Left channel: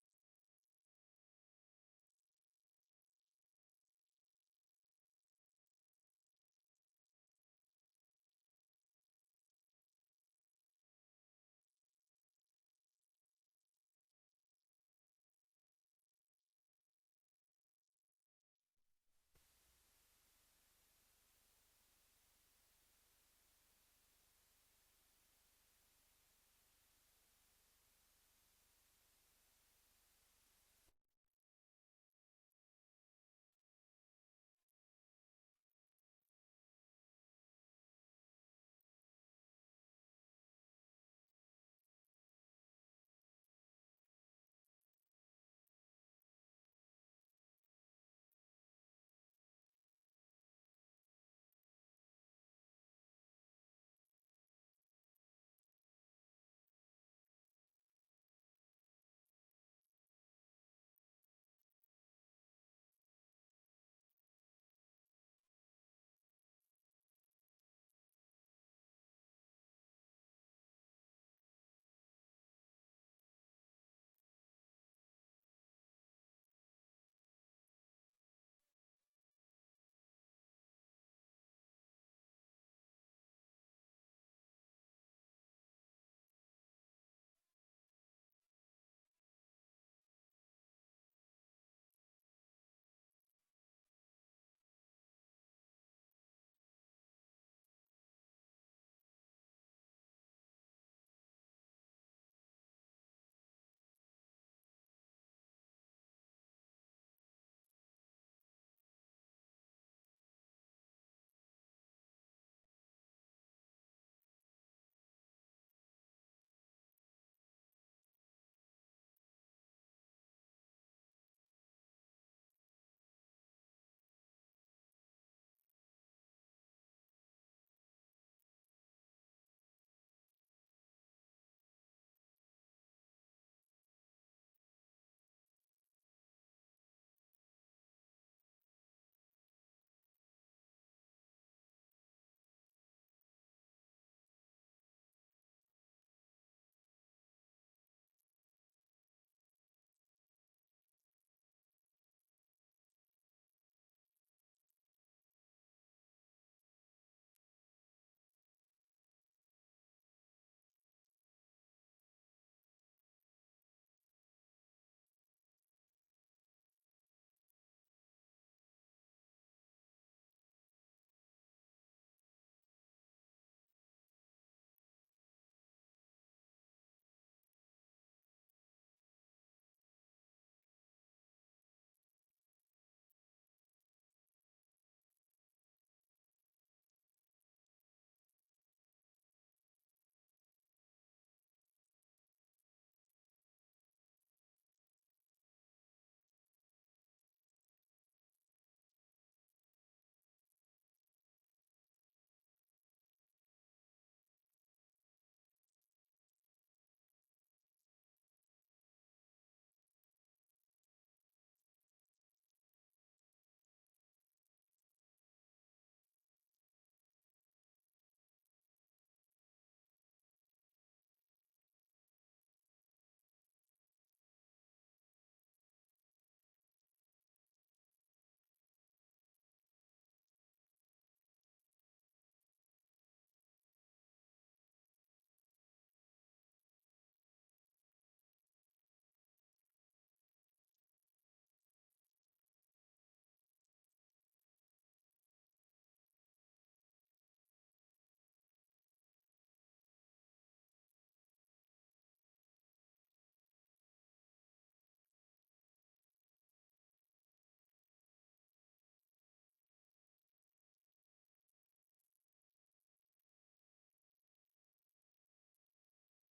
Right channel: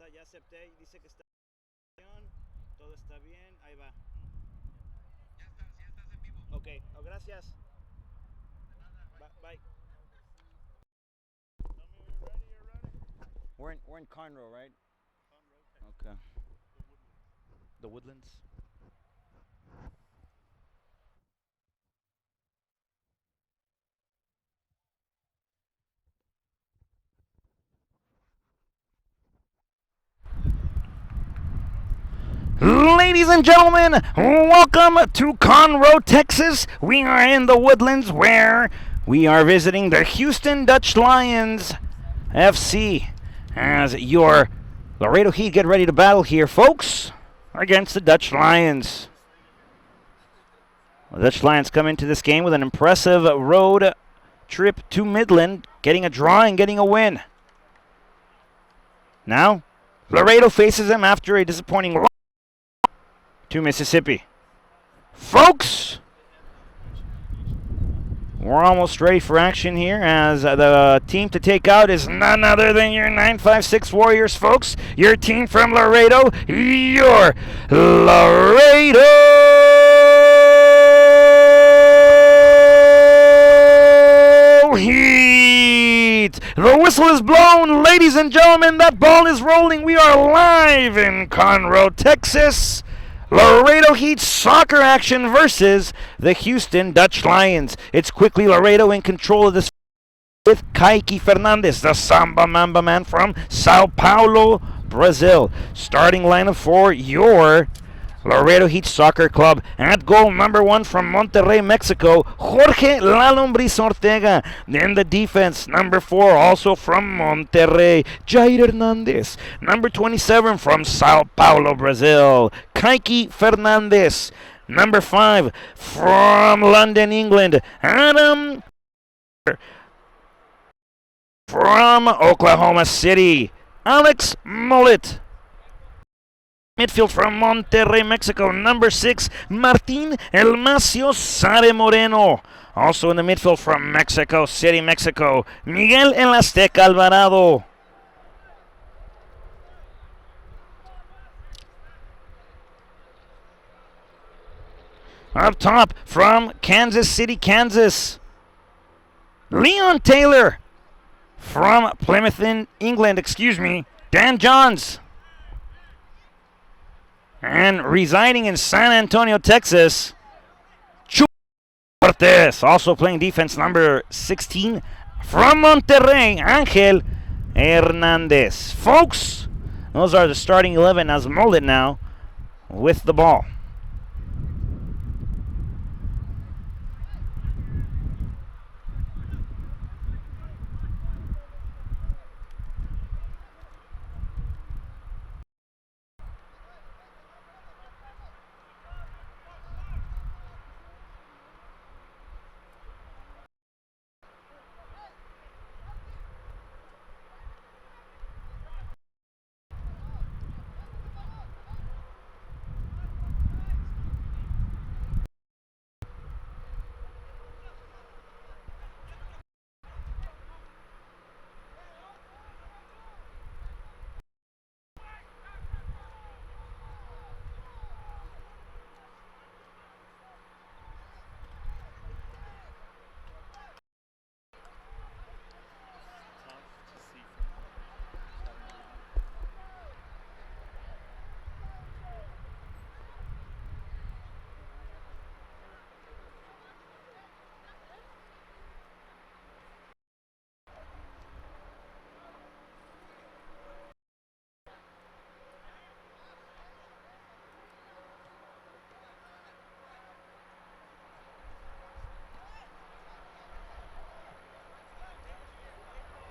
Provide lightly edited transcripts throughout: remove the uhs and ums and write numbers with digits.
está, ya acepté, dice que está todo está bien, ahí va. Ok, oh, gracias. Bye. We're in Conroe, right? Okay. The Woodlands. Ladies and gentlemen, welcome to Conroe, Texas. We are in the Woodlands where we are visiting the Houston Dutch Lions FC as your Laredo Heat get ready to battle here, folks, against the Dutch Lions. The Dutch Lions come into this game with an impressive road trip to Midland, getting a draw and getting a win. Now, Laredo faces them after a disappointing loss to Mississippi. Folks, we're almost ready for action here as the team to take out is none other than your 956 Warriors, folks. Your team from Laredo, your Laredo Heat. The whistle is blown, ladies and gentlemen. That ball is rolling. We are live in Conroe, Texas. Laredo Heat soccer action versus the Houston Dutch Lions. It's quickly Laredo in control of this with Kaiki Fernandez, the Samba Mamba man from Sao Paulo, Brazil. Starting lineup for your Laredo Heat Soccer Club. At goal, number 1 from Monterrey, Mexico, Jorge La Lombriz Ortega. In the defense, number 4, also from Monterrey, Jair Hernandez. Number 27 from Sao Paulo, Brazil, Kaiki Fernandez. Number 5 from London, England, Adam. From Oklahoma City, Alex Mullet. Midfield from Monterrey, Mexico, number 6, Martin El Macio Sare Moreno. Also in the midfield from Mexico City, Mexico, Miguel El Azteca Alvarado. Up top from Kansas City, Kansas, Leon Taylor. From Plymouth, England, Dan Johns. And residing in San Antonio, Texas, Chuy Cortez. Also playing defense, number 16. From Monterrey, Angel Hernandez. Folks, those are the starting 11 as Mullet now with the ball.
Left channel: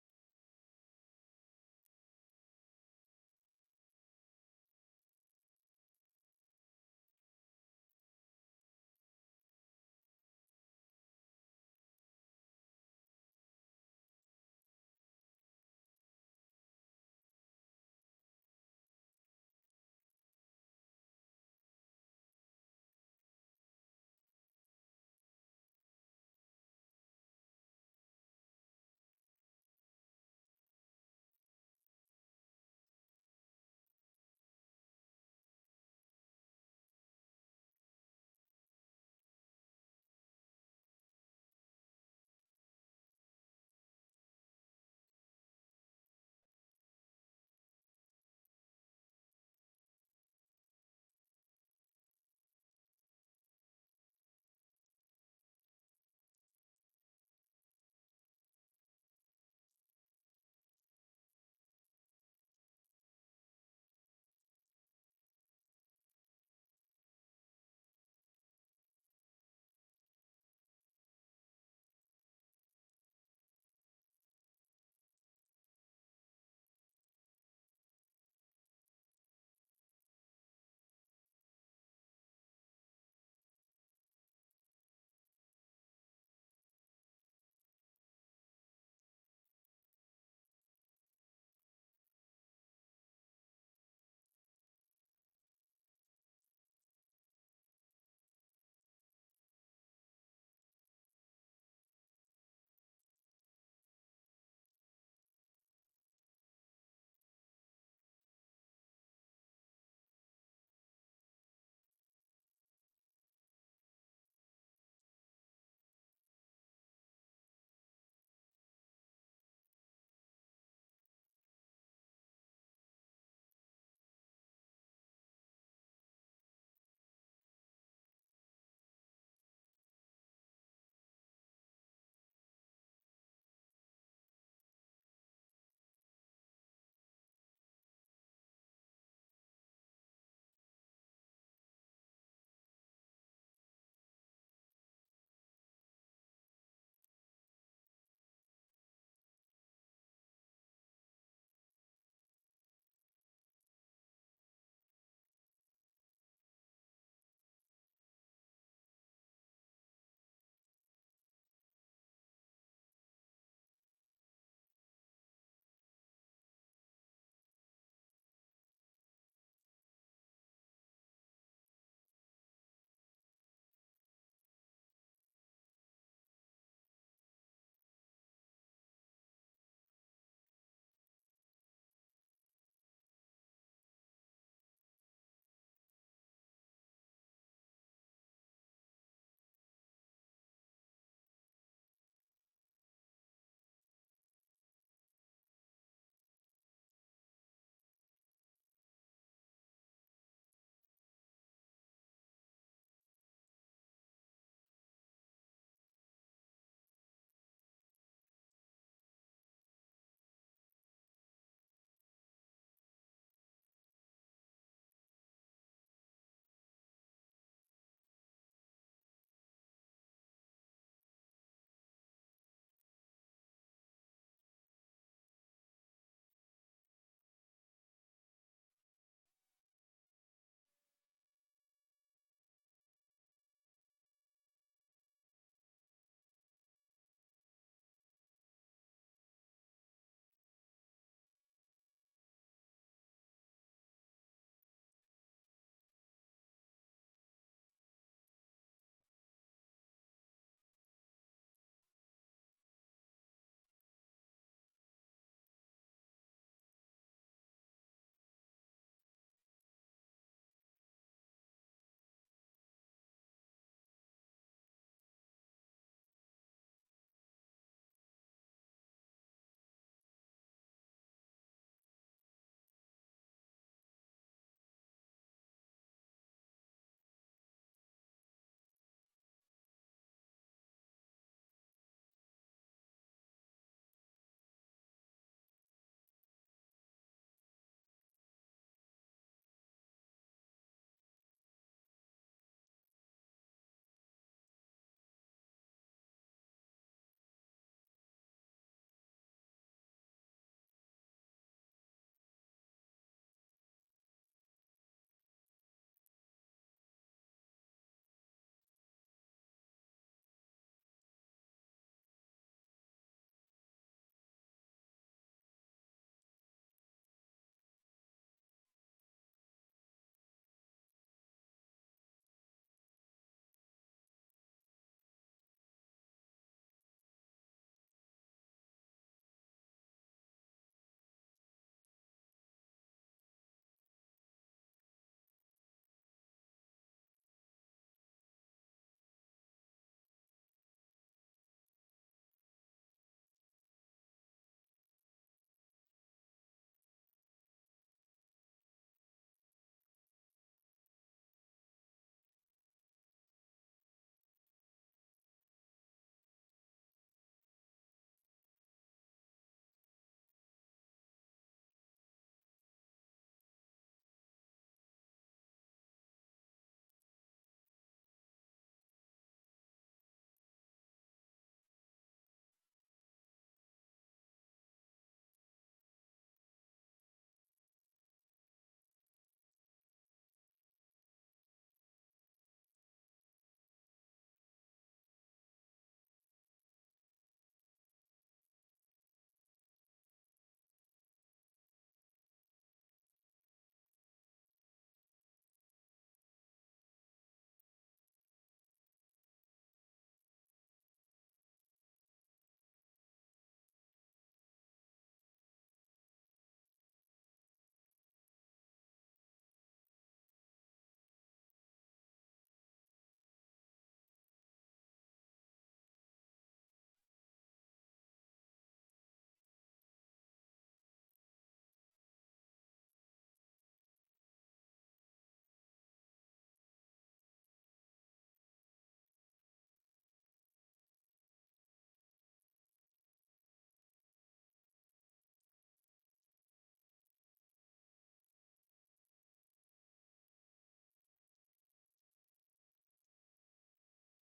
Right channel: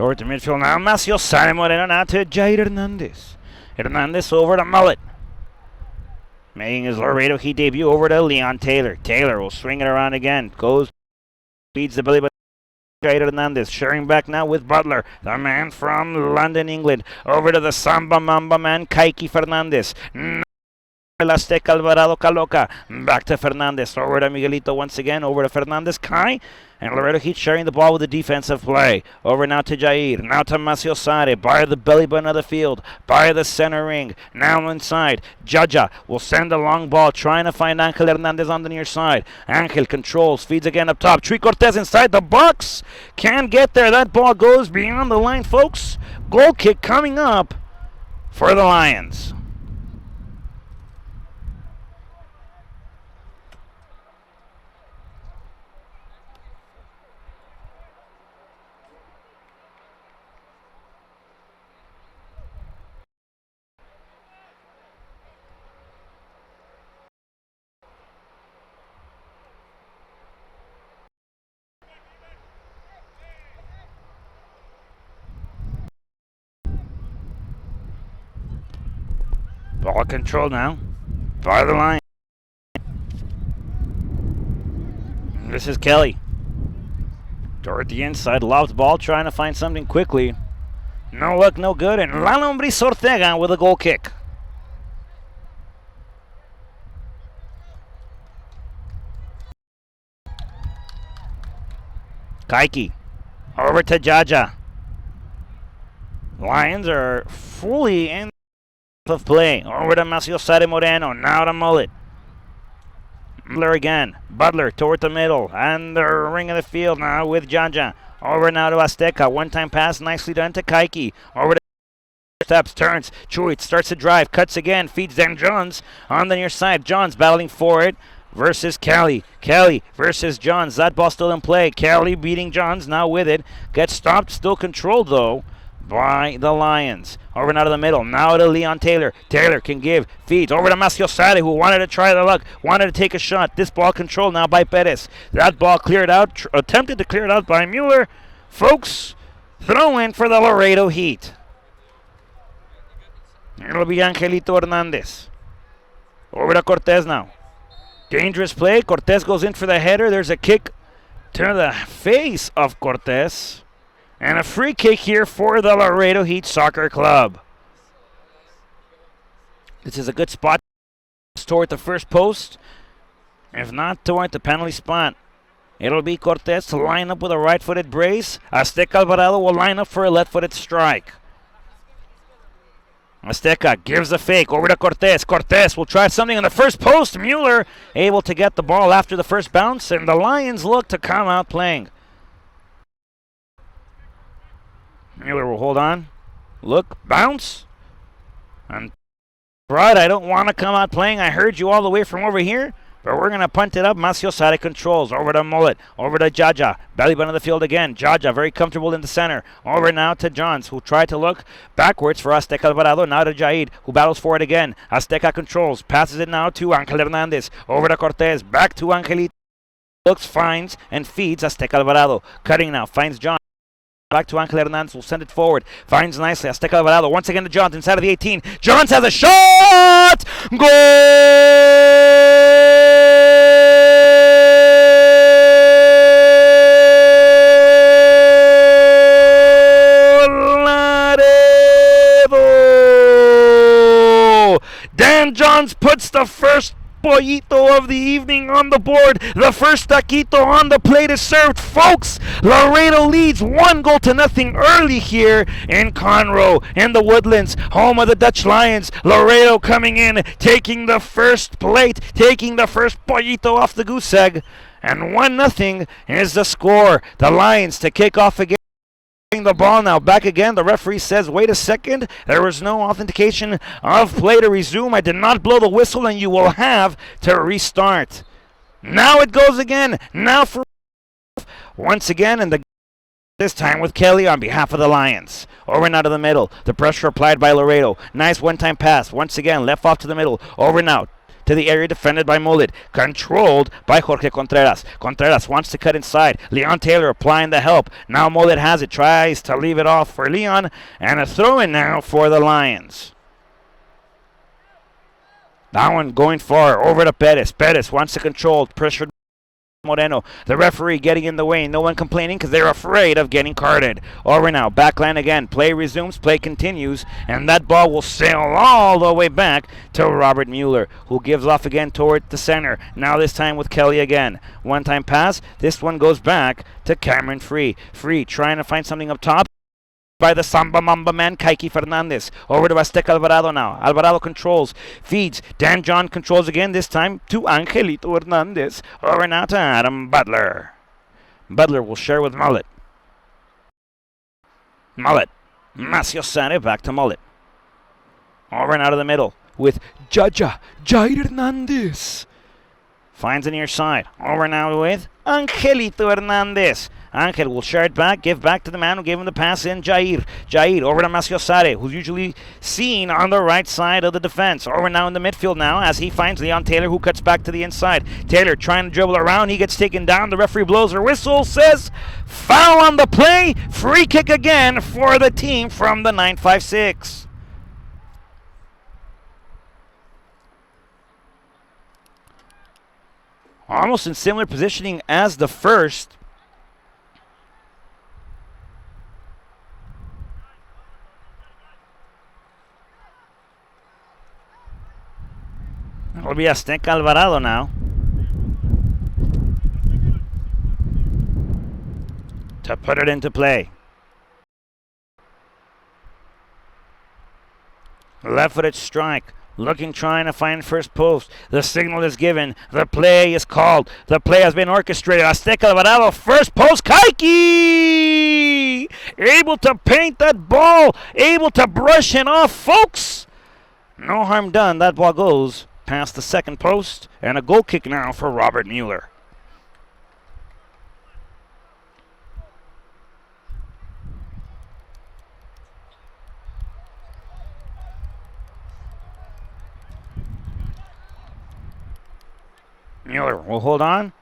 Over to midfield now, Macio Sare Moreno now to Jair Hernandez. Hernandez over to Mullet. Making his Laredo Heat debut over to Leon Taylor. Taylor will swing it around again. Goes, feeds the belly, but Jair Hernandez sharing back now with Butler, the man from London, England. Over to the Samba Mamba man, Kaiki Fernandez. El Azteca Alvarado Caloca. Back to Fernandez. Over to Miguelito once again. Over to Fernandez. Kai And Laredo Heat sharing the ball with the defensive play. Over now to Jair. Now to Macio Sade. By the belly button of the field. By the center ring. Now inside. Jaja will send a long ball. Trying to find Angel Hernandez on the near side. Angel controls. Feeds again up top. Tree Cortez inside the box. Can't get there. That ball goes beyond the line, folks. Goal kick coming up for the Lions. Ball control now by the line. This is Kelly. Toward the inside, lobs ball, trying to find something quickly. No luck, no good, and Lalo Ortega with a goal kick. Kaiki, over to Jaja. Lions are fully in of play. Over to Macio Sade Moreno, now to Mullet. Butler again. Butler toward the middle. And the ring of the field now with Jaja. Over now to Azteca. One-time pass nicely done to Kaiki. Over to steps, turns. Chuit starts to drive. Cuts again. Feeds Dan Johns on the near side. Johns battling for it versus Kelly. Kelly versus Johns. That ball still in play. Kelly beating Johns now with it. Gets stopped. Still controlled though by the Lions. Over now to the middle. Now to Leon Taylor. Taylor can give. Feeds. Over to Macio Sade, who wanted to try the luck. Wanted to take a shot. This ball controlled now by Perez. That ball cleared out. Attempted to clear it out by Mueller. Folks, throw in for the Laredo Heat. It'll be Angelito Hernandez. Over to Cortez now. Dangerous play. Cortez goes in for the header. There's a kick to the face of Cortez. And a free kick here for the Laredo Heat Soccer Club. This is a good spot toward the first post. If not toward the penalty spot, it'll be Cortez to line up with a right-footed brace. Azteca Alvarado will line up for a left-footed strike. Azteca gives a fake over to Cortez. Cortez will try something on the first post. Mueller able to get the ball after the first bounce, and the Lions look to come out playing. Mueller will hold on. Look, bounce. And Brad, I don't want to come out playing. I heard you all the way from over here. But we're going to punt it up. Macio Sade controls. Over to Mullet. Over to Jaja. Belly button of the field again. Jaja very comfortable in the center. Over now to Johns, who tried to look backwards for Azteca Alvarado. Now to Jaid, who battles for it again. Azteca controls. Passes it now to Angel Hernandez. Over to Cortez. Back to Angelito. Looks, finds, and feeds Azteca Alvarado. Cutting now. Finds John. Back to Angel Hernandez, will send it forward. Finds nicely Azteca Alvarado. Once again to Johns inside of the 18. Johns has a shot! Goal! Laredo! Dan Johns puts the first pollito of the evening on the board. The first taquito on the plate is served, folks. Laredo leads 1-0 early here in Conroe, in the Woodlands, home of the Dutch Lions. Laredo coming in, taking the first plate, taking the first pollito off the goose egg, and 1-0 is the score. The Lions to kick off again. The ball now back again. The referee says, wait a second, there was no authentication of play to resume. I did not blow the whistle, and you will have to restart. Now it goes again. Now for once again, and this time with Kelly on behalf of the Lions. Over now to the middle. The pressure applied by Laredo. Nice one-time pass. Once again, left off to the middle. Over now to the area defended by Mullet. Controlled by Jorge Contreras. Contreras wants to cut inside. Leon Taylor applying the help. Now Mullet has it. Tries to leave it off for Leon. And a throw-in now for the Lions. That one going far. Over to Perez. Perez wants to control. Pressured Moreno. The referee getting in the way. No one complaining because they're afraid of getting carded. Over now. Backline again. Play resumes. Play continues. And that ball will sail all the way back to Robert Mueller, who gives off again toward the center. Now this time with Kelly again. One-time pass. This one goes back to Cameron Free. Free trying to find something up top by the Samba Mamba man, Kaiki Fernandez. Over to Azteca Alvarado now. Alvarado controls, feeds. Dan John controls again, this time to Angelito Hernandez. Over now to Adam Butler. Butler will share with Mullet. Mullet. Macio Sane back to Mullet. Over and out of the middle with Jair Hernandez. Finds the near side. Over now with Angelito Hernandez. Angel will share it back, give back to the man who gave him the pass in, Jair. Jair over to Macio Sare, who's usually seen on the right side of the defense. Over now in the midfield now as he finds Leon Taylor, who cuts back to the inside. Taylor trying to dribble around. He gets taken down. The referee blows her whistle, says foul on the play. Free kick again for the team from the 956. Almost in similar positioning as the first. It'll be Azteca Alvarado now to put it into play. Left-footed strike. Looking, trying to find first post. The signal is given. The play is called. The play has been orchestrated. Azteca Alvarado, first post. Kaiki! Able to paint that ball. Able to brush it off, folks. No harm done. That ball goes past the second post. And a goal kick now for Robert Mueller. Mueller will hold on.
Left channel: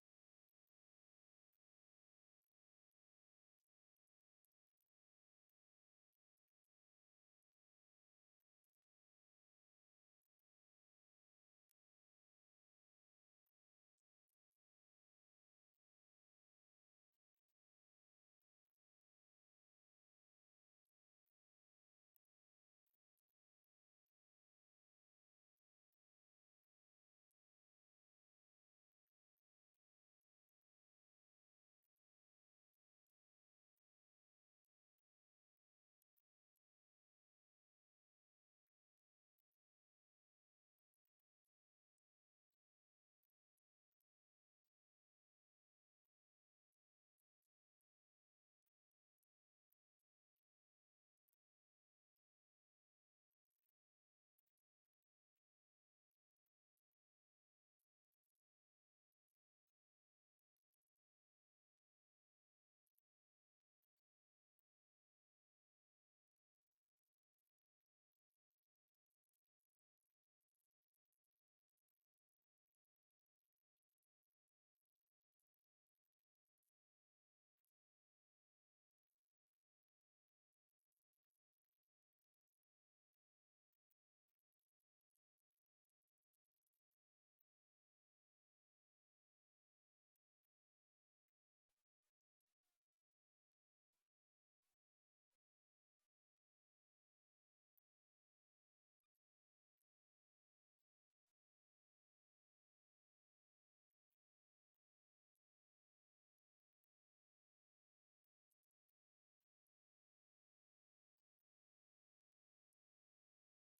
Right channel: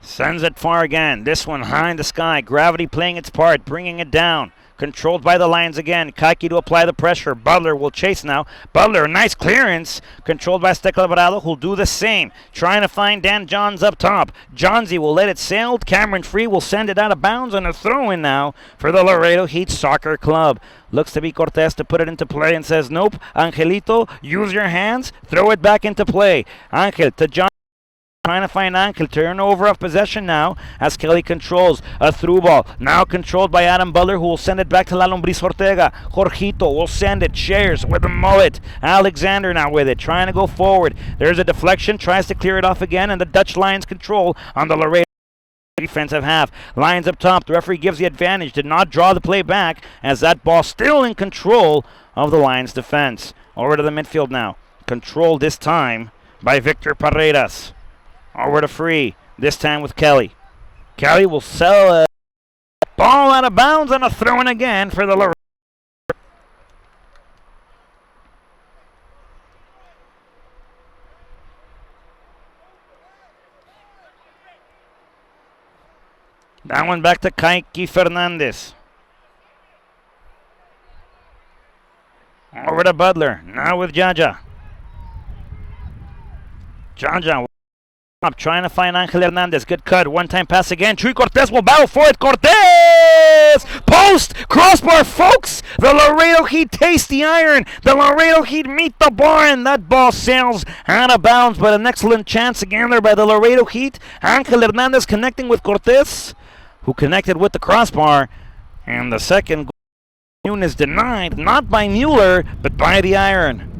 Sends it far again. This one high in the sky. Gravity playing its part, bringing it down. Controlled by the Lions again. Kaiki to apply the pressure. Butler will chase now. Butler, nice clearance. Controlled by Azteca Alvarado, who'll do the same. Trying to find Dan Johns up top. Johnsy will let it sail. Cameron Free will send it out of bounds on a throw-in now for the Laredo Heat Soccer Club. Looks to be Cortez to put it into play and says, nope. Angelito, use your hands. Throw it back into play. Angel to John. Trying to find Angel. Turnover of possession now as Kelly controls a through ball. Now controlled by Adam Butler, who will send it back to La Lombriz Ortega. Jorgito will send it. Shares with the mullet. Alexander now with it. Trying to go forward. There's a deflection. Tries to clear it off again. And the Dutch Lions control on the Laredo defensive half. Lions up top. The referee gives the advantage. Did not draw the play back as that ball still in control of the Lions defense. Over to the midfield now. Controlled this time by Victor Paredes. Over to Free, this time with Kelly. Kelly will sell a ball out of bounds and a throw-in again for the Laredo. That one back to Kaiki Fernandez. Over to Butler, now with Jaja. Jaja up, trying to find Angel Hernandez. Good cut. One-time pass again. Chuy Cortez will battle for it. Cortez! Post! Crossbar, folks! The Laredo Heat taste the iron. The Laredo Heat meet the bar, and that ball sails out of bounds. But an excellent chance again there by the Laredo Heat. Angel Hernandez connecting with Cortez, who connected with the crossbar. And the second goal is denied, not by Mueller, but by the iron.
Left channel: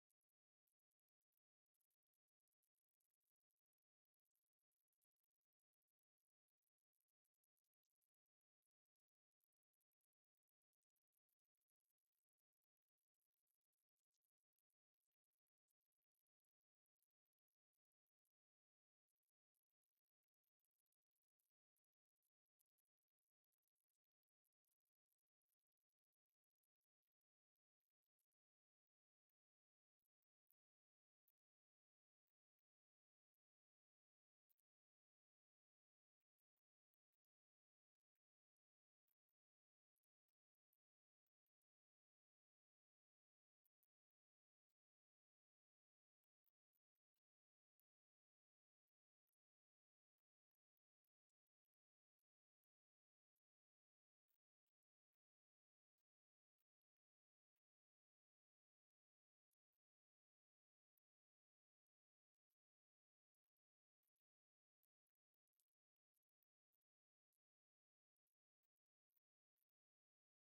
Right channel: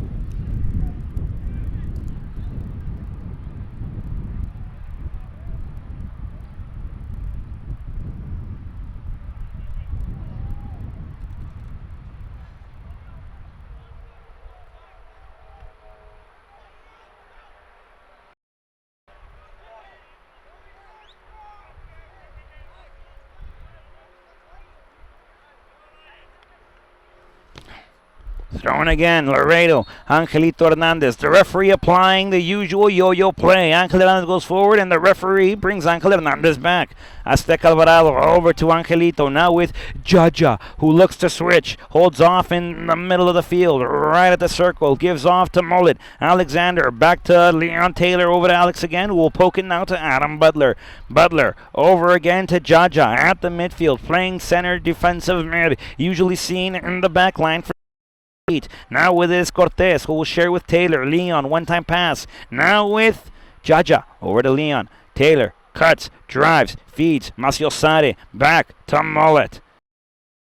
Throwing again, Laredo, Angelito Hernandez. The referee applying the usual yo-yo play. Angel Hernandez goes forward, and the referee brings Angel Hernandez back. Aztec Alvarado over to Angelito, now with Jaja, who looks to switch. Holds off in the middle of the field, right at the circle. Gives off to Mullet. Alexander, back to Leon Taylor, over to Alex again, who will poke it now to Adam Butler. Butler, over again to Jaja, at the midfield, playing center defensive mid. Usually seen in the back line for now with this Cortez, who will share with Taylor. Leon, one-time pass. Now with Jaja, over to Leon. Taylor cuts, drives, feeds. Maciosare, back to Mullet.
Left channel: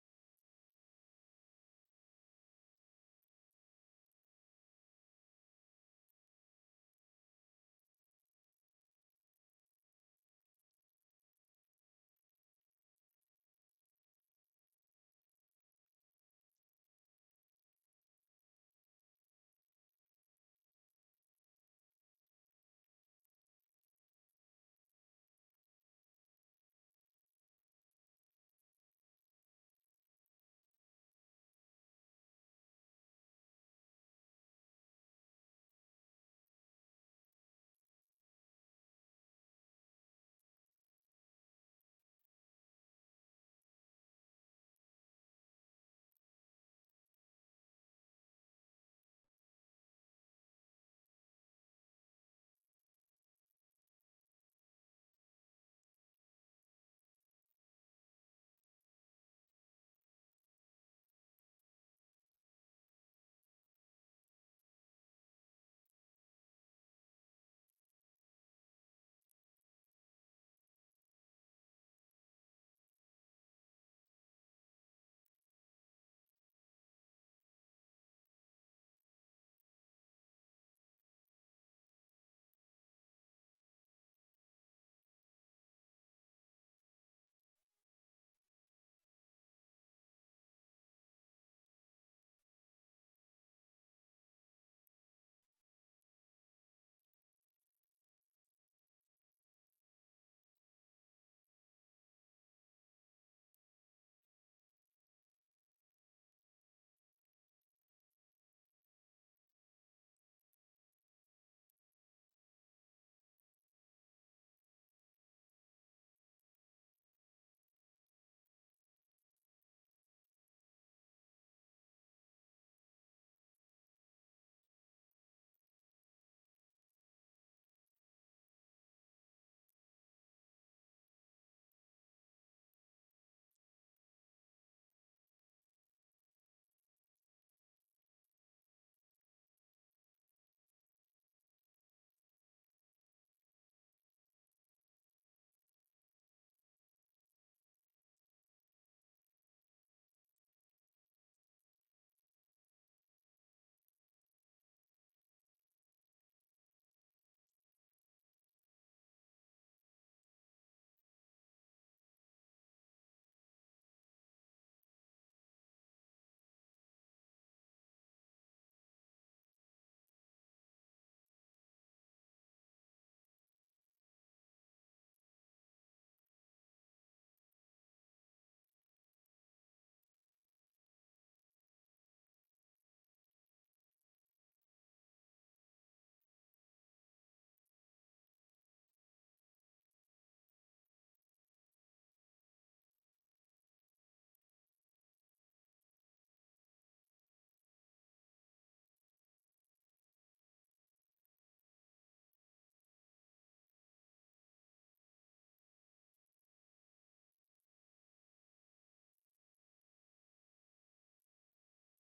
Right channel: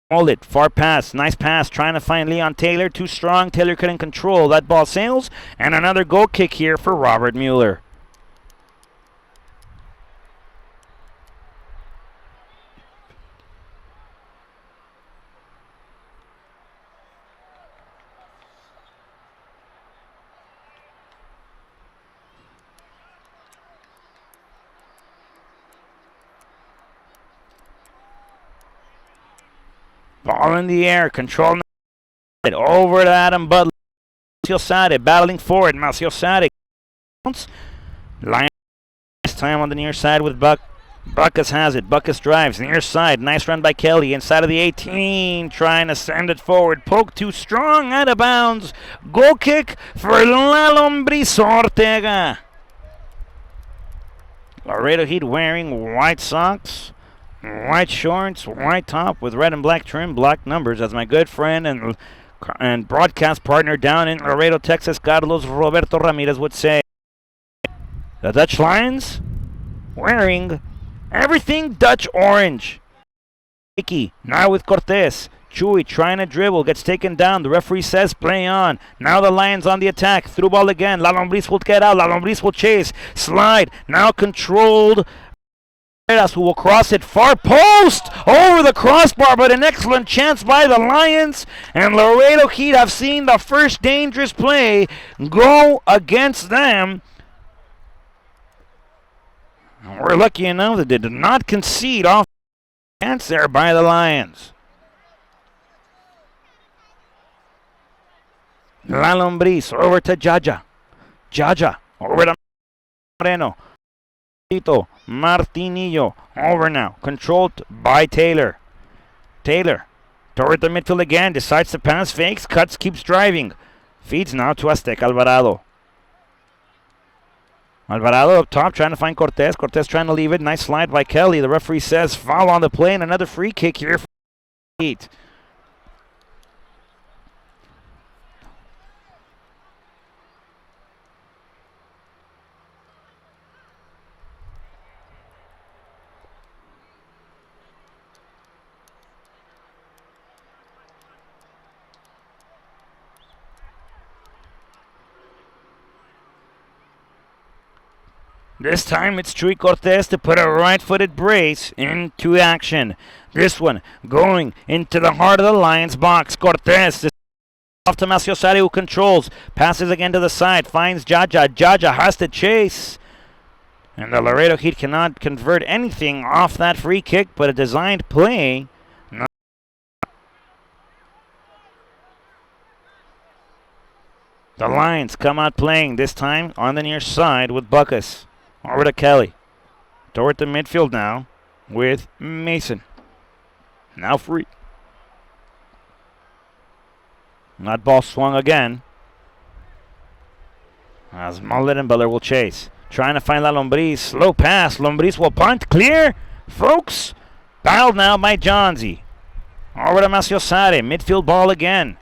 Mullet, far pass, nice pass, trying to find Leon Taylor. Too strong, Taylor couldn't control. That ball sails, and another goal kick here for Robert Mueller. Ball in the air, control it over to Adam Butler. Maciosare battling forward. Maciosare counts. Lion this time on the near side with Buckus has it. Buckus drives near side. Nice run by Kelly inside of the 18, trying to send it forward. Poke too strong, out of bounds. Goal kick for La Lombriz Ortega. Laredo Heat wearing white socks, white shorts, white top with red and black trim, black numbers, as my good friend and broadcast partner down in Laredo, Texas, Carlos Roberto Ramirez would say. The Dutch Lions wearing everything Dutch orange. Icky now with Cortez. Chuy trying to dribble, gets taken down. The referee says play on. Now the Lions on the attack. Through ball again. La Lombriz will get out. La Lombriz will chase. Slide. Now controlled. Who will cross it far post over the crossbar, but an excellent chance by the Lions. And Laredo Heat have seen the first dangerous play go against them. We're lucky enough that they did not concede off the chance there by the Lions. La Lombriz over to Jaja. Jaja over to Moreno. Martinillo over now, controlled by Taylor. Taylor toward the midfield again, decides to pass, fakes, cuts, keeps driving. Feeds now to Aztec Alvarado. Alvarado up top trying to find Cortez. Cortez trying to leave it. Nice slide by Kelly. The referee says foul on the play, and another free kick here for Heat. This time it's Chuy Cortez to put a right-footed brace into action. This one going into the heart of the Lions box. Cortez off to Maciosare, who controls. Passes again to the side. Finds Jaja. Jaja has to chase. And the Laredo Heat cannot convert anything off that free kick, but a designed play. The Lions come out playing, this time on the near side with Buckus. Over to Kelly. Toward the midfield now with Mason. Now free. That ball swung again. As Mullet and Butler will chase. Trying to find La Lombriz. Slow pass. Lombriz will punt. Clear. Folks. Battled now by Johnsy. Over to Maciosare. Midfield ball again.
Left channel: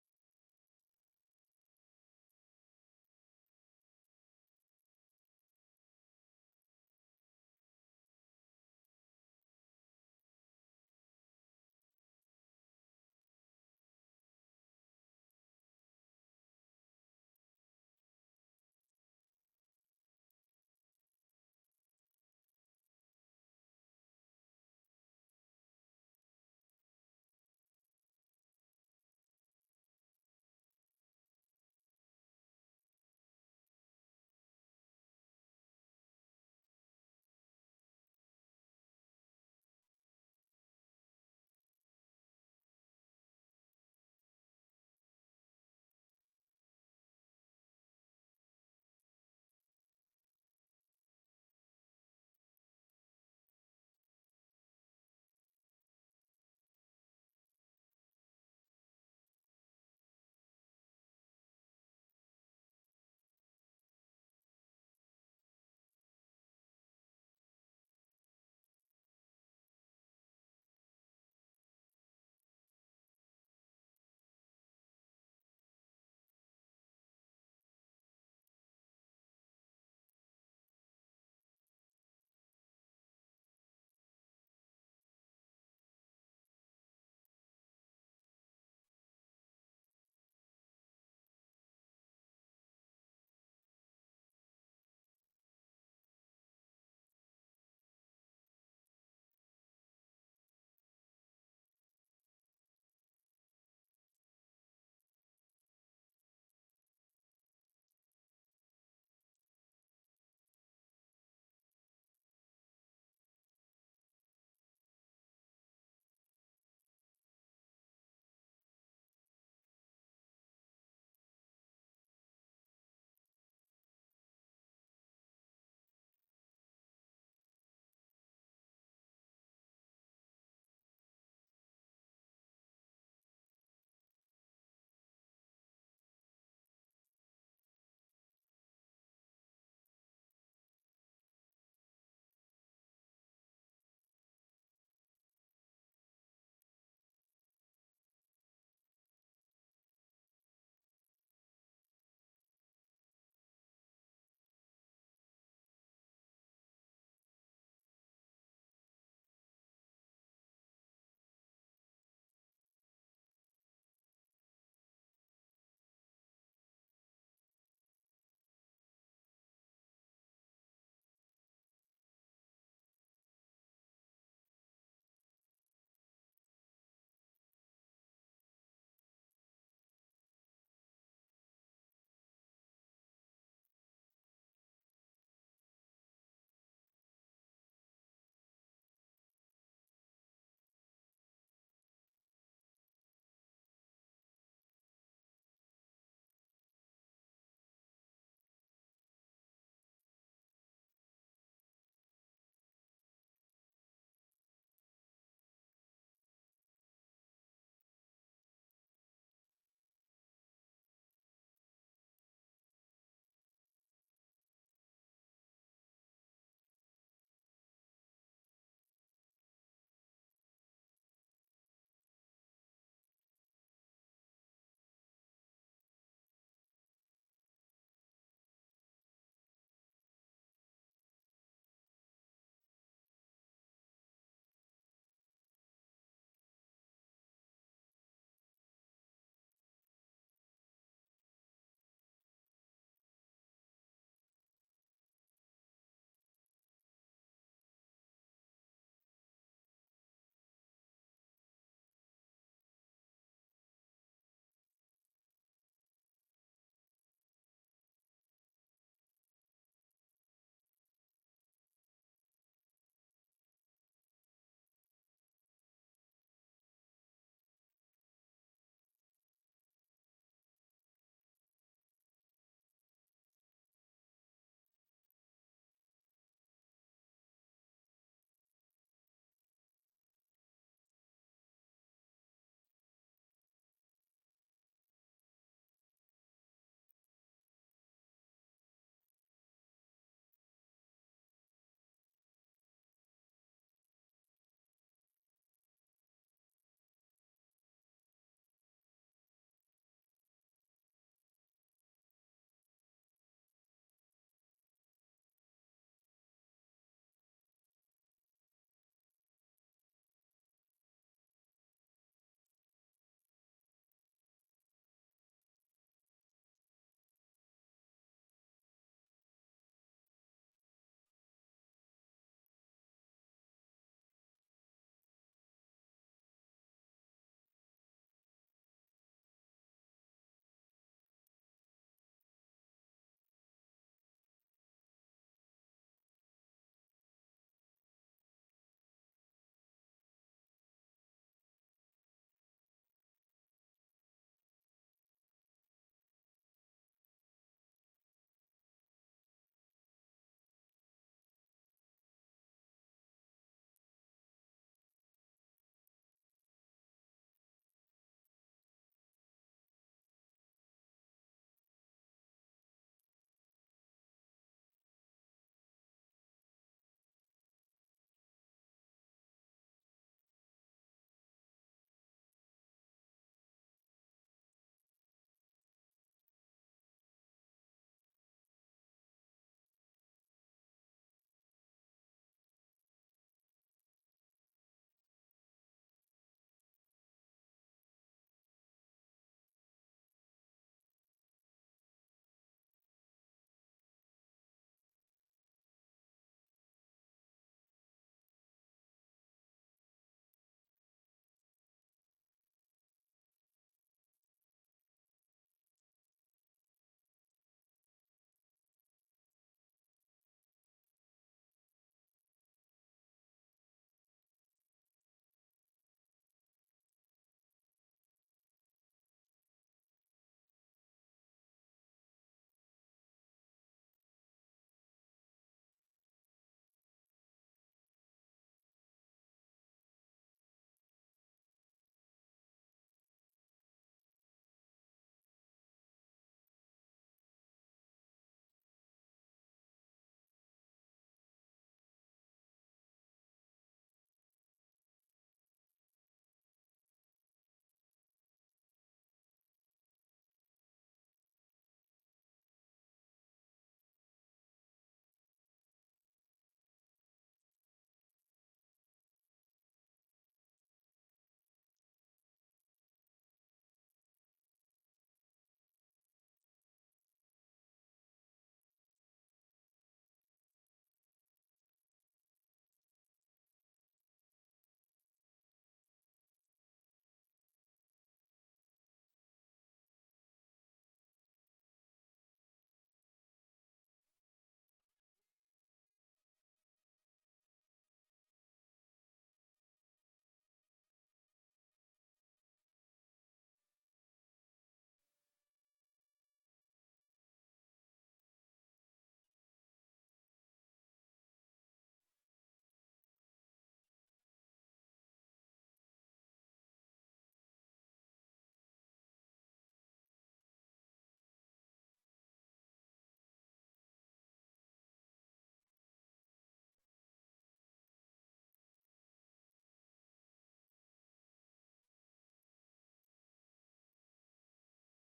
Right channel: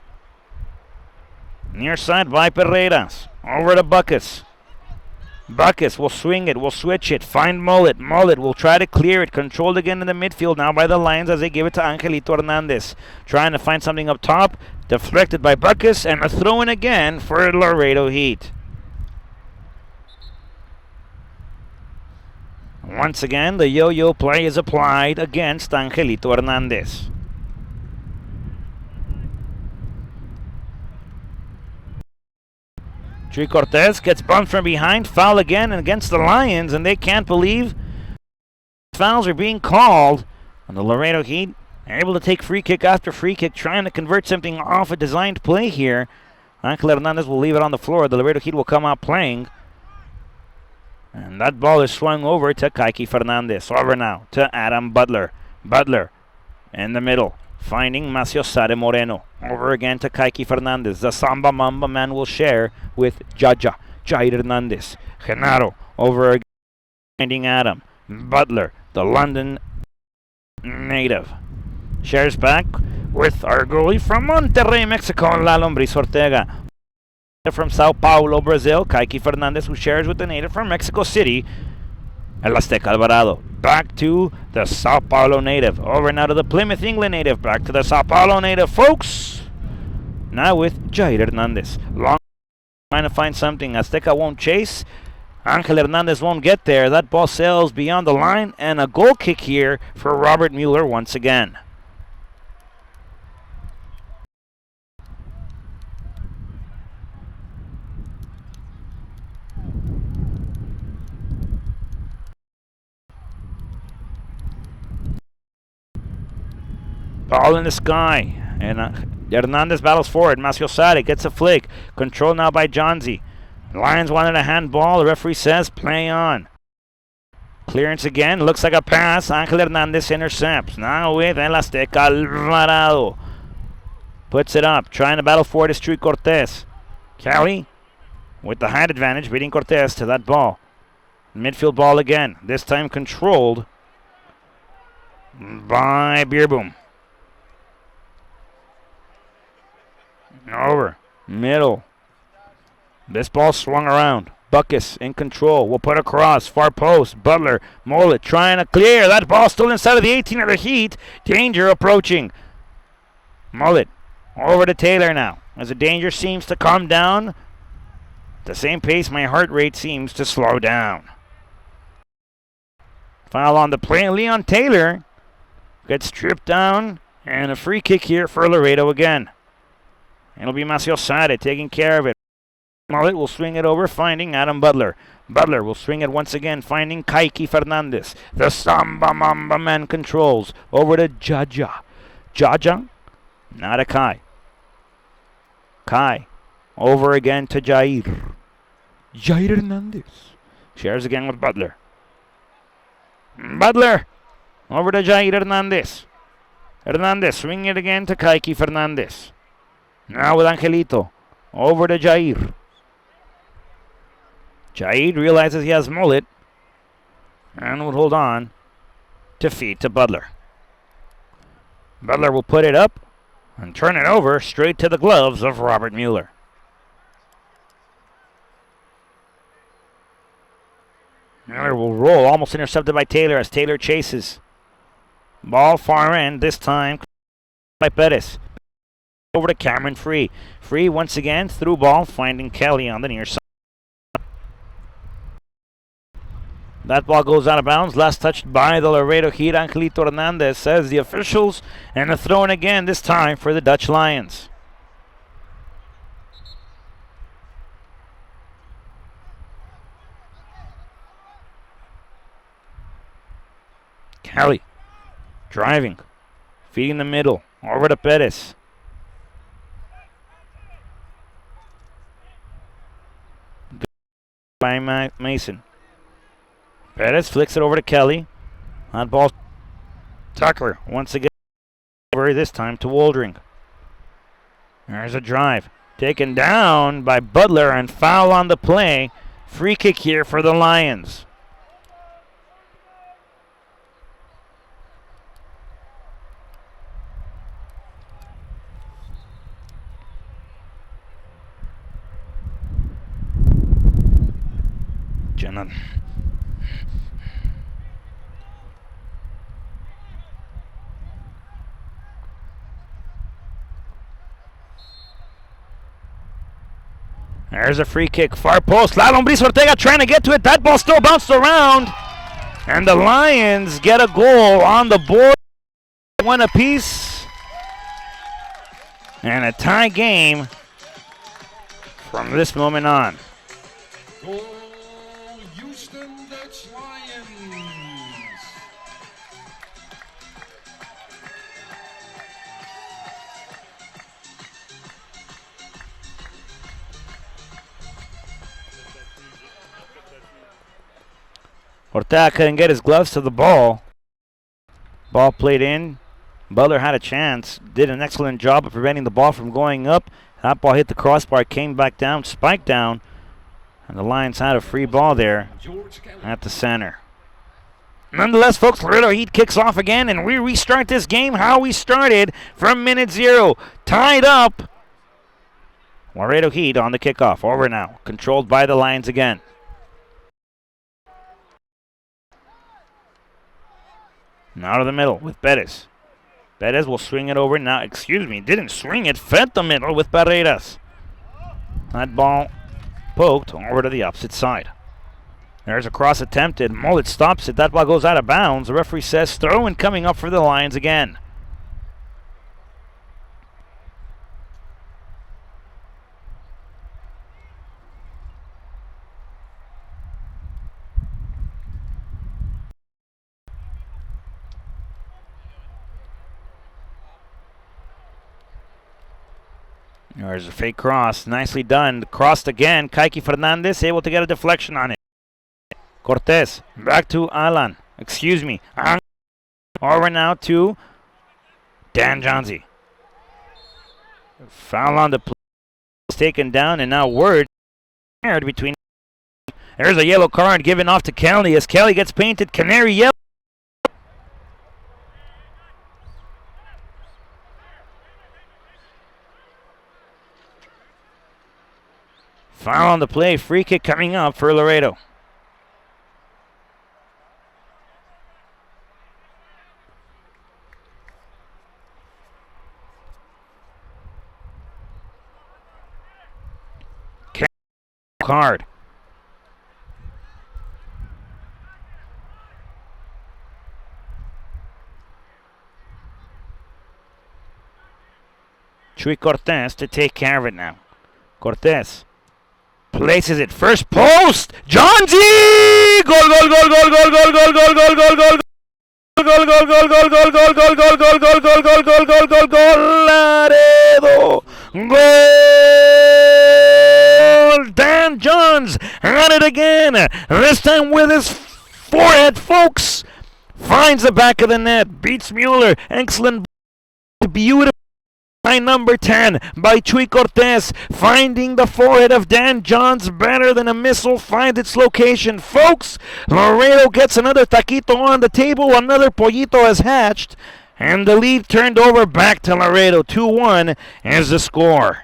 Near side by Pereiras. Over to Buckus. Buckus will swing it, will switch it, find Mullet. Mullet will try to clear it, controlled again in the midfield now by the Lions as they give it to Angelito Hernandez. Trying to find something up top, deflected by Buckus, and a throw in again for Laredo Heat. Once again, the yo-yo play is applied against Angelito Hernandez. Chuy Cortez gets bumped from behind, foul again against the Lions, and they can't believe fouls are being called on the Laredo Heat Able to take free kick after free kick, trying to convert something off a designed play here. Angel Hernandez will leave it on the floor. The Laredo Heat will come out playing. And that ball is swung over to Kaiki Fernandez. Over now to Adam Butler. Butler in the middle, finding Macio Sade Moreno. Over again to Kaiki Fernandez. The Samba Mamba man will share with Jaja. Jair Hernandez. Genaro over again, finding Adam. Butler, the London native. Shares back with our goalie from Monterrey, Mexico, La Lombriz Ortega. From Sao Paulo, Brazil, Kaiki Fernandez, who shares with the native from Mexico City, El Azteca Alvarado. Back to the Sao Paulo native. Over now to the Plymouth, England native. Back to the Sao Paulo native, folks. Now with Jair Hernandez. Long trying to find something. Azteca won't chase. Angel Hernandez won't get there. That ball sails beyond the line, and a goal kick here for Robert Mueller once again. Ball in the sky, and Hernandez battles forward. Macio Sade gets a flick. Controlled now by Jonzi. Lions wanted a handball. The referee says play on. Clearance again. Looks like a pass. Angel Hernandez intercepts. Now with El Azteca Alvarado. Puts it up. Trying to battle forward is Chuy Cortez. Cali with the height advantage, beating Cortez to that ball. Midfield ball again. This time controlled by Beerboom. Over. Middle. This ball swung around. Buckus in control. Will put across. Far post. Butler. Mollett trying to clear. That ball still inside of the 18 of the Heat. Danger approaching. Mollett over to Taylor now. As the danger seems to calm down, at the same pace my heart rate seems to slow down. Foul on the play. Leon Taylor gets stripped down. And a free kick here for Laredo again. It'll be Macio Sade taking care of it. Mollett will swing it over, finding Adam Butler. Butler will swing it once again, finding Kaiki Fernandez. The Samba Mamba man controls. Over to Jaja. Jaja, not a Kai. Kai, over again to Jair. Jair Hernandez. Shares again with Butler. Butler, over to Jair Hernandez. Hernandez swinging it again to Kaiki Fernandez. Now with Angelito. Over to Jair. Jair realizes he has Mollett and will hold on to feed to Butler. Butler will put it up and turn it over straight to the gloves of Robert Mueller. Mueller will roll, almost intercepted by Taylor as Taylor chases. Ball far end, this time by Perez. Over to Cameron Free. Free once again, through ball, finding Kelly on the near side. That ball goes out of bounds, last touched by the Laredo Heat. Angelito Hernandez says the officials, and a throw in again, this time for the Dutch Lions. Kelly driving, feeding the middle, over to Perez. By Mason. Perez flicks it over to Kelly. On ball, Tucker once again over, this time to Woldring. There's a drive. Taken down by Butler and foul on the play. Free kick here for the Lions. Jenna. There's a free kick, far post. La Lombriz Ortega trying to get to it. That ball still bounced around. And the Lions get a goal on the board. One apiece. And a tie game from this moment on. Goal, Houston Dutch Lions. Ortega couldn't get his gloves to the ball. Ball played in. Butler had a chance. Did an excellent job of preventing the ball from going up. That ball hit the crossbar, came back down, spiked down. And the Lions had a free ball there at the center. Nonetheless, folks, Laredo Heat kicks off again, and we restart this game how we started from minute 0. Tied up. Laredo Heat on the kickoff. Over now. Controlled by the Lions again. Now to the middle with Perez. Perez will swing it over now. Excuse me, didn't swing it. Fed the middle with Barreras. That ball poked over to the opposite side. There's a cross attempted. Mullet stops it. That ball goes out of bounds. The referee says throw and coming up for the Lions again. There's a fake cross. Nicely done. Crossed again. Kike Fernandez able to get a deflection on it. Cortez. Back to Alan. Excuse me. Over now to Dan Johnzy. Foul on the play. Taken down, and now word between. There's a yellow card given off to Kelly as Kelly gets painted canary yellow. Foul on the play. Free kick coming up for Laredo. Card. Chuy Cortez to take care of it now. Cortez places it. First post. Johnzy! Goal, goal, goal, goal, goal, goal, goal, goal, goal, goal, goal. Goal, goal, goal, goal, goal, goal, goal, goal, goal, goal, goal, goal, goal, goal, goal, goal, Laredo. Goal! Dan Johns at it again. This time with his forehead, folks. Finds the back of the net. Beats Mueller. Excellent. Beautiful. By number 10 by Chuy Cortez, finding the forehead of Dan Johns better than a missile finds its location. Folks, Laredo gets another taquito on the table, another pollito has hatched, and the lead turned over back to Laredo. 2-1 is the score.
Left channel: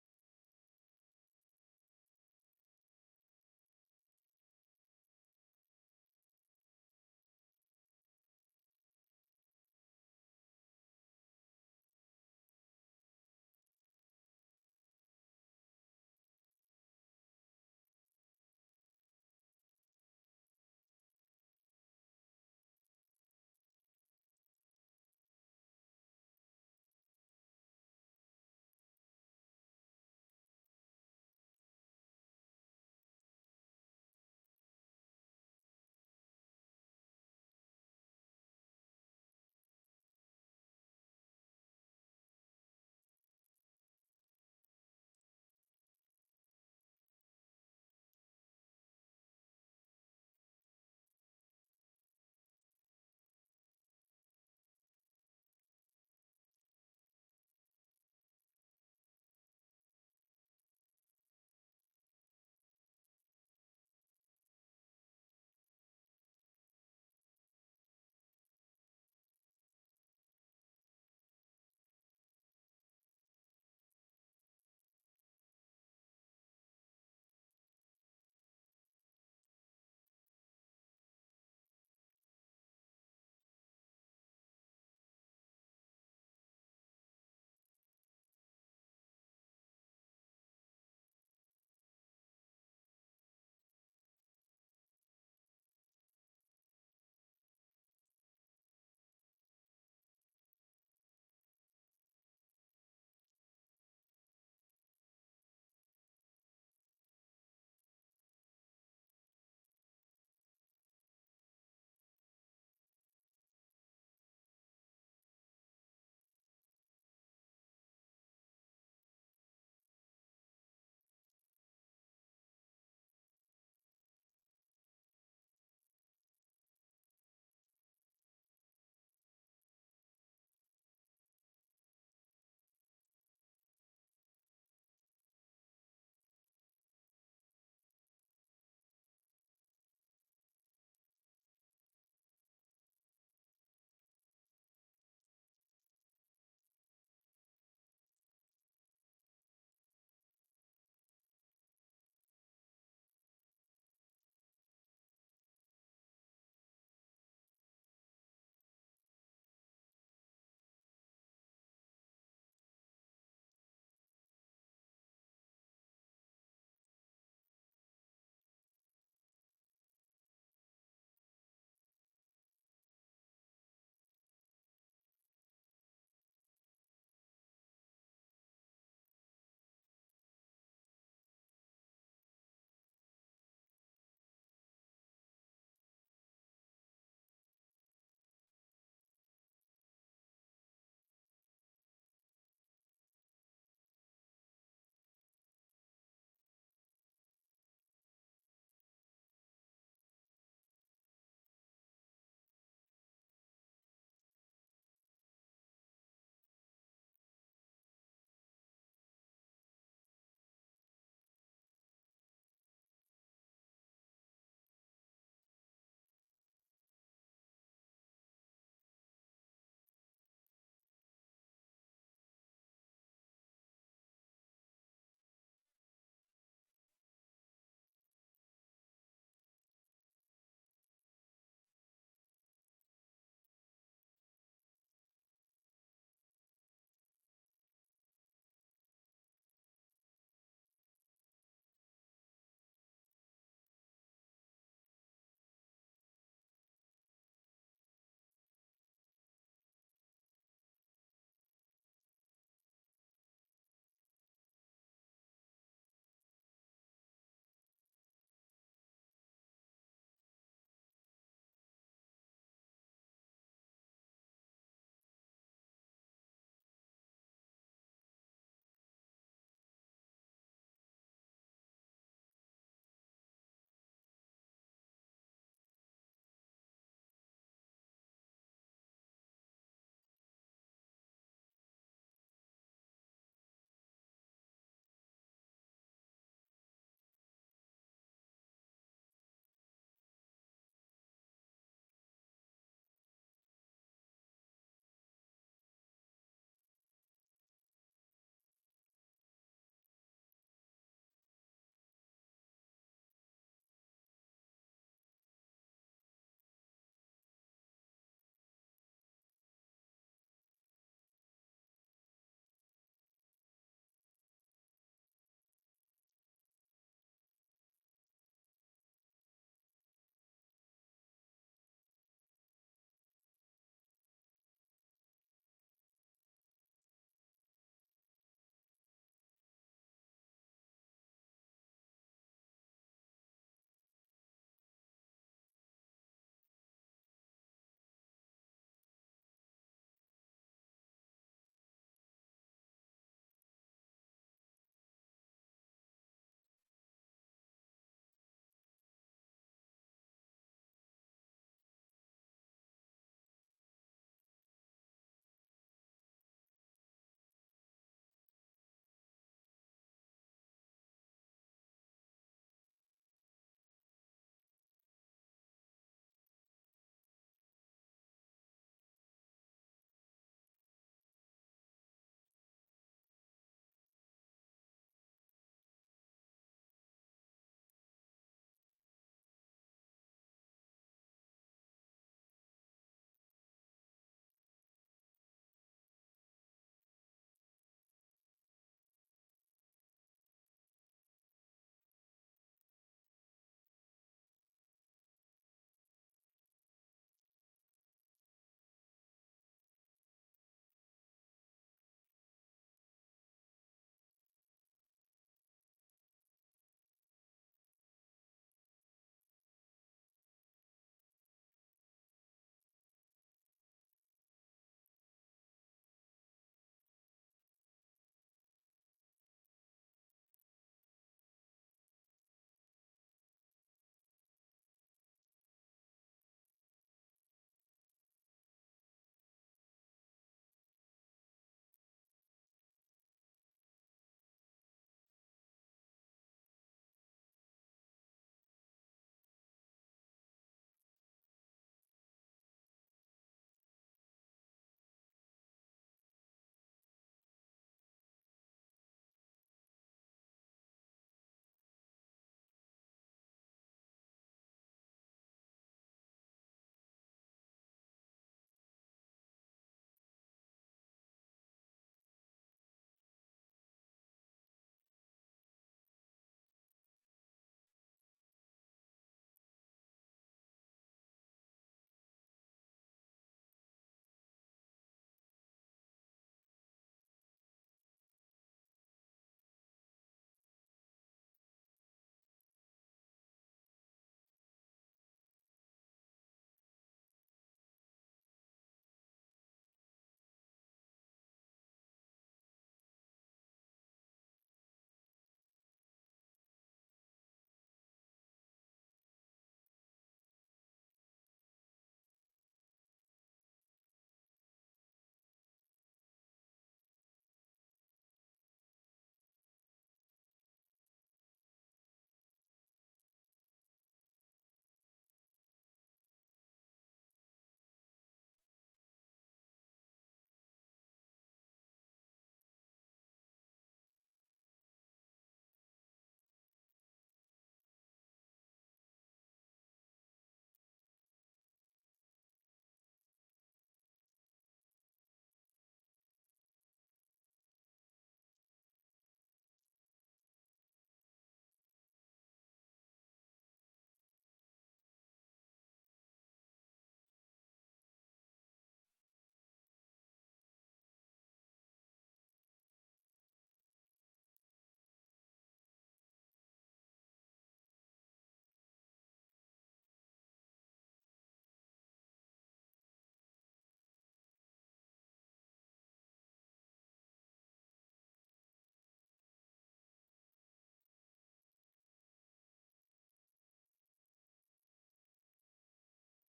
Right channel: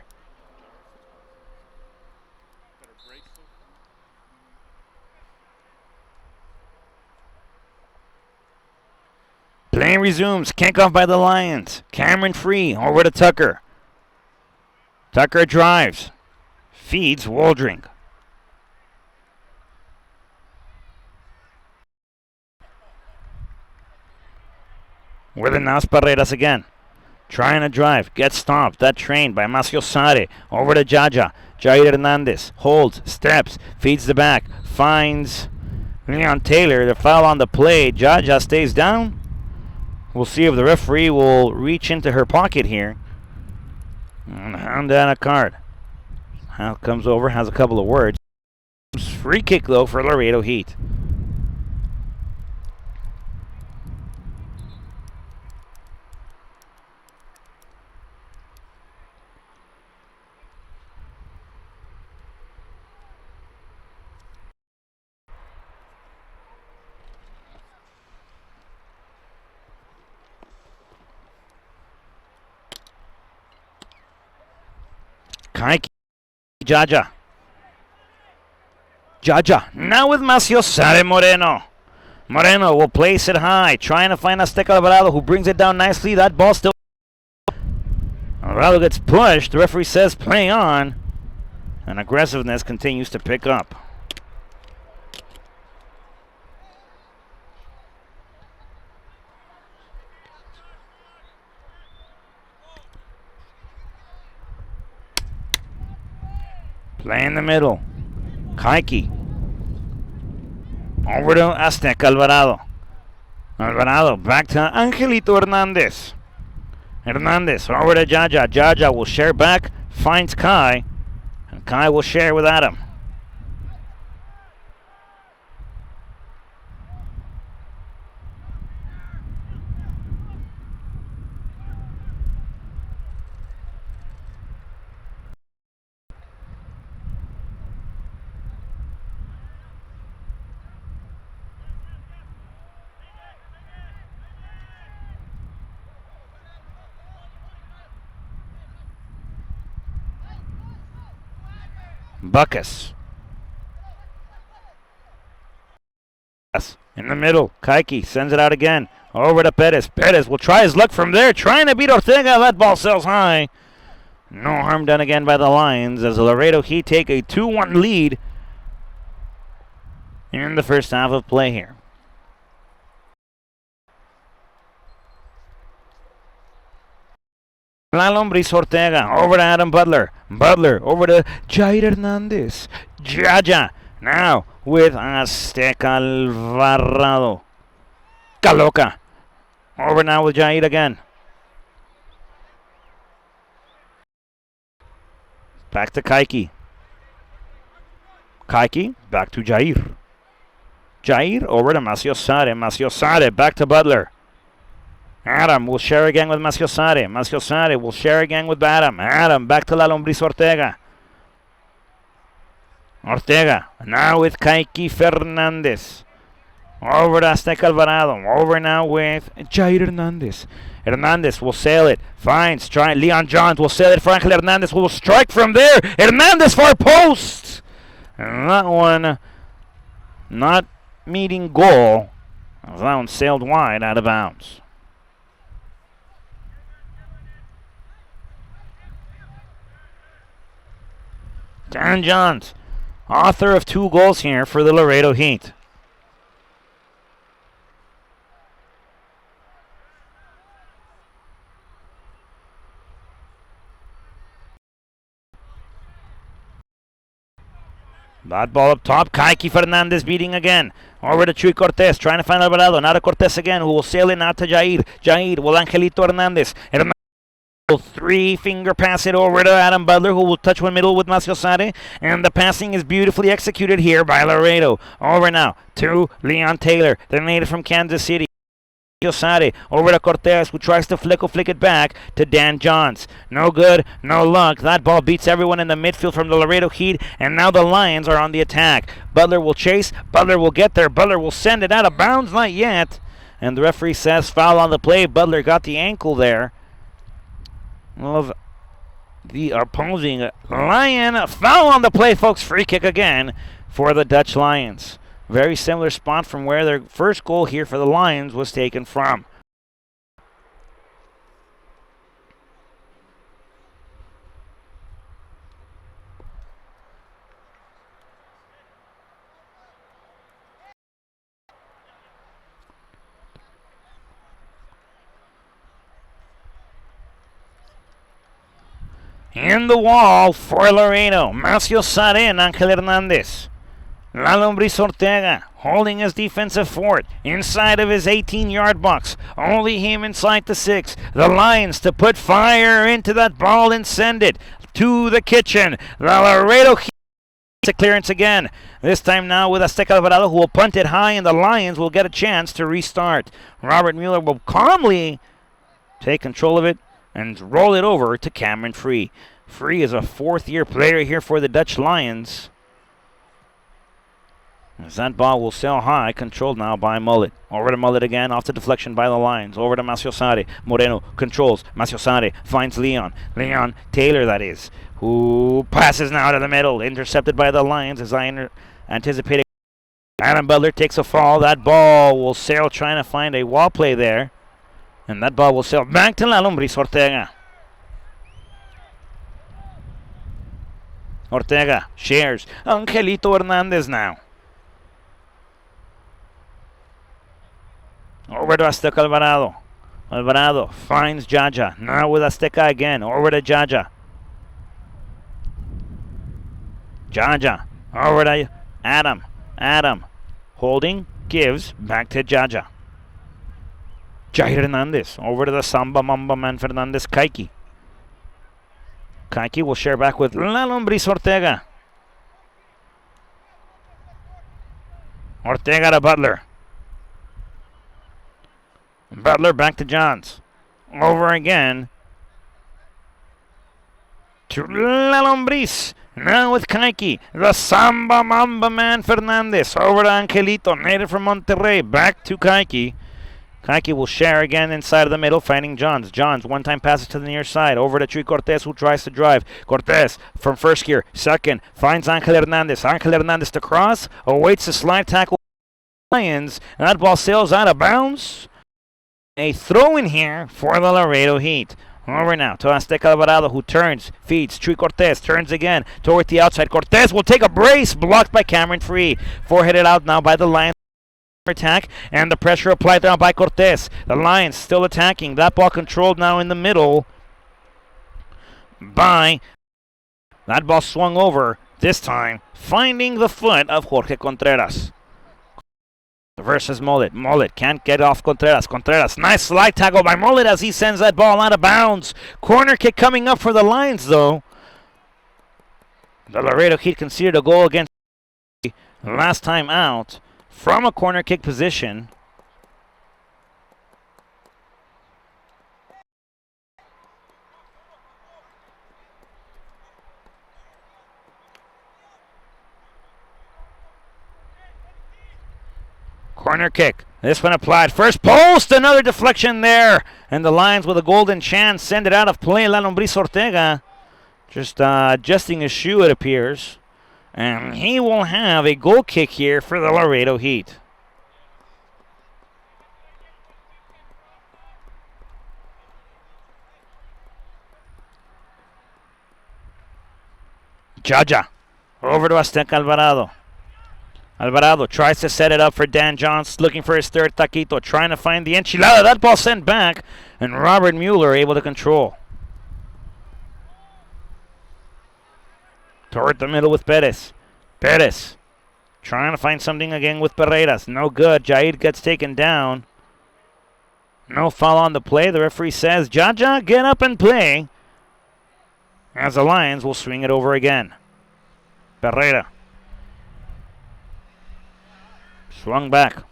Play resumes. Kickoff by the Lions. Cameron free. Over to Tucker. Tucker drives. Feeds Waldring. With it now, Paredes again. Trying to drive. Gets stopped. That train by Macio Sare. Over to Jaja. Jair Hernandez. Holds. Steps. Feeds the back. Finds Leon Taylor. The foul on the play. Jaja stays down. We'll see if the referee will reach into her pocket here and hand down a card. Hal comes over, has a couple of words. Free kick, though, for Laredo Heat. Kike. Jaja. Jaja. Now with Macio Sare Moreno. Moreno will place it high. Trying to find Azteca Alvarado, who brings it down nicely. That ball still. Alvarado gets pushed. The referee says play on. And aggressiveness continues to pick up. Play in the middle. Kike. Over to Azteca Alvarado. Alvarado back to Angelito Hernandez. Hernandez over to Jaja. Jaja will share back. Finds Kai. And Kai will share with Adam. Buckus. In the middle. Kaiki sends it out again. Over to Perez. Perez will try his luck from there. Trying to beat Ortega. That ball sails high. No harm done again by the Lions as the Laredo Heat take a 2-1 lead in the first half of play here. La Lombriz Ortega over to Adam Butler. Butler over to Jair Hernandez. Jaja now with Azteca Alvarado. Caloca over now with Jair again. Back to Kaiki. Kaiki back to Jair. Jair over to Maciosare. Maciosare back to Butler. Adam will share again with Maciosare. Maciosare will share again with Adam. Adam back to La Lombriz Ortega. Ortega now with Kaiki Fernandez. Over to Azteca Alvarado. Over now with Jair Hernandez. Hernandez will sail it. Finds Leon Johns will sail it. Franklin Hernandez will strike from there. Hernandez far post. And that one not meeting goal. That one sailed wide out of bounds. Dan Johns, author of 2 goals here for the Laredo Heat. That ball up top. Kaiki Fernandez beating again. Over to Chuy Cortez. Trying to find Alvarado. Now to Cortez again, who will sail it now to Jair. Jair will Angelito Hernandez. Hernandez will 3-finger pass it over to Adam Butler, who will touch one middle with Maciosare. And the passing is beautifully executed here by Laredo. Over now to Leon Taylor, the native from Kansas City. Maciosare over to Cortez, who tries to flick it back to Dan Johns. No good, no luck. That ball beats everyone in the midfield from the Laredo Heat, and now the Lions are on the attack. Butler will chase. Butler will get there. Butler will send it out of bounds. Not yet. And the referee says foul on the play. Butler got the ankle there of the opposing Lion. Foul on the play, folks. Free kick again for the Dutch Lions. Very similar spot from where their first goal here for the Lions was taken from. In the wall for Laredo. Maciosare and Angel Hernandez. La Lombriz Ortega holding his defensive fort inside of his 18-yard box. Only him inside the 6. The Lions to put fire into that ball and send it to the kitchen. The Laredo Heat a clearance again. This time now with Azteca Alvarado, who will punt it high, and the Lions will get a chance to restart. Robert Mueller will calmly take control of it and roll it over to Cameron Free. Free is a 4th-year player here for the Dutch Lions. As that ball will sail high, controlled now by Mullet. Over to Mullet again, off the deflection by the Lions. Over to Maciosare. Moreno controls. Maciosare finds Leon. Leon Taylor, that is, who passes now to the middle. Intercepted by the Lions, as I anticipated. Adam Butler takes a fall. That ball will sail, trying to find a wall play there. And that ball will sail back to La Lombriz Ortega. Ortega shares. Angelito Hernandez now. Over to Azteca Alvarado. Alvarado finds Jaja. Now with Azteca again. Over to Jaja. Jaja. Over to Adam. Adam. Holding. Gives. Back to Jaja. Jair Hernandez. Over to the Samba Mamba man Fernandez. Kaiki. Kaiki will share back with La Lombriz Ortega. Ortega to Butler. Butler back to Johns. Over again to La Lombriz. Now with Kaiki. The Samba Mamba man Fernandez. Over to Angelito, native from Monterrey. Back to Kaiki. Kaiki will share again inside of the middle, finding Johns. Johns, one-time passes to the near side. Over to Chuy Cortez, who tries to drive. Cortez from first gear, second, finds Angel Hernandez. Angel Hernandez to cross, awaits the slide tackle. Lions, and that ball sails out of bounds. A throw in here for the Laredo Heat. Over now to Azteca Alvarado, who turns, feeds. Chuy Cortez turns again toward the outside. Cortez will take a brace, blocked by Cameron Free. Four-headed out now by the Lions. Attack and the pressure applied down by Cortez. The Lions still attacking. That ball controlled now in the middle by that ball swung over this time, finding the foot of Jorge Contreras. Versus Mullet. Mullet can't get off Contreras. Contreras, nice slide tackle by Mullet as he sends that ball out of bounds. Corner kick coming up for the Lions though. The Laredo Heat conceded a goal against last time out from a corner kick position. Corner kick. This one applied. First post, another deflection there. And the Lions with a golden chance send it out of play. La Lombriz Ortega just adjusting his shoe, it appears. And he will have a goal kick here for the Laredo Heat. Jaja over to Azteca Alvarado. Alvarado tries to set it up for Dan Johns, looking for his third taquito, trying to find the enchilada. That ball sent back, and Robert Mueller able to control. Toward the middle with Perez. Perez trying to find something again with Pereiras. No good. Jair gets taken down. No foul on the play. The referee says, Jaja, get up and play. As the Lions will swing it over again. Pereira. Swung back.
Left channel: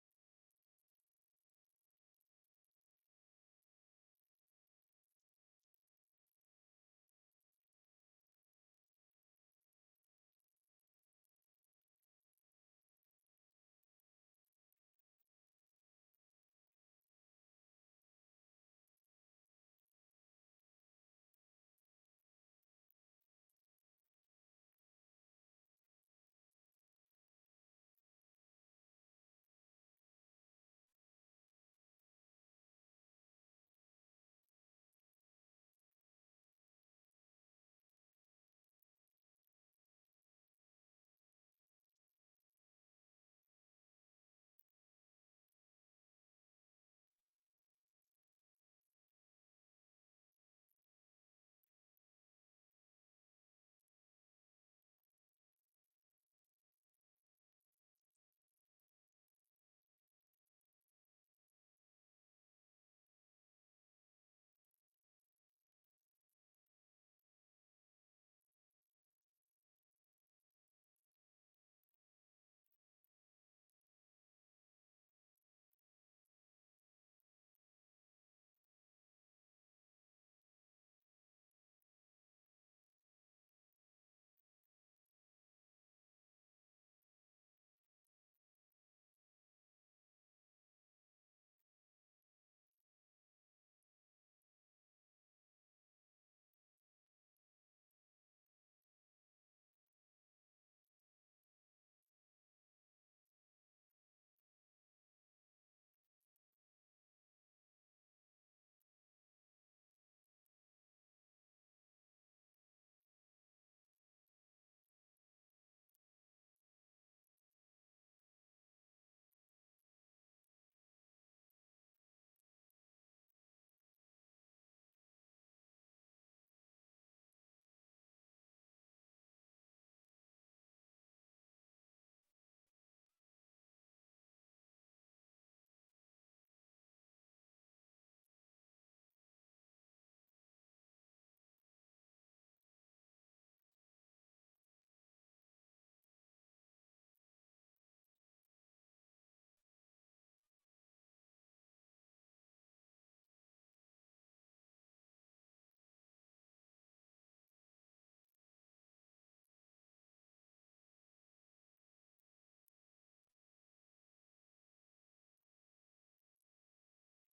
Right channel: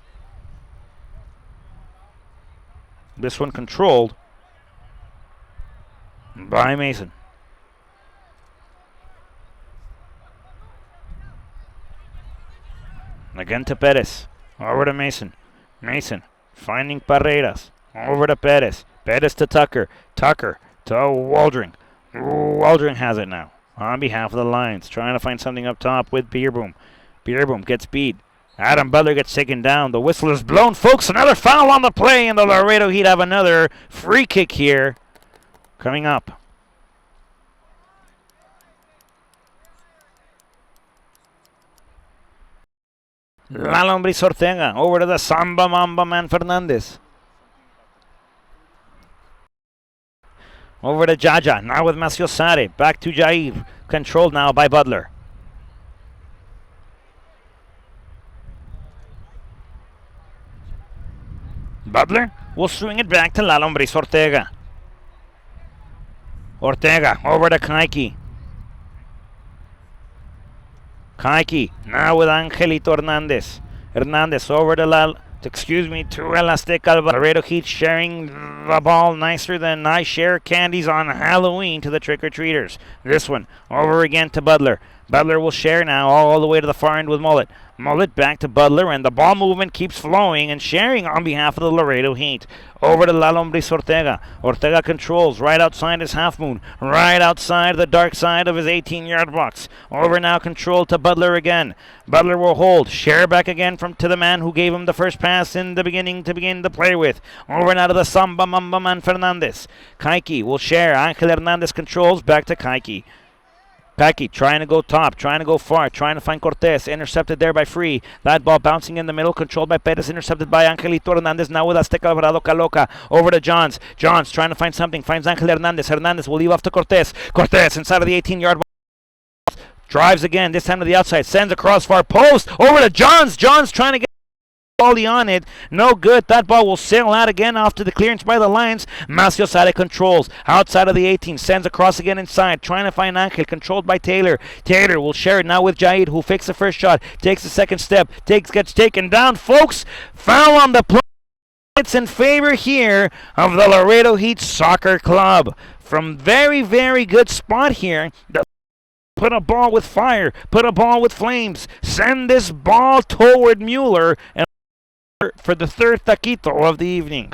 This one controlled by Mason. Again to Perez. Over to Mason. Mason finding Pereiras. Over to Perez. Perez to Tucker. Tucker to Waldring. Waldring has it now on behalf of the Lions. Trying to find something up top with Beerboom. Beerboom gets beat. Adam Butler gets taken down. The whistle is blown, folks. Another foul on the play, and the Laredo Heat have another free kick here coming up. La Lombriz Ortega over to the Samba Mamba man Fernandez. Over to Jaja, now with Macio Sare. Back to Jair, controlled now by Butler. Butler will swing it back to La Lombriz Ortega. Ortega over to Kaiki. Kaiki now with Angelito Hernandez. Hernandez over to to El Azteca. Laredo Heat sharing the ball nicer than I share candies on Halloween to the trick-or-treaters. This one over again to Butler. Butler will share now all the way to the far end with Mullet. Mullet back to Butler, and the ball movement keeps flowing and sharing on behalf of the Laredo Heat. Over to La Lombriz Ortega. Ortega controls right outside his half moon, right outside the dark side of his 18-yard box. Over now, control to Butler again. Butler will hold. Share back again to the man who gave him the first pass in the beginning to begin to play with. Over now to the Samba Mamba man Fernandez. Kaiki will share. Angel Hernandez controls back to Kaiki. Kaiki trying to go top, trying to go far, trying to find Cortez. Intercepted there by Free. That ball bouncing in the middle, controlled by Perez, intercepted by Angelito Hernandez. Now with Azteca Alvarado Caloca. Over to Johns. Johns trying to find something. Finds Angel Hernandez. Hernandez will leave off to Cortez. Cortez inside of the 18-yard box. Drives again, this time to the outside. Sends across far post. Over to Johns. Johns trying to get volley on it. No good. That ball will sail out again after the clearance by the Lions. Macio Sade controls. Outside of the 18. Sends across again inside. Trying to find Angel. Controlled by Taylor. Taylor will share it now with Jaid, who fakes the first shot. Takes the second step. Gets taken down. Folks, foul on the play. It's in favor here of the Laredo Heat Soccer Club. From very, very good spot here. Put a ball with fire. Put a ball with flames. Send this ball toward Mueller. And for the third taquito of the evening.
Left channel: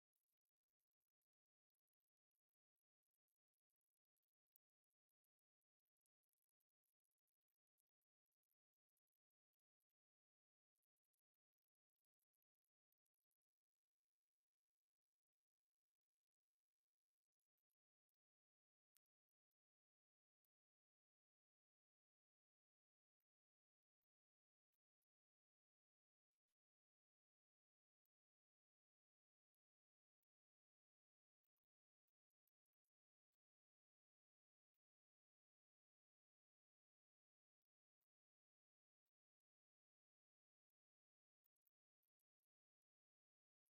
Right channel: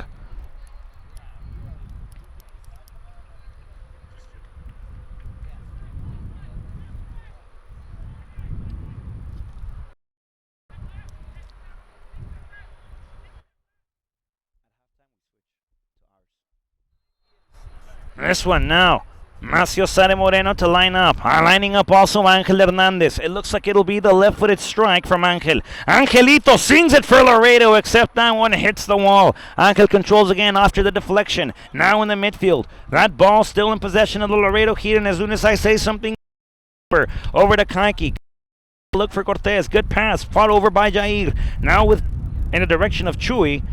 This one now. Macio Sare Moreno to line up. Lining up also Angel Hernandez. It looks like it'll be the left-footed strike from Angel. Angelito sings it for Laredo, except that one hits the wall. Angel controls again after the deflection. Now in the midfield. That ball still in possession of the Laredo Heat, and as soon as I say something, over to Kaiki. Look for Cortez. Good pass. Fought over by Jair. Now in the direction of Chuy,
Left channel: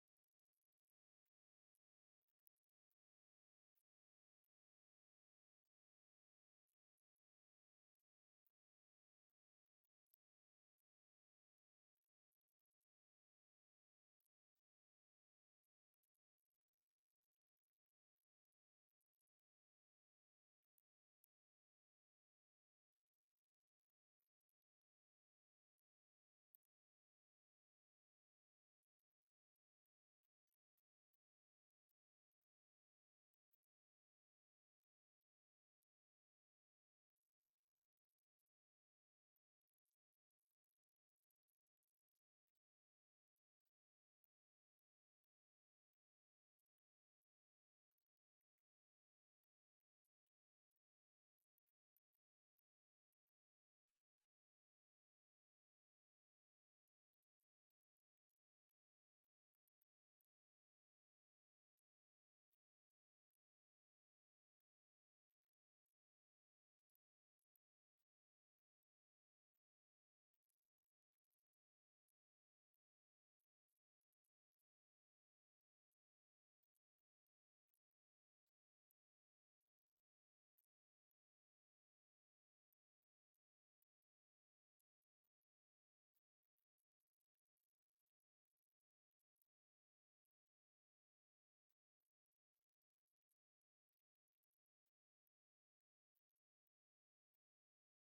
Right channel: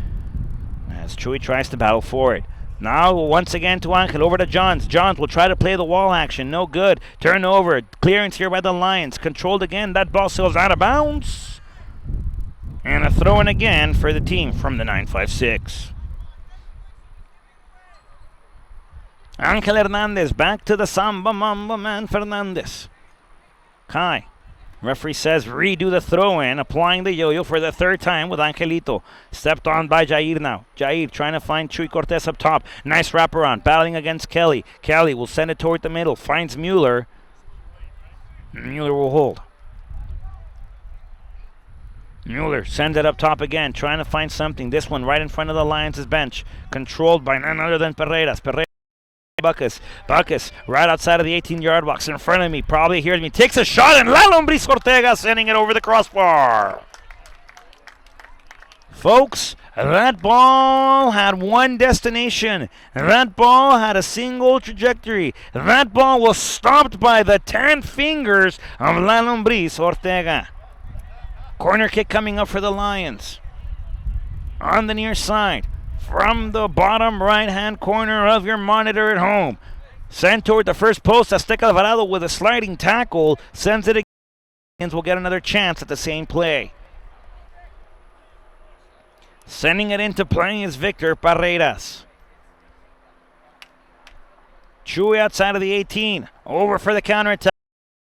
as Chuy tries to battle for it. Now, once again to Angel, over to Johns. Johns will try to play the wall action. No good. Turnover. Clearance here by the Lions. Controlled again. That ball sails out of bounds. And a throw in again for the team from the 956. Angel Hernandez back to the Samba Mamba man Fernandez. Kai. Referee says redo the throw-in, applying the yo-yo for the third time with Angelito. Stepped on by Jair now. Jair trying to find Chuy Cortez up top. Nice wraparound, battling against Kelly. Kelly will send it toward the middle, finds Mueller. Mueller will hold. Mueller sends it up top again, trying to find something. This one right in front of the Lions' bench. Controlled by none other than Pereiras. Bacchus, right outside of the 18-yard box in front of me, probably hears me, takes a shot, and La Lombriz Ortega sending it over the crossbar. Folks, that ball had one destination. That ball had a single trajectory. That ball was stopped by the 10 fingers of La Lombriz Ortega. Corner kick coming up for the Lions. On the near side. From the bottom right-hand corner of your monitor at home. Sent toward the first post. Azteca Alvarado with a sliding tackle. Sends it again. Will get another chance at the same play. Sending it into play is Victor Paredes. Chuy outside of the 18. Over for the counterattack.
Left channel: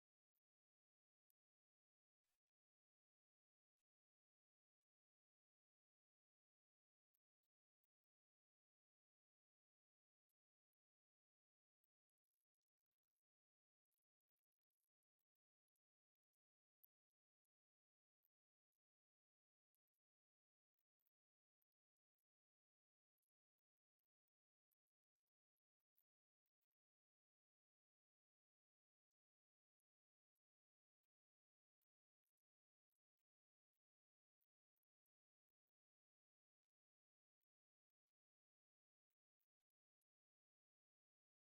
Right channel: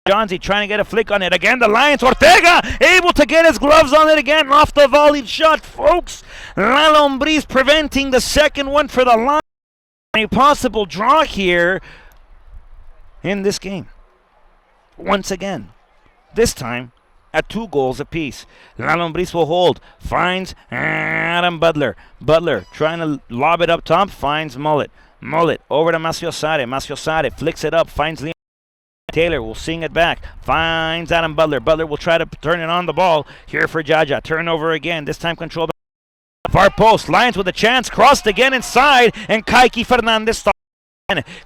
Johnsy trying to get a flick on it. Again, the Lions. Ortega able to get his gloves on it again. Off the volleyed shot, folks. La Lombriz preventing the second one for the Lions. A possible draw here in this game. Once again. This time at 2 goals apiece. La Lombriz will hold. Finds Adam Butler. Butler trying to lob it up top. Finds Mullet. Mullet over to Macio Sare. Macio Sare flicks it up. Finds Leon Taylor will sing it back. Finds Adam Butler. Butler will try to turn it on the ball. Here for Jaja. Turnover again. This time controlled by far post. Lions with a chance. Crossed again inside. And Kaiki Fernandez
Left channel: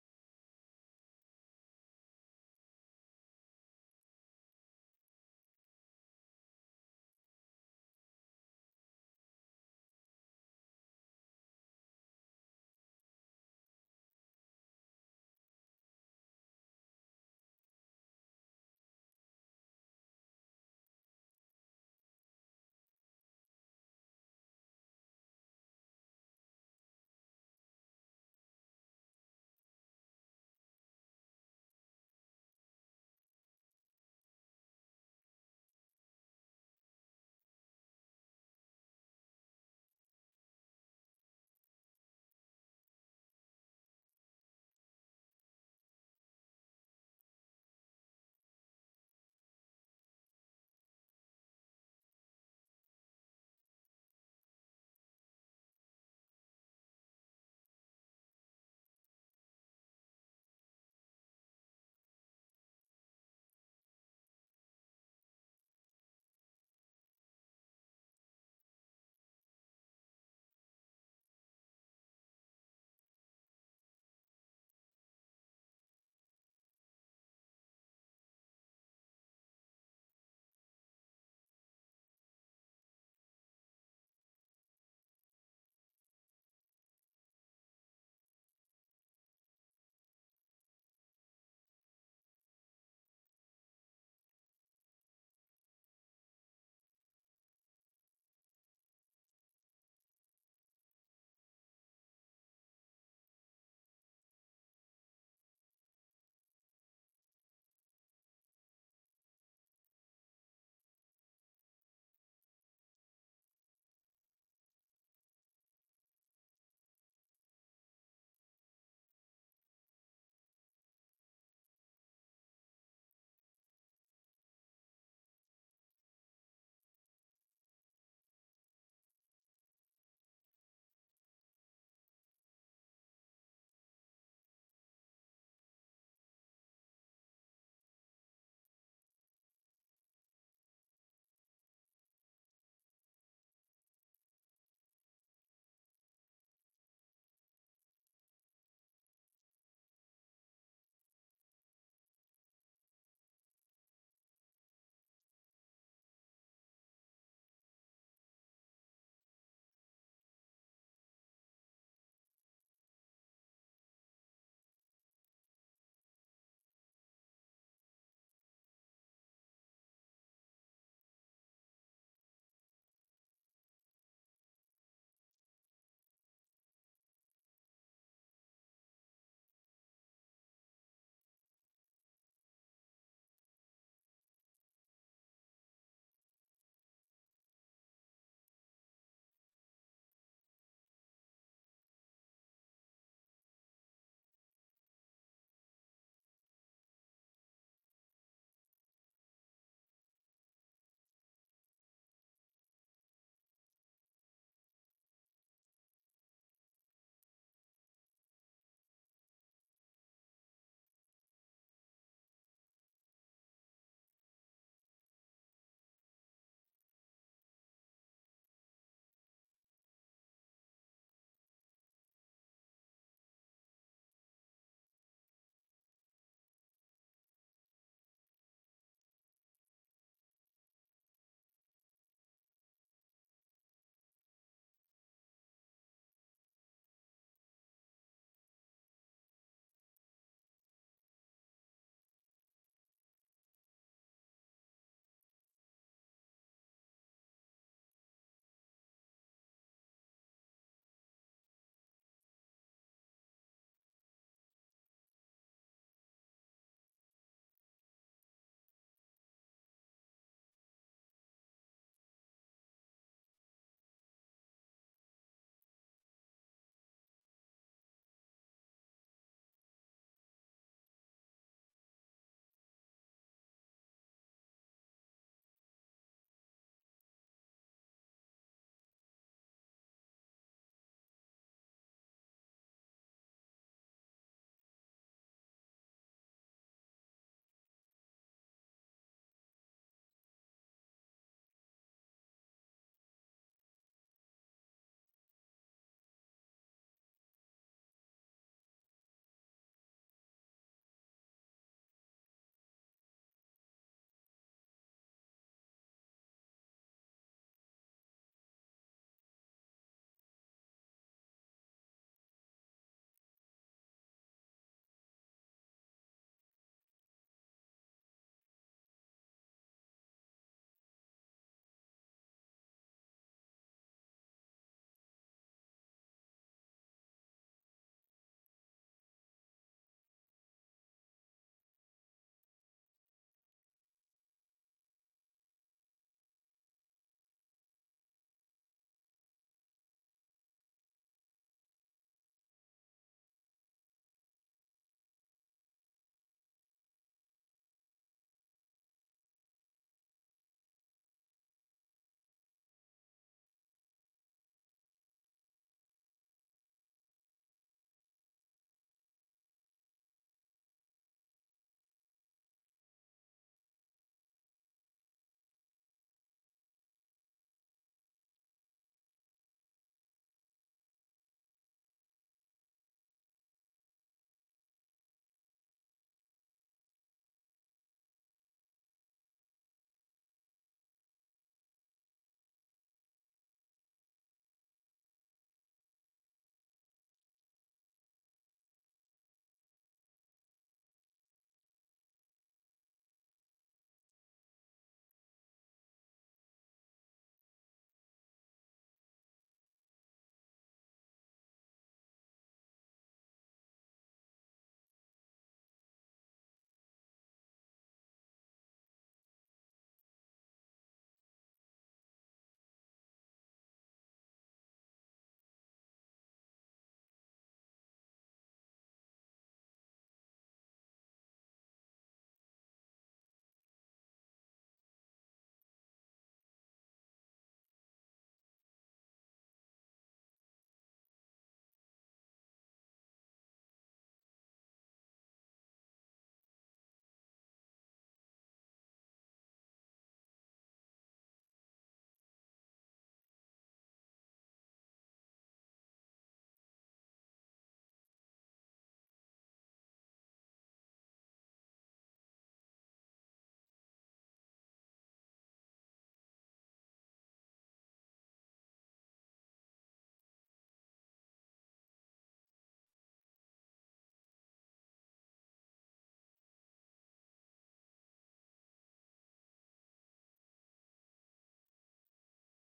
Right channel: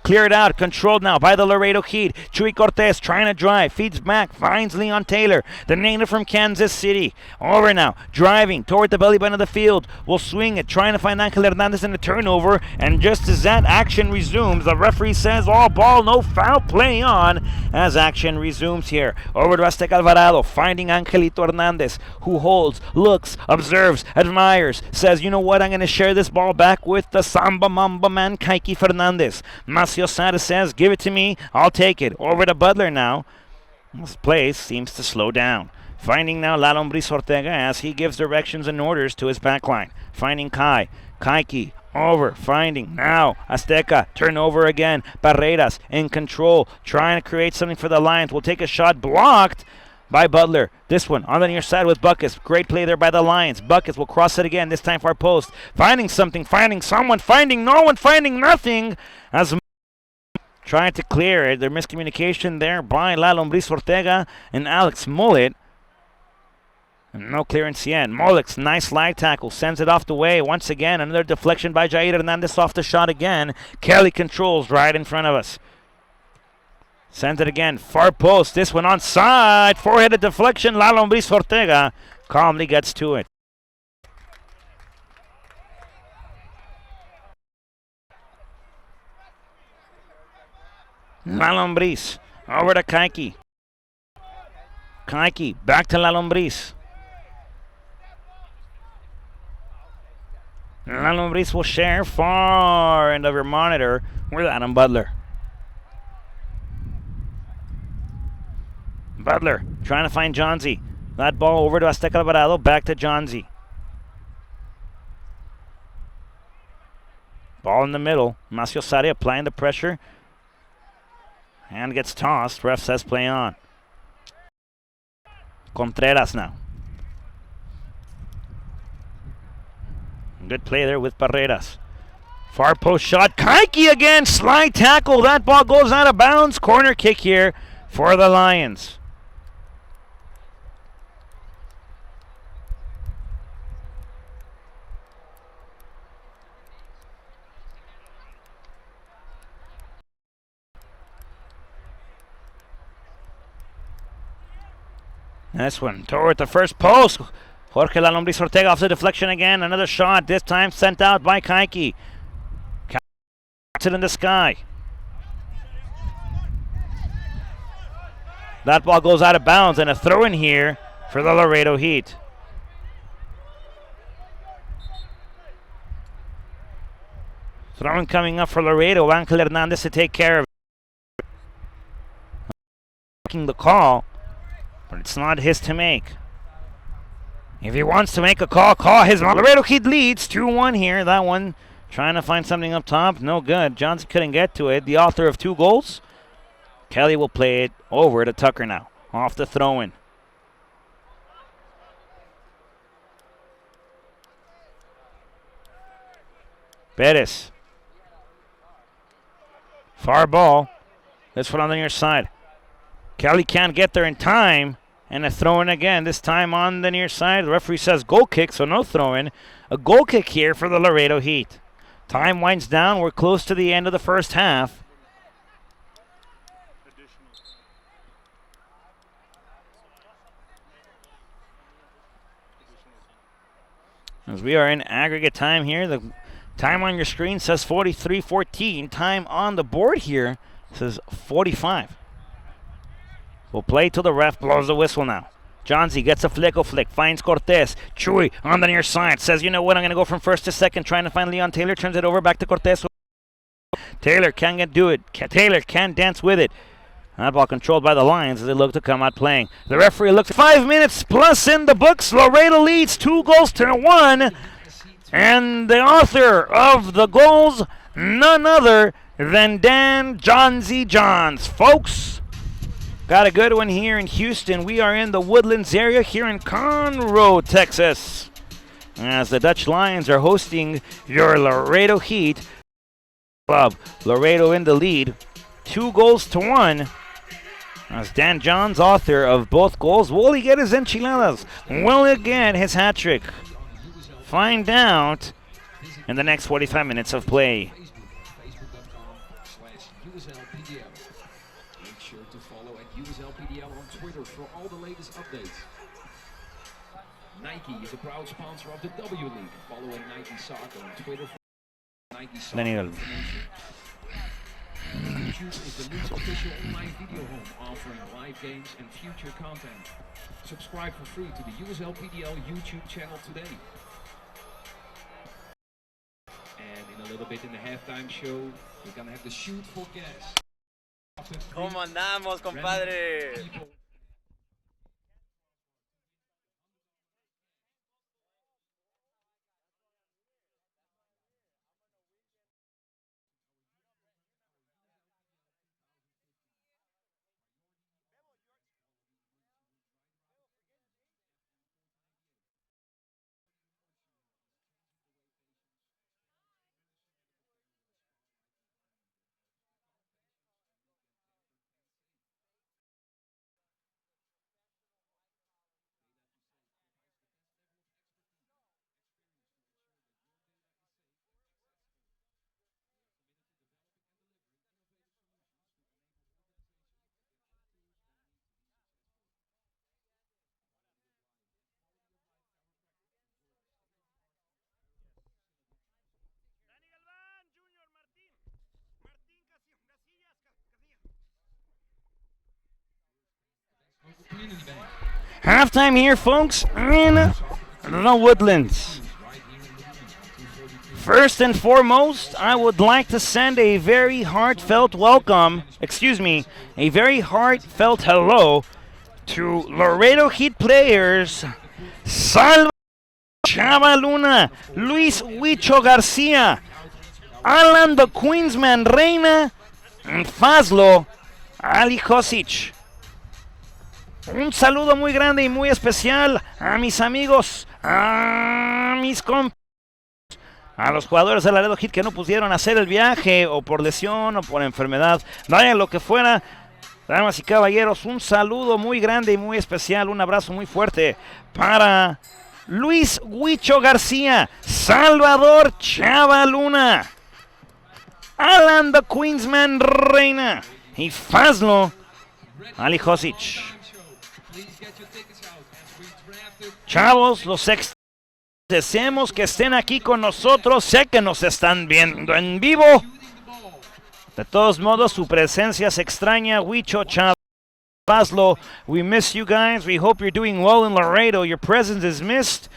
cleared out, controlled now by the Laredo Heat. Chuy Cortez trying to drive, feeds back, finds Leon Taylor, the native from Kansas City. Over now, driving toward the belly button of the field. Will swing it, trying to find Angel Hernandez in the turnover. And just as that action resumes, the referee says all ball, no foul play on as action resumes here. Over to Azteca Alvarado, finding Angelito Hernandez, who holds, looks, observes, admires, says, you know what, I'm going to share this ball back with the Samba Mamba man, Kaiki Fernandez. Macio Sara says, give it to me, I'll take it. Over to Butler now. This play seems to slow down. Finding now La Lombriz Ortega as he gives directions and orders to his backline. Finding Kaiki, over, finding now Azteca, turnover again. Barreras in control, trying to create something for the Lions. Will take a shot blocked by Butler. This one on the near side with Buckus. Great play there by the Lions. Buckus will cross it again, this time for our post. Finding something, finding someone, finding no one, finding nothing. As trying to clear it. Their miscommunication there by La Lombriz Ortega and Alex Mullet. And no clearance yet. Mullet's nice slide tackle. Sends it off the way. Once again, another deflection by Jair Hernandez off the shot again. Kelly controls right in front of us. Sends it again. Far post. This one onside. Four-headed deflection. La Lombriz Ortega calmly gets to it. La Lombriz over to Kaiki. Kaiki back to La Lombriz. La Lombriz will share far end of your monitor with Adam Butler. Butler trying to find Johnsy. That ball over to Azteca Alvarado. Back to Johnsy. Ball in the middle. Macio Sari applying the pressure. And gets tossed. Ref says play on. Contreras now. Good play there with Barreras. Far post shot. Kaiki again. Slide tackle. That ball goes out of bounds. Corner kick here for the Lions. This one toward the first post. Jorge La Lombriz Ortega off the deflection again. Another shot, this time sent out by Kaiki. Catches it in the sky. That ball goes out of bounds and a throw in here for the Laredo Heat. Throw-in coming up for Laredo. Angel Hernandez to take care of it. Making the call, but it's not his to make. If he wants to make a call, call his. Laredo Heat leads 2-1 here. That one trying to find something up top. No good. Johnson couldn't get to it. The author of 2 goals. Kelly will play it over to Tucker now. Off the throw-in. Perez. Far ball. This one on the near side. Kelly can't get there in time. And a throw-in again, this time on the near side. The referee says goal kick, so no throw-in. A goal kick here for the Laredo Heat. Time winds down. We're close to the end of the first half. As we are in aggregate time here, the time on your screen says 43-14. Time on the board here says 45. We'll play till the ref blows the whistle now. Johnsy gets a flick, finds Cortez. Chuy on the near side says, you know what, I'm going to go from first to second, trying to find Leon Taylor. Turns it over back to Cortez. Taylor can't do it. Taylor can't dance with it. That ball controlled by the Lions as they look to come out playing. The referee looks 5 minutes plus in the books. Laredo leads 2-1. And the author of the goals, none other than Dan Johnsy Johns. Folks, got a good one here in Houston. We are in the Woodlands area here in Conroe, Texas, as the Dutch Lions are hosting your Laredo Heat club. Laredo in the lead, 2-1. As Dan Johns, author of both goals, will he get his enchiladas? Will he get his hat trick? Find out in the next 45 minutes of play. Nike is a proud sponsor of the W League. Following Nike Soccer on Twitter for Nike Soccer Daniel. YouTube is the league's official online video home, offering live games and future content. Subscribe for free to the USLPDL YouTube channel today. And in a little bit in the halftime show, we're gonna have the shoot for gas. ¿Cómo andamos, compadre? Halftime here, folks, in the Woodlands. First and foremost, I would like to send a very heartfelt a very heartfelt hello to Laredo Heat players Salva Chava Luna, Luis Huicho Garcia, Alan the Queensman Reina, Fazlo Ali Hosic. Un saludo muy grande y muy especial a mis amigos, a mis compas, a los jugadores de Laredo Heat que no pudieron hacer el viaje o por lesión o por enfermedad, vaya lo que fuera. Damas y caballeros, un saludo muy grande y muy especial, un abrazo muy fuerte para Luis Huicho García, Salvador Chava Luna, Alan the Queensman Reina y Fazlo Ali Hosic. Chavos, los deseamos que estén aquí con nosotros. Sé que nos están viendo en vivo. De todos modos, su presencia se extraña. Huicho, Chava, Fazlo, we miss you guys. We hope you're doing well in Laredo. Your presence is missed.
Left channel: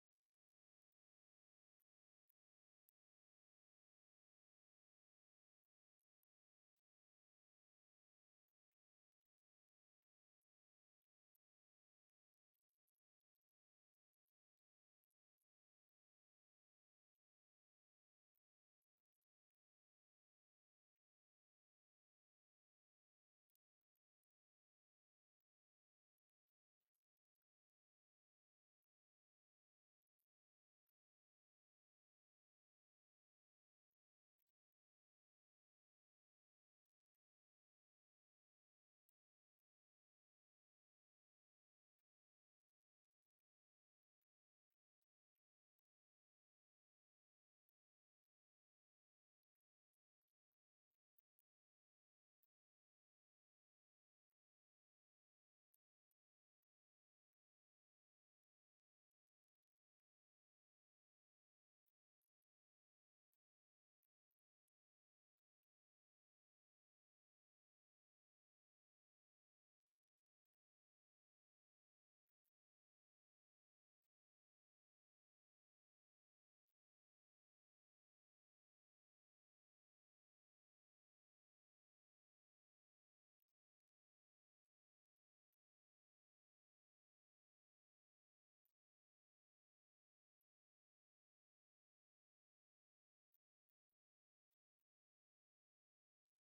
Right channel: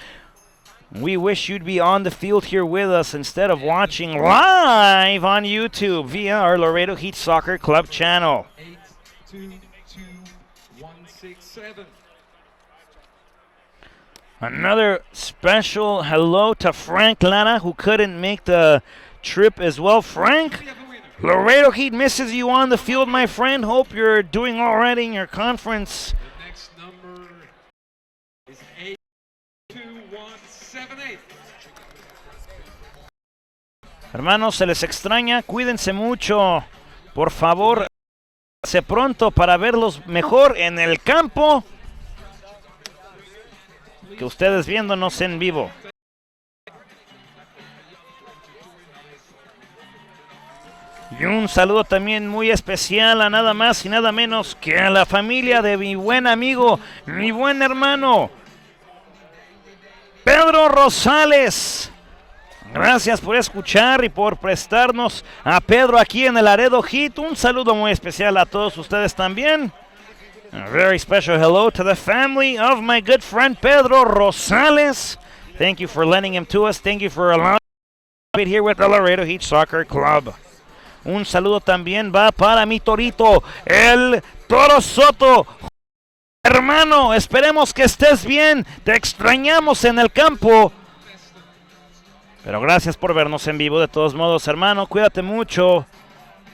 We wish you'd be on the field here with us instead of watching live on YouTube via our Laredo Heat Soccer Club channel. 822-167. Another special hello to Frank Lara, who couldn't make the trip as well. Frank, Laredo Heat misses you on the field, my friend. Hope you're doing all right in your conference. The next number is 82178. Hermanos, se les extraña. Cuídense mucho. Por favor, se pronto para verlos mejor en el campo que ustedes viéndonos en vivo. Y un saludo también muy especial a nada más y nada menos que a la familia de mi buen amigo, mi buen hermano, Pedro Rosales. Gracias por escuchar y por prestarnos a Pedro aquí en el Laredo Heat. Un saludo muy especial a todos ustedes también. A very special hello to the family of my good friend Pedro Rosales. Thank you for lending him to us. Thank you for allowing him to be here with the Laredo Heat Soccer Club. Un saludo también va para mi torito, el Toro Soto. Hermano, esperemos que estés bien. Te extrañamos en el campo. Pero gracias por vernos en vivo de todos modos, hermano. Cuídate mucho.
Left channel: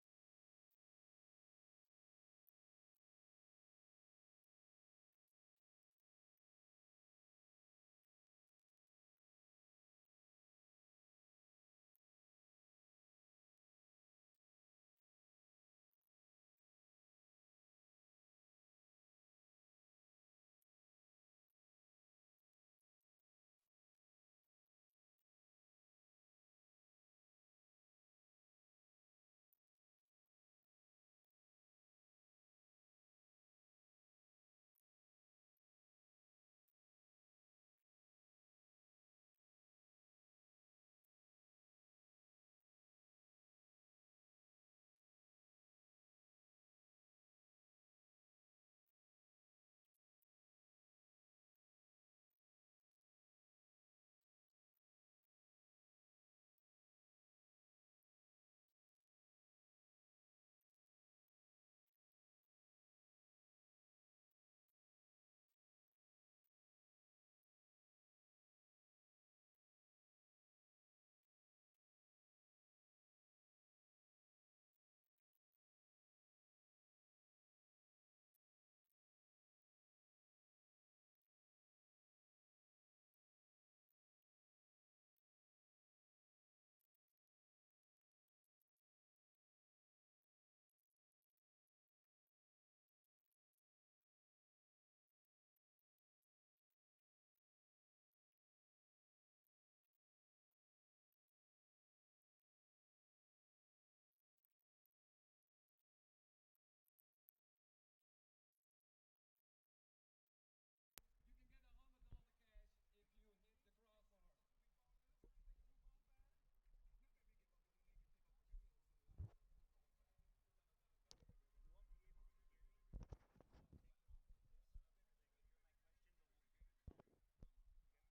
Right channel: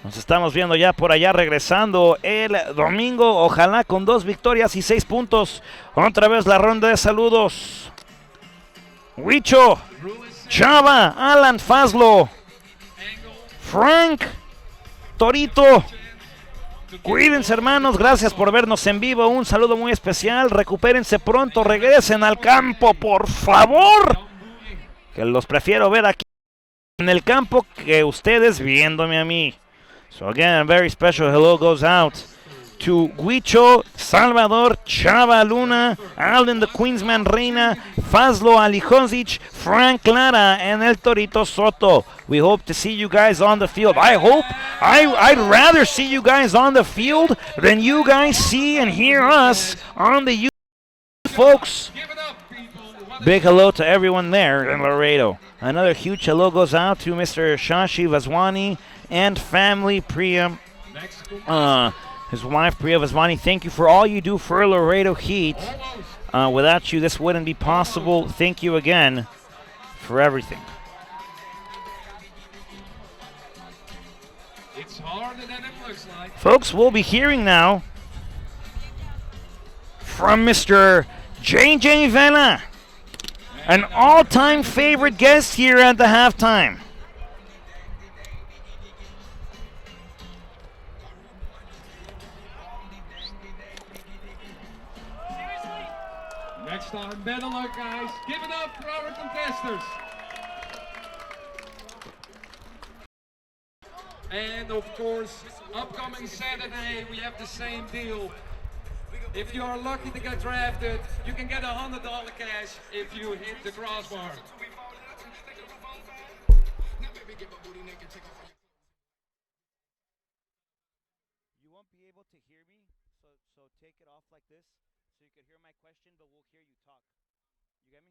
Nos estamos viendo ya por allá regresando el domingo. Ojalá con 2 victorias y 6 puntos. Otra vez la ronda de saludos. Huicho, Chava, Alan, Fazlo, Frank, Torito. Cuídense, hermanos. Gracias por vernos en vivo. Un saludo muy especial. Recupérense pronto. Regresen al campo, por favor. Que los prefiero ver aquí en el campo que ustedes viéndome a mí. So again, a very special hello goes out to Huicho, Salvador, Chava Luna, Alden the Queensman Reina, Fazlo Alihozic, Frank Lara, and El Torito Soto. We hope to see you guys on the field. I'd rather see you guys on the field than you guys see and hear us on the YouTube, folks. Big hello to everyone there in Laredo. Another huge hello goes out to Mr. Shashi Vaswani and family, Priya, his wife Priya Vaswani. Thank you for all you do for Laredo Heat. Without you, this wouldn't be possible. Thank you again for everything. It's harder than it looks like. Folks, we'll be hearing now from Mr. JJ Vela, an all-time favorite guest here at the halftime. Next time, better luck, guys. Give it up for our contestants. And of course, upcoming Saturday, we have the same deal. If you are lucky to get drafted, you can get $100 cash if you hit the crossbar. You won't be able to hear me, so take it off like this so you can hear my question, but we'll hear you talk. You get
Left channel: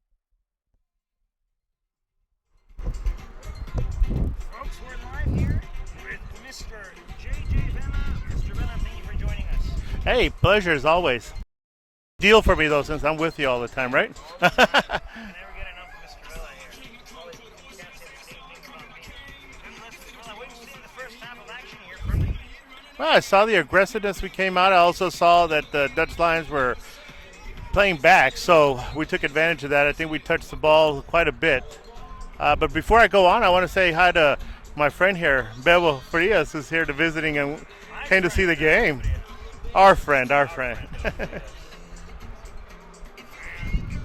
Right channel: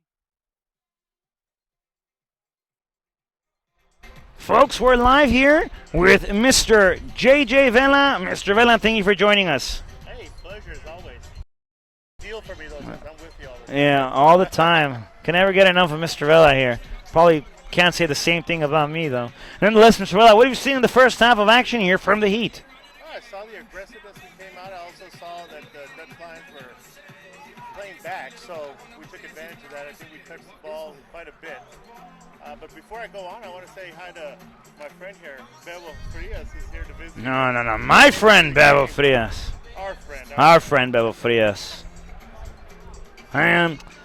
me? Folks, we're live here with Mr. JJ Vela. Mr. Vela, thank you for joining us. Hey, pleasure as always. Deal for me though, since I'm with you all the time, Yeah, right? all the time. Can never get enough of Mr. Vela here. Probably Can't say the same thing about me, though. Nonetheless, Mr. Vela, what have you seen in the first half of action here from the Heat? Well, I saw the aggressiveness we came out. I also saw that the Dutch Lions were playing back, so we took advantage of that. I think we touched the ball quite a bit. But before I go on, I want to say hi to my friend here, Bebo Frias, who's here to visiting. No. My friend, Bebo Frias. Our friend. Our friend, Bebo Frias.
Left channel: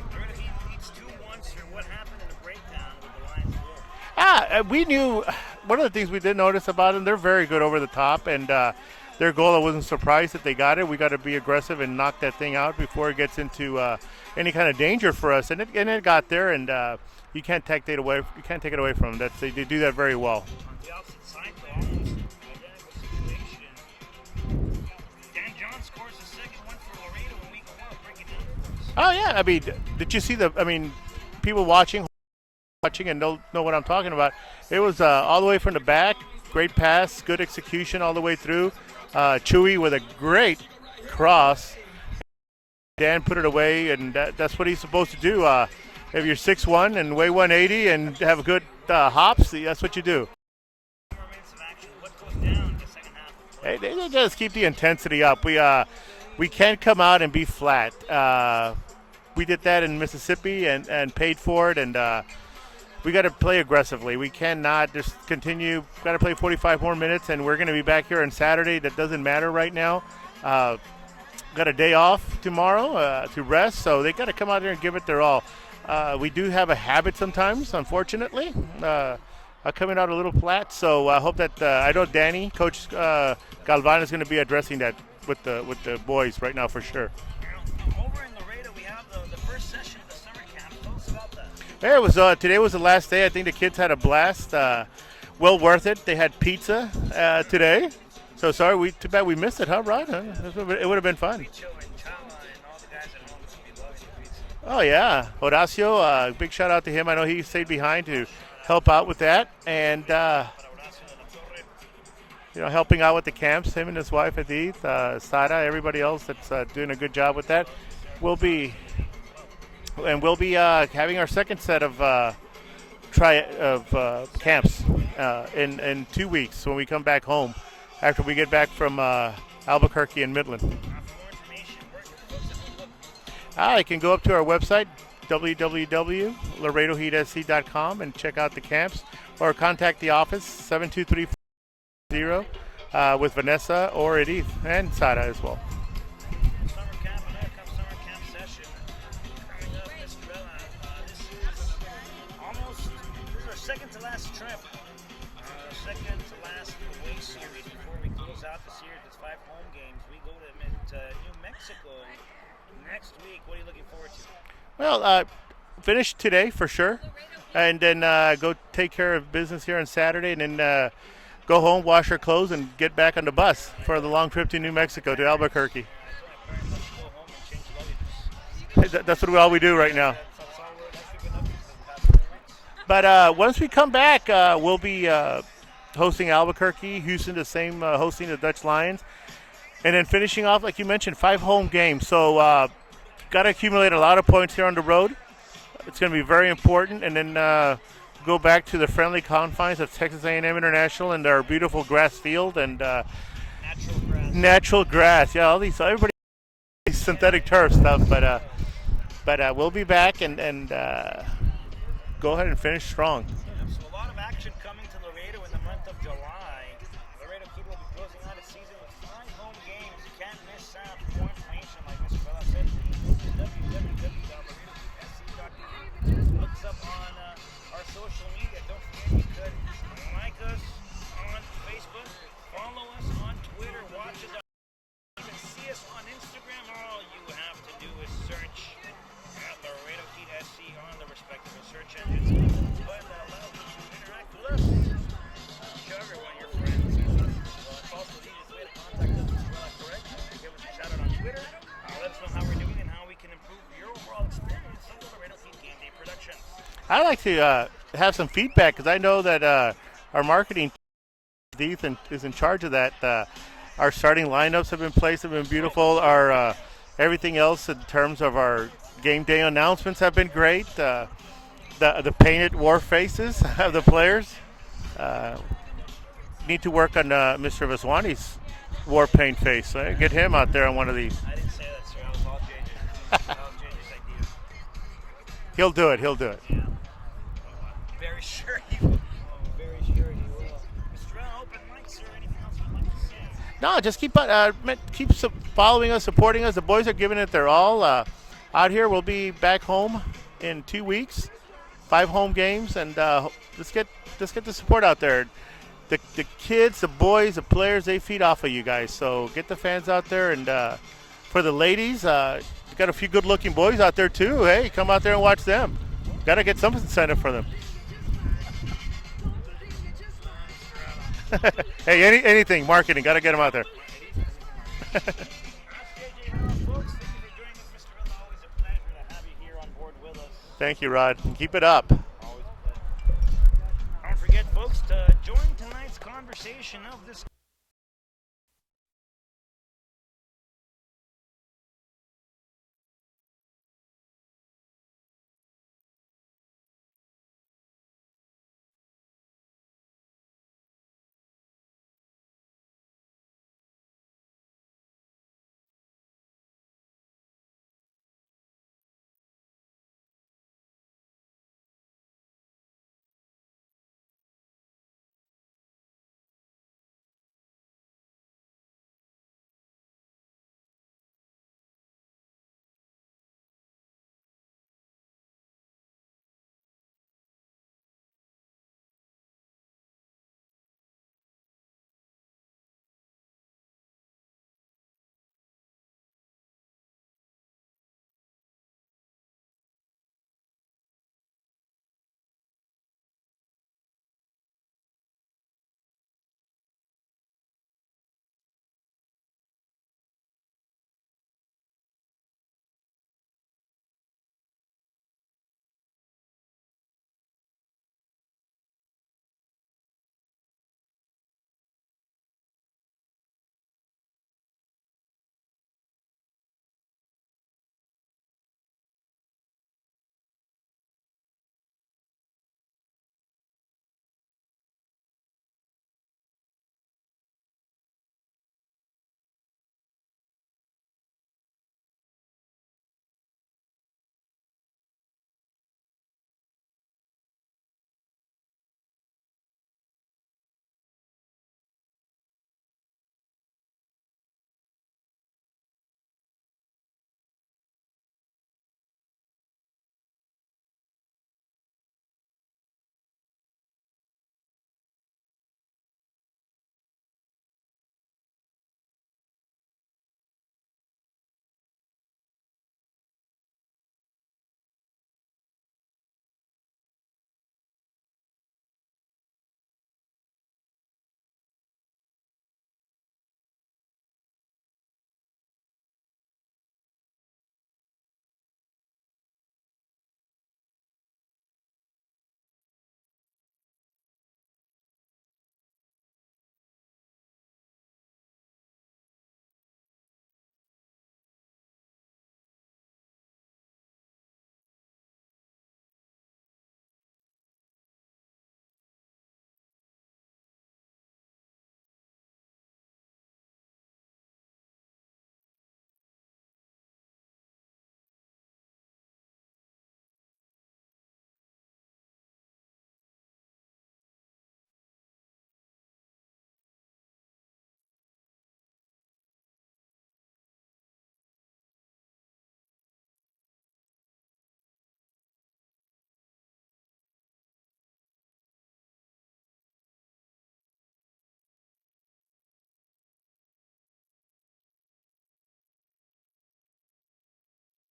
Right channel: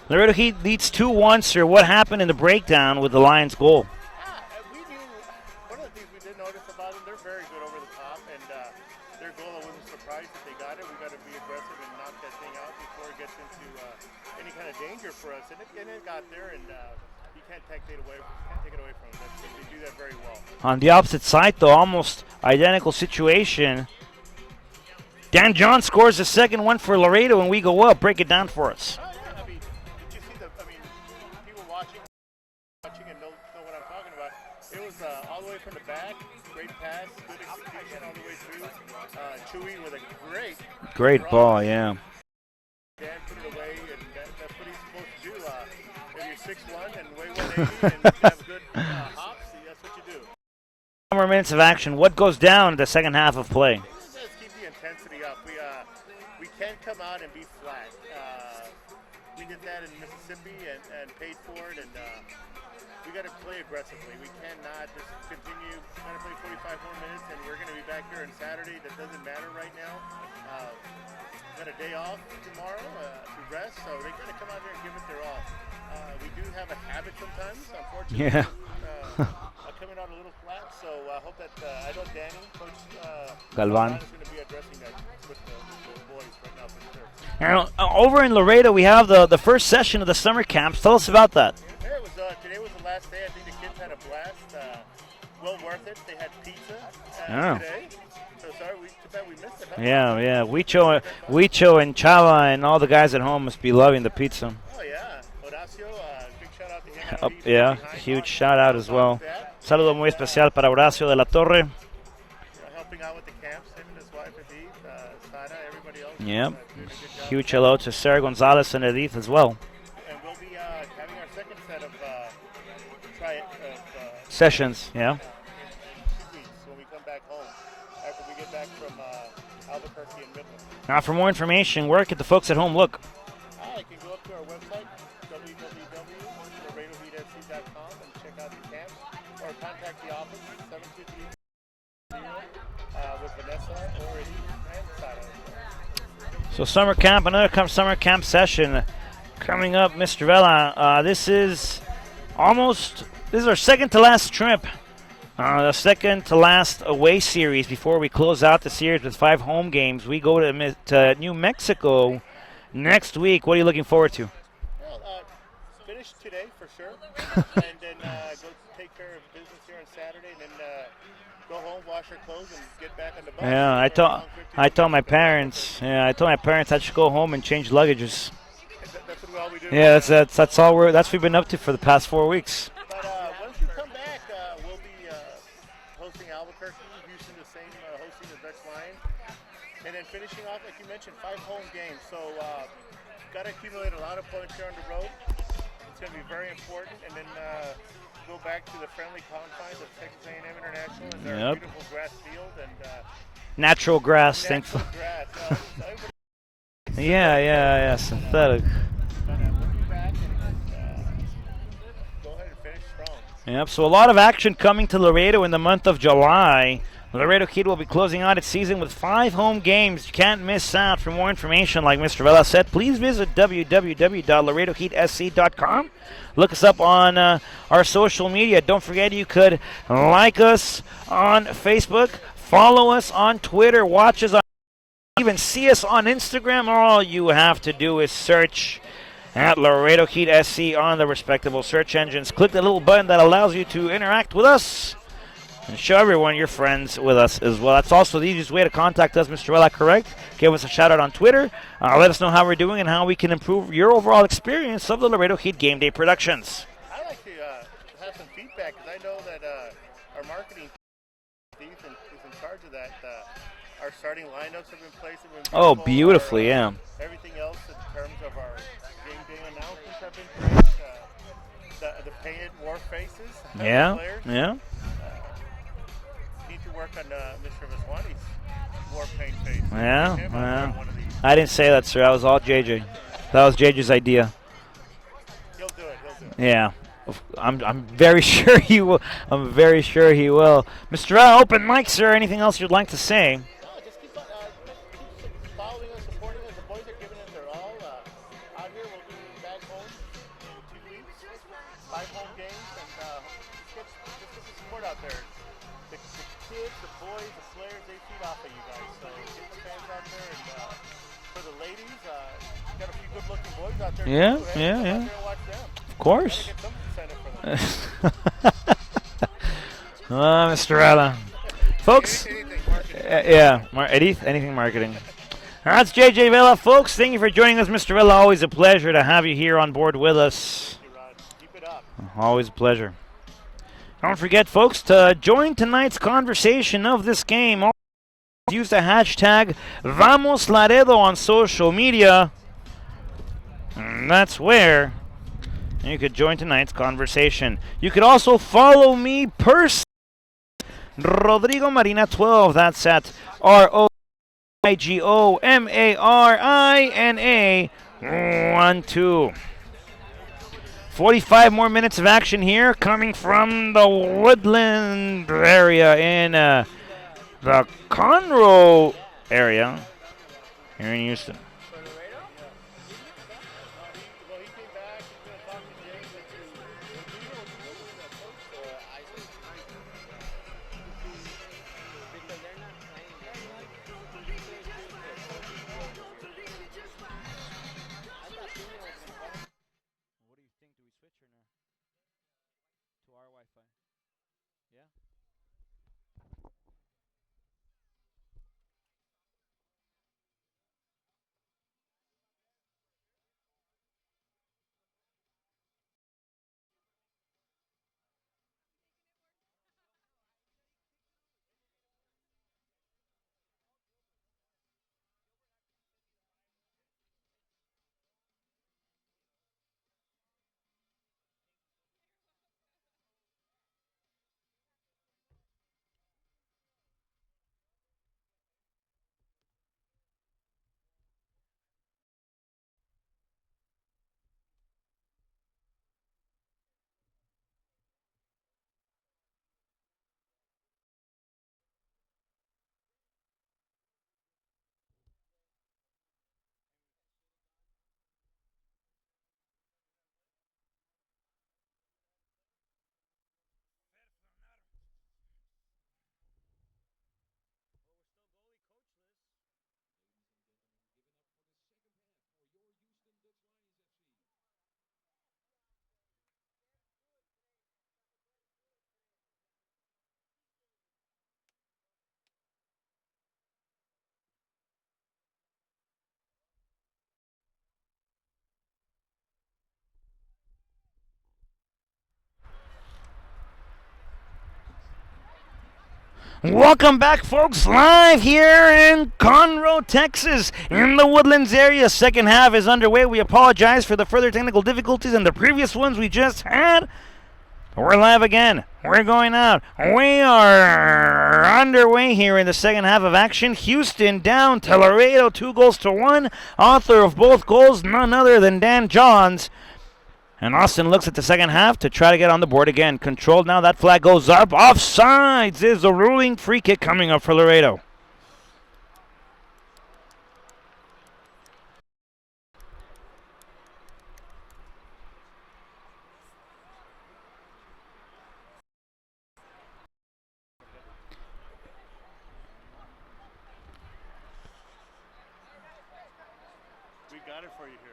Laredo Heat leads 2-1, sir. What happened in the breakdown with the Lions' goal? We knew one of the things we did notice about them, they're very good over the top, and their goal, I wasn't surprised that they got it. We got to be aggressive and knock that thing out before it gets into any kind of danger for us, and it got there, and you can't take it away. You can't take it away from them. They do that very well. On the opposite side, though, almost identical situation. Dan John scores the second one for Laredo, and we go up. Break it down for us. Oh yeah, I mean, did you see people watching and know what I'm talking about? It was all the way from the back. Great pass, good execution all the way through. Chewy with a great cross. Ball, yeah. Dan put it away, and that's what he's supposed to do. If you're 6'1" and weigh 180 and have good hops, that's what you do. More minutes of action. What goes down in the second half of play? They just keep the intensity up. We can't come out and be flat. We did that in Mississippi and paid for it, and we got to play aggressively. We cannot just continue. Got to play 45 more minutes, and we're going to be back here on Saturday. That doesn't matter right now. Got a day off tomorrow to rest, so they got to come out there and give it their all. We do have a habit sometimes, unfortunately. Yeah. Coming out a little flat, so I hope that I know Danny, Coach Galvan is going to be addressing that with the boys right now for sure. And, over in Laredo, we have the first session of the summer camps. Tell us about that. Yeah, it was today was the last day. I think the kids had a blast. Well worth it. They had pizza today. So sorry, too bad we missed it, huh? Yeah. It would have been fun. Wicho and Chava and all the guys at home must be loving the pizza. Oh yeah, Horacio, big shout out to him. I know he stayed behind huge to shout out help out with that. Saludo muy especial para Horacio de la Torre. Helping out with the camps, him and his wife Edith, Sara, everybody else that's doing a good job with that. Huge hello to Sarah Gonzalez and Edith as well. And we'll be having our second set of sessions camps, in 2 weeks when we come back home. After we get back from Albuquerque and Midland. Now, for more information, where can the folks at home look? You can go up to our website, www.laredoheatsc.com, and check out the camps, or contact the office, 72340, with Vanessa or Edith, and Sara as well. So summer camp, another summer camp session coming up, Mr. Vela. This is our second to last trip. The second to last away series before we close out the series with 5 home games. We go to New Mexico next week. What are you looking forward to? Well, finish today for sure, and then go take care of business here on Saturday, and then go home, wash our clothes, and get back on the bus for a long trip to New Mexico, to Albuquerque. Yeah, I told my parents I should go home and change luggages. That's all we do right now. That's all we've been up to for the past 4 weeks. But once we come back, we'll be hosting Albuquerque, Houston the same, hosting the Dutch Lions, and then finishing off, like you mentioned, 5 home games. So got to accumulate a lot of points here on the road. It's going to be very important, and then go back to the friendly confines of Texas A&M International and our beautiful grass field and natural grass. Natural grass, yeah. Everybody synthetic turf stuff, but we'll be back and go ahead and finish strong. Yep, so a lot of action coming to Laredo in the month of July. Laredo Heat will be closing out its season with 5 home games. You can't miss out. For more information, like Mr. Vela said, please visit www.laredoheatsc.com. Look us up on our social media. Don't forget you could like us on Facebook, follow us on Twitter, watch us on even see us on Instagram. All you have to do is search at Laredo Heat SC on the respectable search engines. Click the little button that allows you to interact with us and show everyone you're friends with us as well. That's also the easiest way to contact us, Mr. Vela, correct? Give us a shout out on Twitter. Let us know how we're doing and how we can improve your overall experience of the Laredo Heat Game Day Productions. I'd like to have some feedback because I know that our marketing team is in charge of that. Our starting lineups have been placed, have been beautiful. Oh, beautifully, yeah. Everything else in terms of our game day announcements have been great. the painted war faces of Yeah, the players. yeah. Need to work on Mr. Vaswani's war paint face. Yeah, Get him out there yeah. on one of these. I didn't say that, sir. That was all JJ. That was JJ's idea. He'll do it. He'll do it. Yeah. I'm very sure he will. I'm very sure he will. Mr. Open mic, sir. Anything else you'd like to say? No, just keep following us, supporting us. The boys are giving it their all. Out here, we'll be back home in 2 weeks. 5 home games, and let's get the support out there. The kids, the boys, the players, they feed off of you guys. So get the fans out there, and for the ladies, got a few good-looking boys out there too. Hey, come out there and watch them. Of course. Got to get some incentive for them. Mr. Ella. Hey, anything marketing, got to get out there. Anything marketing. That's JJ Vela, folks. Thank you for joining us, Mr. Vela. Always a pleasure to have you here on board with us. Thank you, Rod. Keep it up. Always a pleasure. Don't forget, folks, to join tonight's conversation of this game. Use the hashtag Vamos Laredo on social media. And that's where you could join tonight's conversation. You could also follow me personally, Rodrigo Marina 12. That's at ROIGOMARINA 12. 45 more minutes of action here coming from the Woodland area in the Conroe area here in Houston. Welcome back, folks, live here in Conroe, Texas, in the Woodlands area. Second half is underway. We apologize for the further technical difficulties and the previous ones we just had. We're live again. We're going out. We are underway here in the second half of action. Houston down to Laredo, 2-1. Author of both goals, none other than Dan Johns. And Austin looks at the second half to try to get on the board again. Controlled now. That flag goes up. Offsides is a ruling free kick coming up for Laredo. We got it for you here.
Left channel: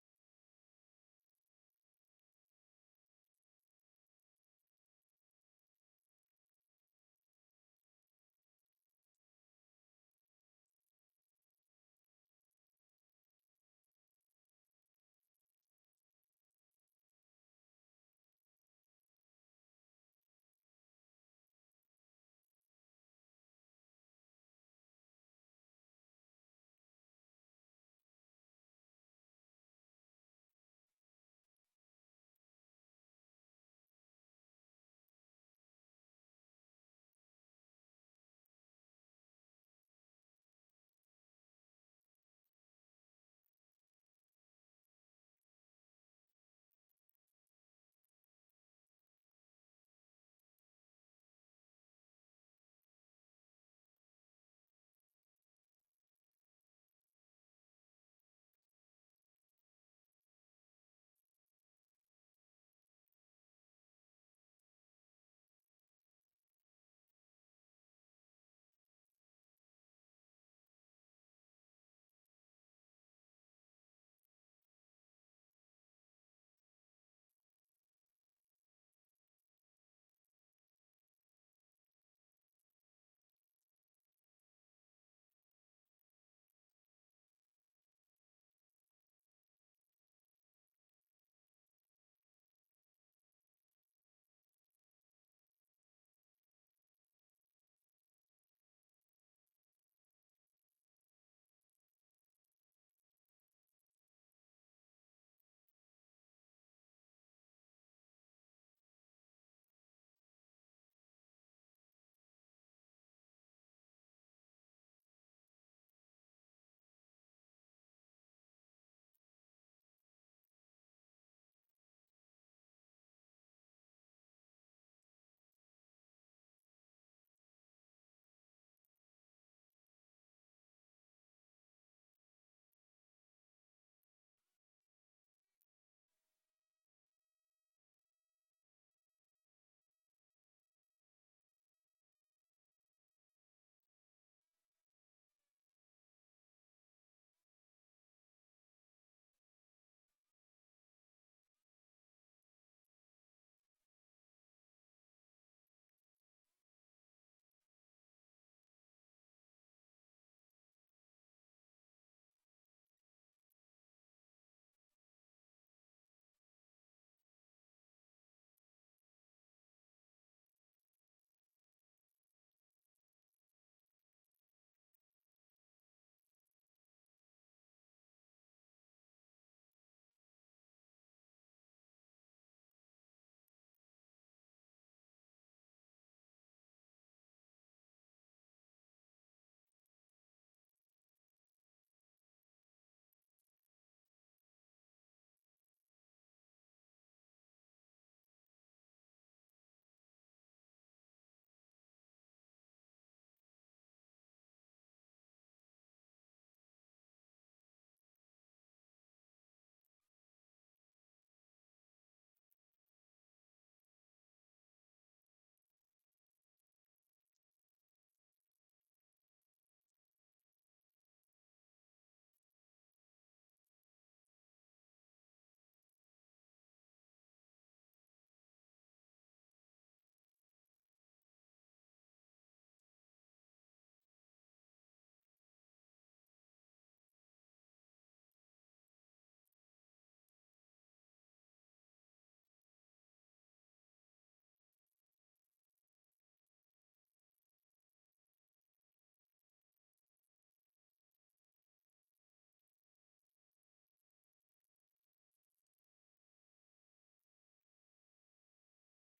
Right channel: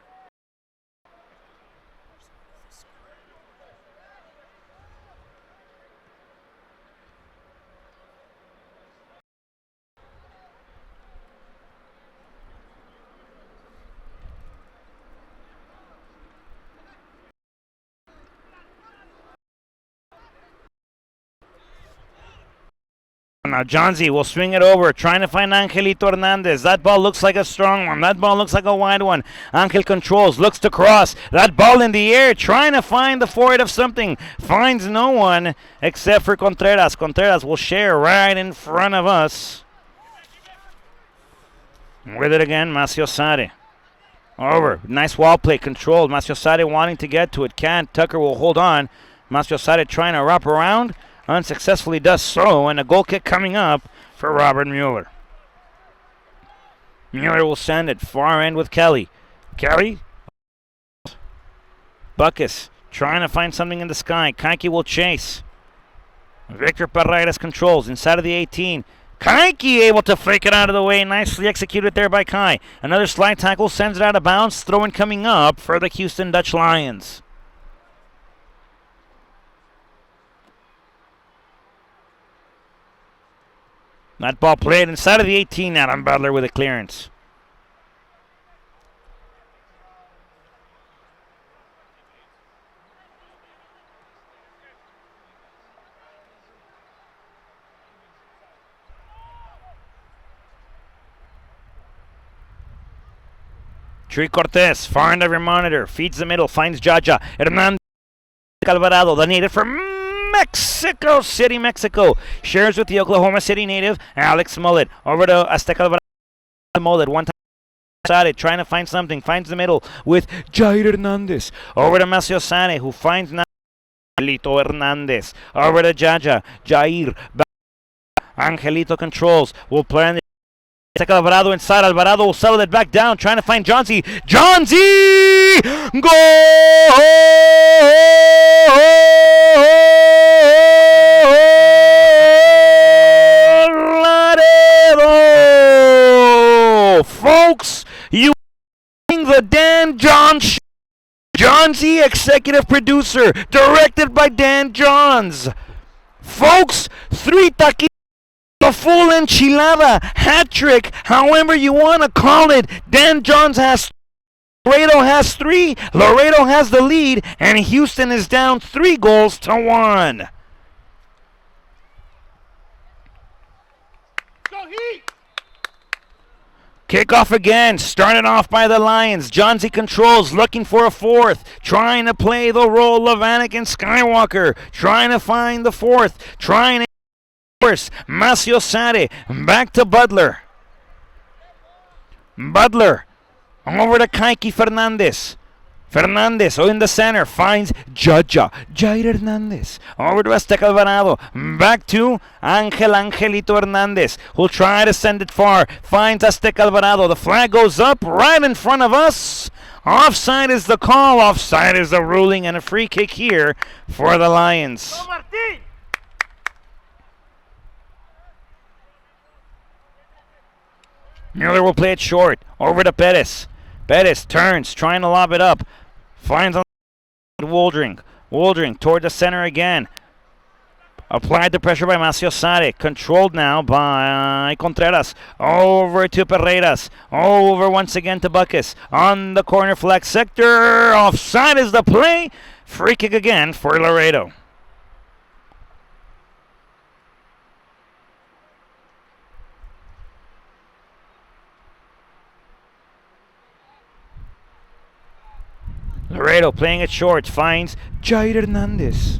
Now Johnsy will swing it over, trying to find Angelito Hernandez. That ball looks like a strong one. That ball looks like a wide one. Angel controls, looks to cross. That ball in the air, trying to find the forehead of something. Finds no one except for Contreras. Contreras will share right in front of us. With it again, Maciosare. Over. Nice wall play, controlled. Maciosare wanting to get to it. Can't. Tucker will hold on. Maciosare trying to wrap around. Unsuccessfully does so, and a goal kick coming up for Robert Mueller. Mueller will send it far end with Kelly. Kelly. Buckus trying to find something in the sky. Kaiki will chase. Victor Paredes controls inside of the 18. Kaiki able to fake it out of the way. Nicely executed there by Kai. Another slide tackle sends it out of bounds. Throw-in coming up for the Houston Dutch Lions. That ball played inside of the 18. Adam Butler with a clearance. Tree Cortez, far end of your monitor, feeds the middle, finds Jaja. Hernandez Alvarado, the native from Mexico City, Mexico. Shares with the Oklahoma City native, Alex Mullet. Over to Azteca Alvarado. Mullet, one time side, trying to find something, finds the middle with Jair Hernandez. Over to Maciosare, who finds Angelito Hernandez. Over to Jaja, Jair. Angelito controls, will play on the Alvarado inside. Alvarado will settle it back down, trying to find Johnsy. Johnsy! Goal! Laredo! Folks, you the Dan Johns. Johnsy, executive producer, directed by Dan Johns. Folks, 3 taquitos. A full enchilada, hat trick, however you want to call it. Dan Johns has, Laredo has 3. Laredo has the lead, and Houston is down 3-1. Kickoff again, started off by the Lions. Johnsy controls, looking for a 4th, trying to play the role of Anakin Skywalker, trying to find the 4th, trying to Maciosare, back to Butler. Butler, over to Kaiki Fernandez. Fernandez, in the center, finds Jaja. Jair Hernandez. Over to Azteca Alvarado. Back to Angelito Hernandez, who'll try to send it far. Finds Azteca Alvarado. The flag goes up right in front of us. Offside is the call. Offside is the ruling, and a free kick here for the Lions. Mueller will play it short. Over to Pettis. Pettis turns, trying to lob it up. Finds on Woldring. Woldring toward the center again. Applied the pressure by Maciosare. Controlled now by Contreras. Over to Paredes. Over once again to Buckus. On the corner flag sector. Offside is the play. Free kick again for Laredo. Laredo playing it short, finds Jair Hernandez.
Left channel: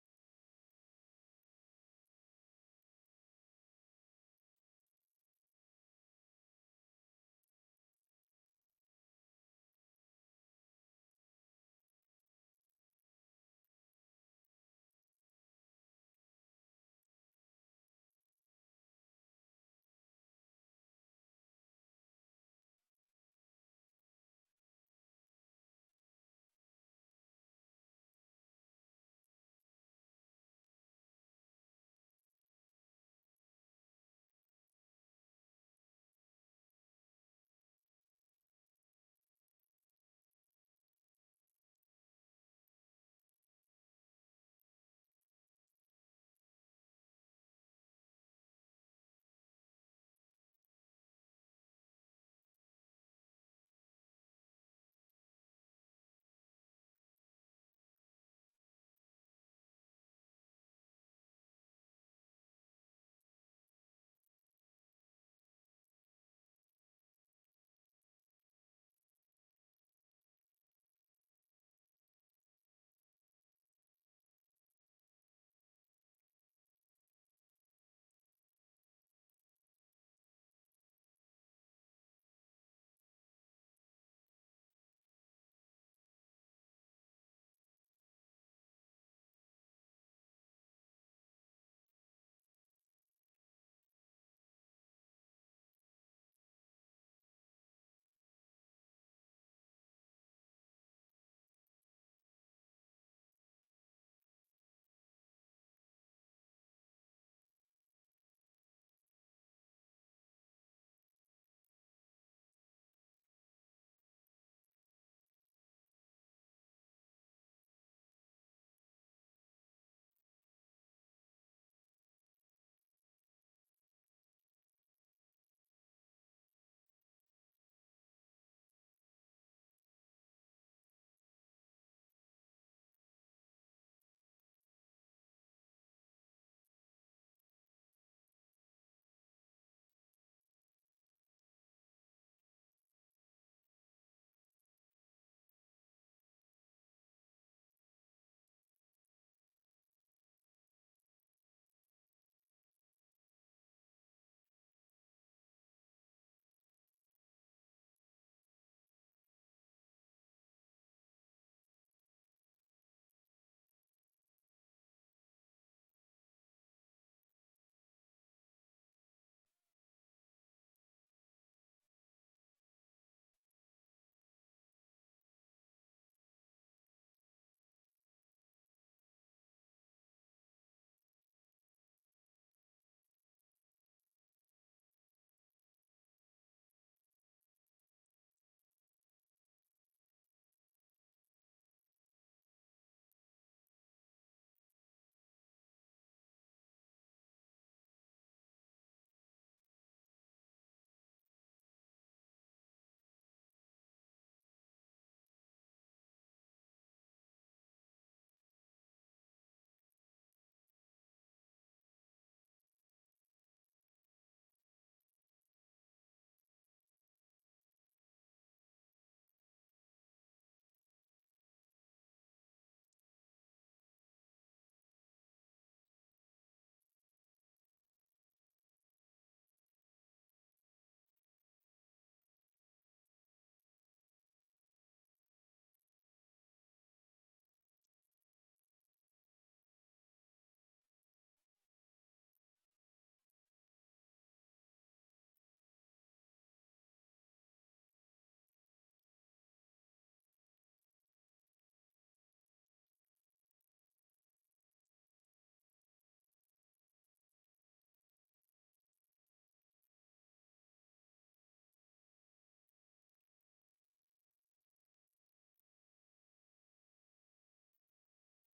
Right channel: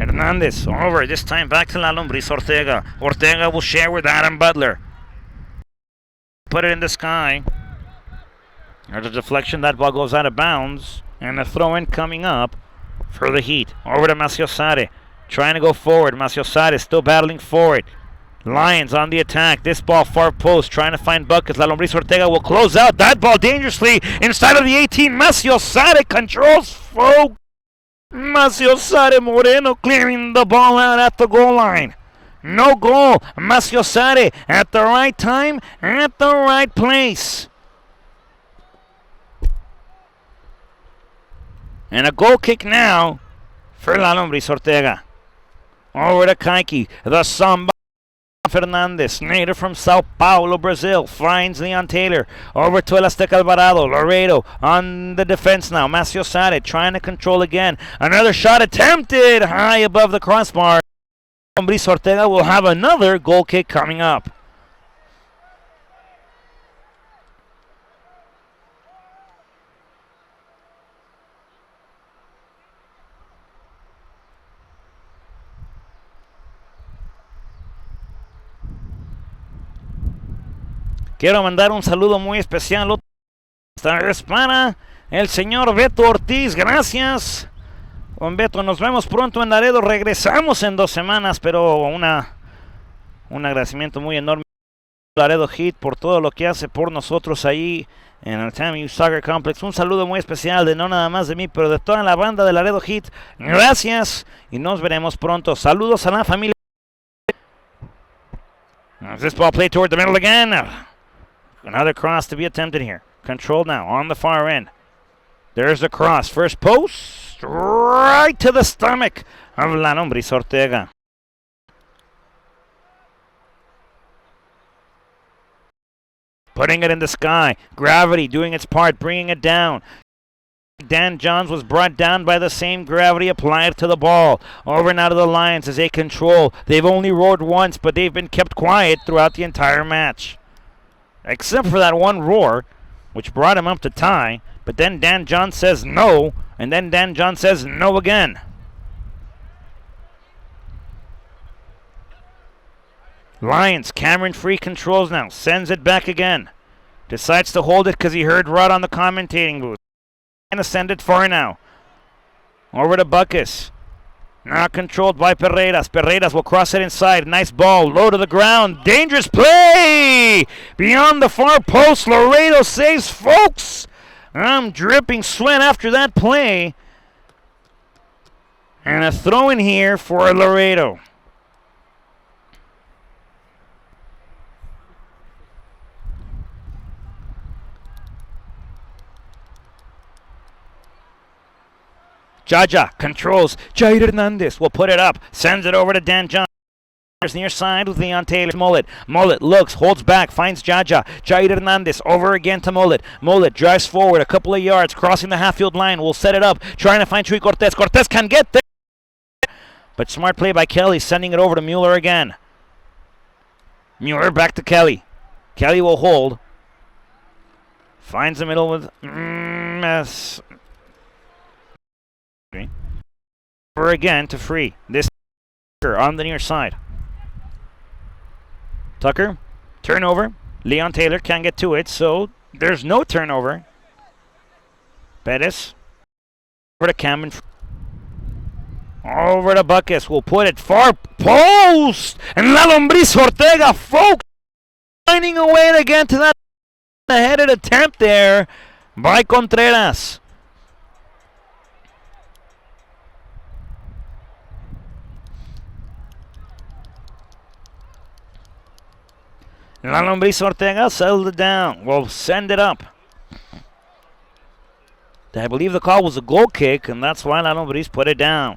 Hernandez over, this time back to La Lombriz Ortega. Ortega will share with Adam Butler. Put it in the sky. There's a deflection, that ball goes out of bounds. And a throw-in coming up for the Heat. Over to Maciosare, trying to go forward. Maciosare still battling for it. Lions on the attack. This ball far post, trying to find buckets. La Lombriz Ortega will close out that ball dangerously inside of the 18. Maciosare controls folk. Maciosare Moreno clearing the ball out at the goal line. No goal. Maciosare at the right time, at the right place. And a goal kick now for La Lombriz Ortega. Over to Kaiki. The Samba. Fernandez, native from Sao Paulo, Brazil, finds Leon Taylor. Over to Azteca Alvarado. Laredo on the defense now. Maciosare trying to control again. Another shot attempted high above the crossbar. Lumbris Ortega will have another goal kick coming up. Quiero mandar un saludo muy especial esta vez para el señor Beto Ortiz. Gracias. Con Beto nos vemos pronto en Laredo. Regresamos en 2 semanas, pero un agradecimiento muy enorme a Laredo Heat por todo lo que hace por nosotros ahí en el TAMU Soccer Complex. Un saludo muy especial de no nada más de mí, pero de toda la banda de Laredo Heat. Gracias y nos veremos pronto. Saludos a la familia. This ball played toward the middle again. Another cross to be attempted here. Controlled now on the far end. There's the cross. First post. Right to the stomach of Lumbris Ortega. Putting it in the sky. Gravity doing its part, bringing it down. Dan Johns was brought down by the same gravity applied to the ball. Over now to the Lions as they control. They've only roared once, but they've been kept quiet throughout the entire match. Except for that one roar, which brought him up to tie. But then Dan Johns says no, and then Dan Johns says no again. Lions, Cameron Free controls now, sends it back again. Decides to hold it because he heard Rod on the commentating booth. And to send it far now. Over to Buckus. Now controlled by Pereiras. Pereiras will cross it inside. Nice ball. Low to the ground. Dangerous play! Beyond the far post. Laredo saves, folks. I'm dripping sweat after that play. And a throw in here for Laredo. Jaja controls. Jair Hernandez will put it up. Sends it over to Dan John. Near side with Leon Taylor. Mullet. Mullet looks, holds back, finds Jaja. Jair Hernandez over again to Mullet. Mullet drives forward a couple of yards, crossing the half-field line. Will set it up, trying to find Chuy Cortez. Cortez can get there. But smart play by Kelly, sending it over to Mueller again. Mueller back to Kelly. Kelly will hold. Finds the middle with over again to Free. This on the near side. Tucker, turnover. Leon Taylor can't get to it, so there's no turnover. Pettis over to Cameron. Over to Buckus. Will put it far post. And Lumbris Ortega, folks, finding a way to get to that headed attempt there by Contreras. Lumbris Ortega settled it down. Will send it up. I believe the call was a goal kick, and that's why Lumbris put it down.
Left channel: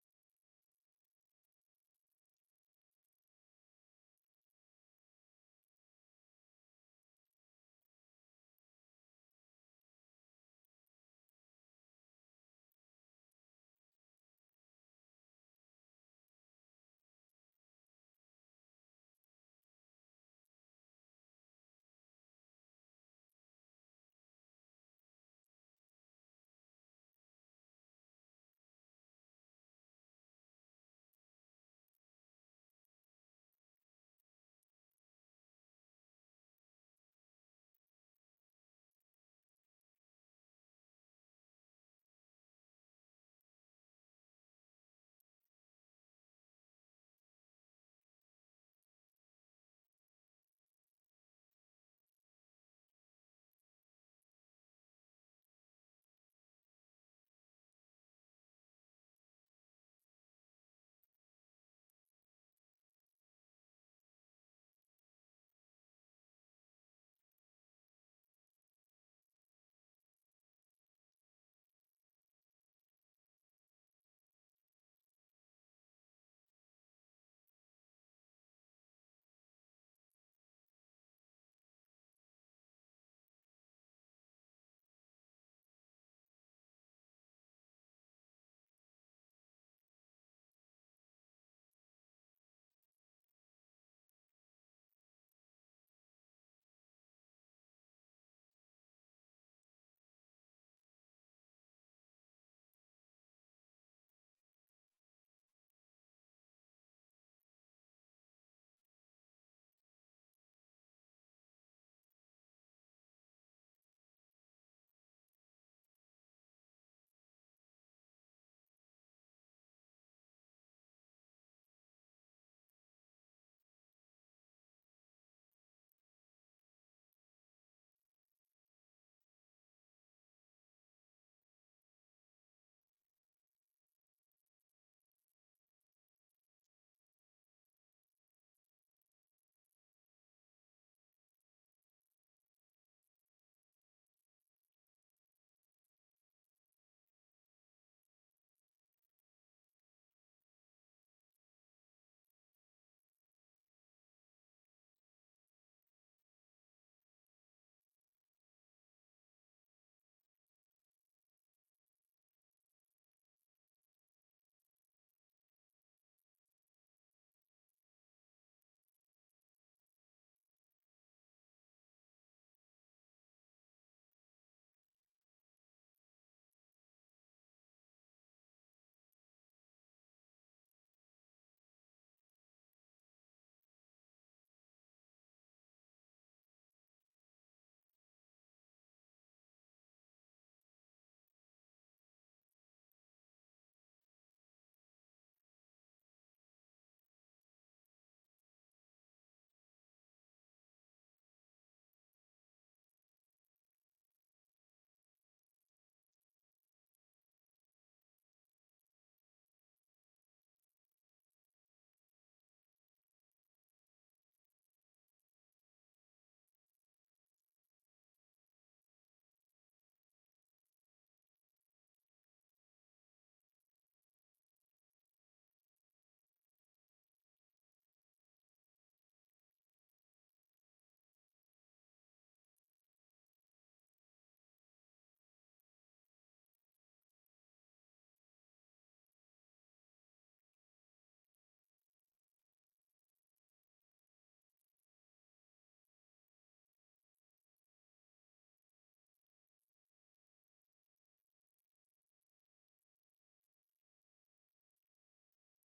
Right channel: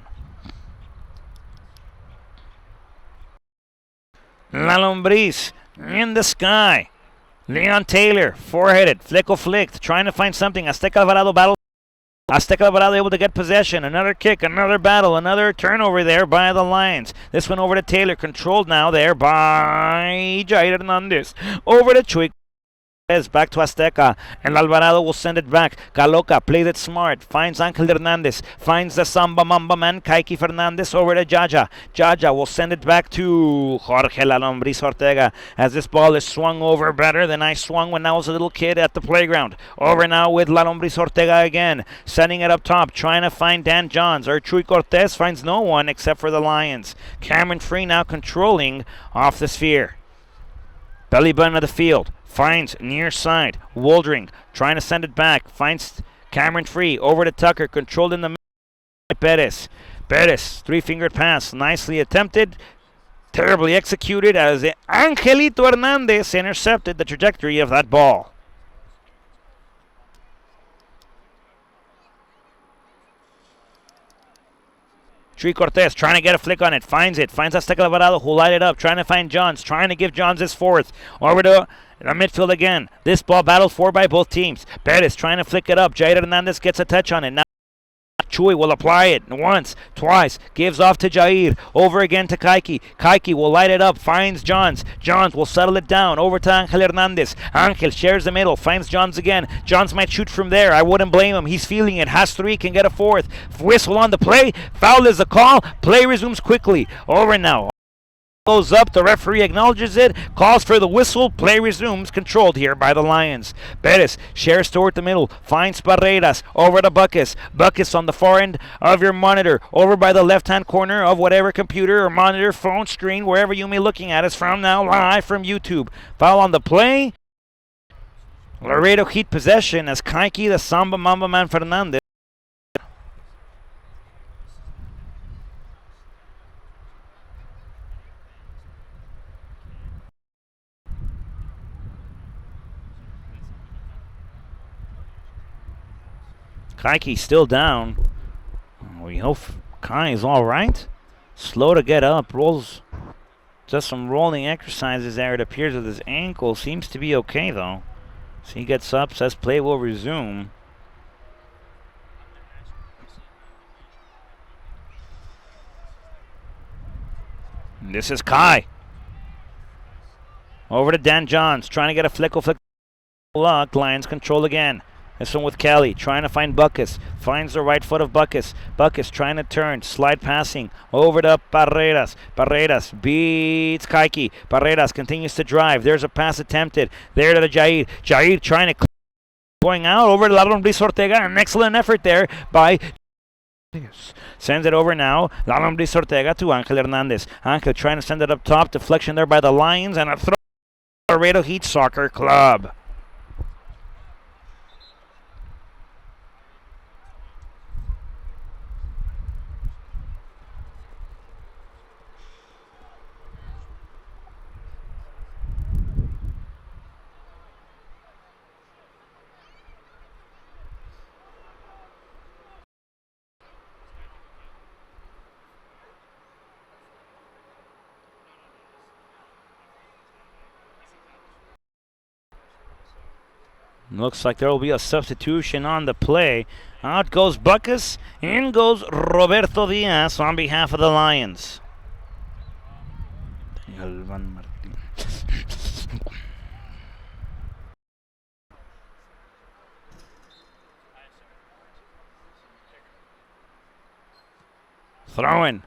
Lumbris in the sky. Leon Taylor, four-headed, flicked, trying to find something. Azteca Alvarado battle. Azteca Alvarado able to get possession. Another kick, another battle, another turnover there by the Lions. This one over to Taylor, controlled now there by Jair Hernandez. Over to Chuy. Back to Azteca, and Alvarado will send it back. Caloca plays it smart, finds Angel Hernandez, finds the Samba Mamba man, Kaiki Fernandez over to Jaja. Jaja will send it back to Jorge Lumbris Ortega as this ball is swung over better than I swung when I was a little kid at the playground. Over now with Lumbris Ortega again, sending it up top, trying to find Dan Johns, or Chuy Cortez finds no one except for the Lions. Cameron Free now controlling off the sphere. Belly button of the field. Finds near side. Woldring trying to send it back. Finds Cameron Free. Over to Tucker. Controlled in the middle by Pettis. Pettis. Three-fingered pass. Nicely attempted. Terribly executed as Angelito Hernandez intercepted the trajectory of that ball. Chuy Cortez trying to get a flick on it. Finds it. Finds Azteca Alvarado who light it up. Trying to find Johns. Trying to give Johns his fourth. Over to the midfield again. This ball battled for by both teams. Perez trying to flick it up. Jair Hernandez gets a touch on it. Now Chuy will apply it once, twice, gives off to Jair, over again to Kaiki. Kaiki will light it up, finds Johns. Johns will settle it down, over to Angel Hernandez. Angel shares the middle, finds Johns again. Johns might shoot from there, I wouldn't blame him. He's feeling it, has three, can get a fourth. Whistle on the play, foul is the call. Play resumes quickly. Over now. Goes up, the referee acknowledges it, calls for the whistle, play resumes, controlled here by the Lions. Perez shares toward the middle, finds Barreras, over to Buckus. Buckus on the far end of your monitor, over by the left-hand corner of whatever computer or monitor, phone, screen, wherever you may be looking at us from now, live from YouTube. Foul on the play. Laredo Heat possession as Kaiki, the Samba Mamba Man Fernandez. Kaiki still down. We hope Kai is all right. Slow to get up. Rolls. Just some rolling exercises there. It appears with his ankle. Seems to be okay though. So he gets up, says play will resume. This is Kai. Over to Dan Johns. Trying to get a flick. Luck. Lions control again. This one with Kelly, trying to find Buckus. Finds the right foot of Buckus. Buckus trying to turn, slide passing. Over to Barreras. Barreras beats Kaiki. Barreras continues to drive. There's a pass attempted. There to the Jair. Jair trying to going out over to Lombriz Ortega. An excellent effort there by sends it over now. Lombriz Ortega to Angel Hernandez. Angel trying to send it up top. Deflection there by the Lions and a throw. Laredo Heat Soccer Club. Looks like there will be a substitution on the play. Out goes Buckus, in goes Roberto Diaz on behalf of the Lions. Throw in.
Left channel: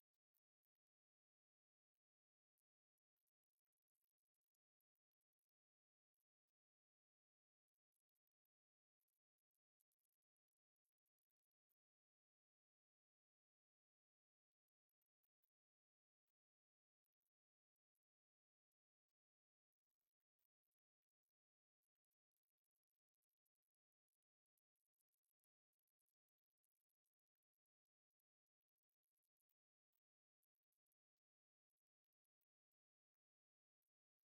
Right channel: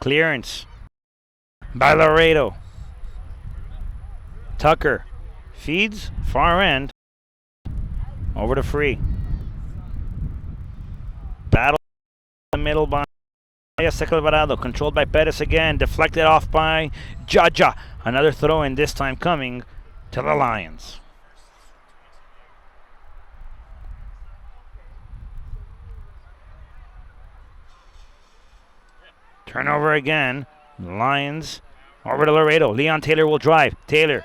Clearance by Laredo. Tucker feeds, far end. Over to Free. Battle in the middle by Estecal Alvarado. Controlled by Perez again. Deflected off by Jaja. Another throw in, this time coming to the Lions. Turnover again. Lions over to Laredo. Leon Taylor will drive. Taylor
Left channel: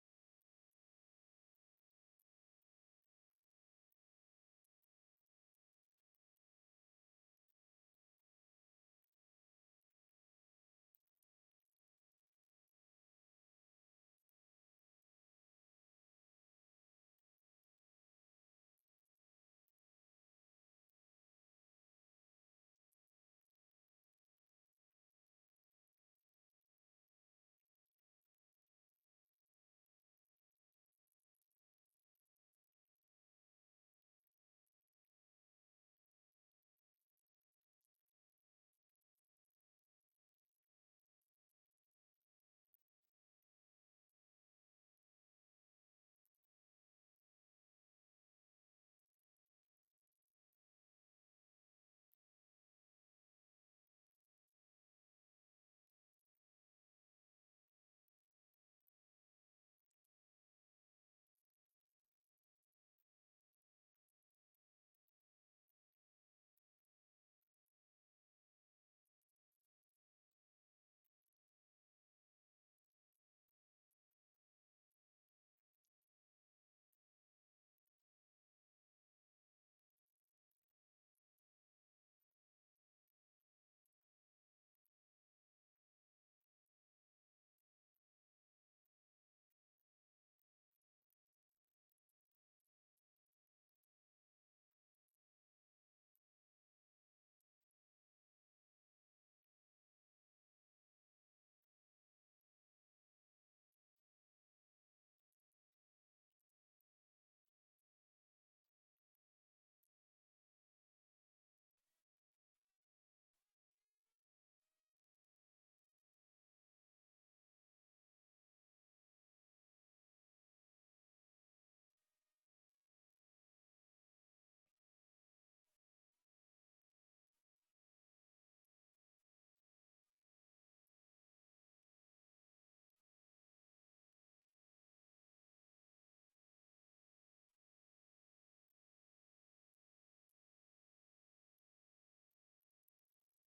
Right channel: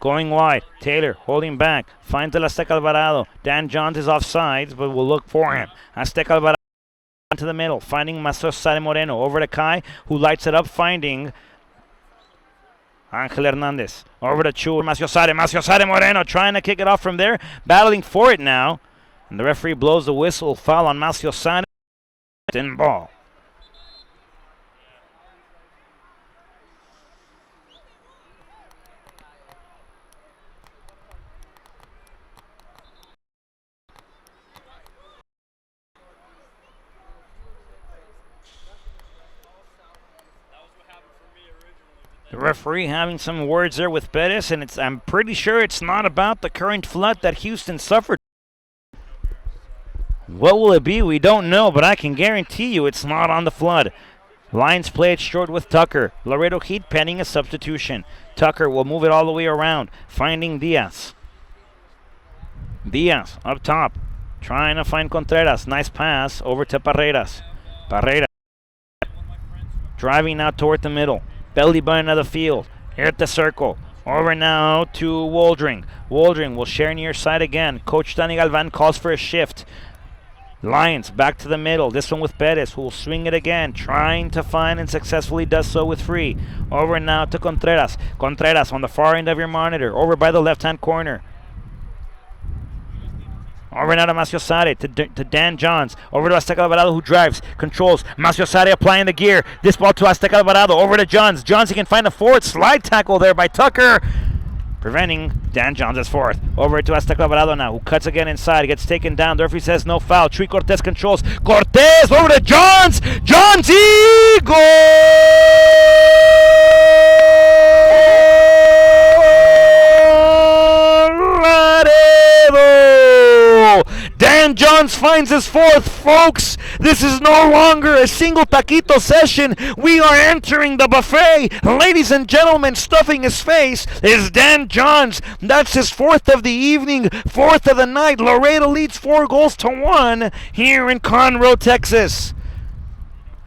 going wide. Taylor holding back. Finds El Azteca Alvarado. Dan Johns is offsides, but will look for him. Azteca Alvarado to the middle. Finding Maciosare Moreno. Over to Kai, who lights it up. Finding Angel Hernandez. Over to Chu. Maciosare Moreno trying to kick it off from there. Battling for it now. And the referee blows the whistle. Foul on Maciosare. In ball. The referee having some words there with Perez, and I'm pretty sure it's not about the current flood that Houston suffered. What will it be? We don't know, but I can guarantee you it's not on the flood. Lions play it short with Tucker. Laredo Heat pending a substitution. Tucker will move it all the way around, finding Diaz. Diaz up top, trying to find Contreras. Nice pass over to Barreras. Barreras driving out toward the middle. Belly button of the field. Here at the circle. Over now to Waldring. Waldring will share near side again. Coach Danny Galvan calls for a shift. Lions back to the middle. This one with Perez, who will swing it again. Trying to find and successfully does so with Free. Over now to Contreras. Contreras on the far end of your monitor. Over by the left-hand corner. Over now to Maciosare, to Dan Johns. Over to Azteca Alvarado, who drives, controls. Maciosare applying the gear. This ball to Azteca Alvarado. Over to Johns. Johns, he can find a forward slide tackle there by Tucker, preventing Dan Johns' fourth. Over to Azteca Alvarado now, who cuts again inside. Gets taken down. The referee says no foul. Chuy Cortez controls. Cortez over to Johns. Johns, goal! Dan Johns finds his fourth, folks. This is no longer a single taquito session. We are entering the buffet. Ladies and gentlemen, stuffing his face is Dan Johns. That's his fourth of the evening, fourth of the night. Laredo leads 4-1 here in Conroe, Texas.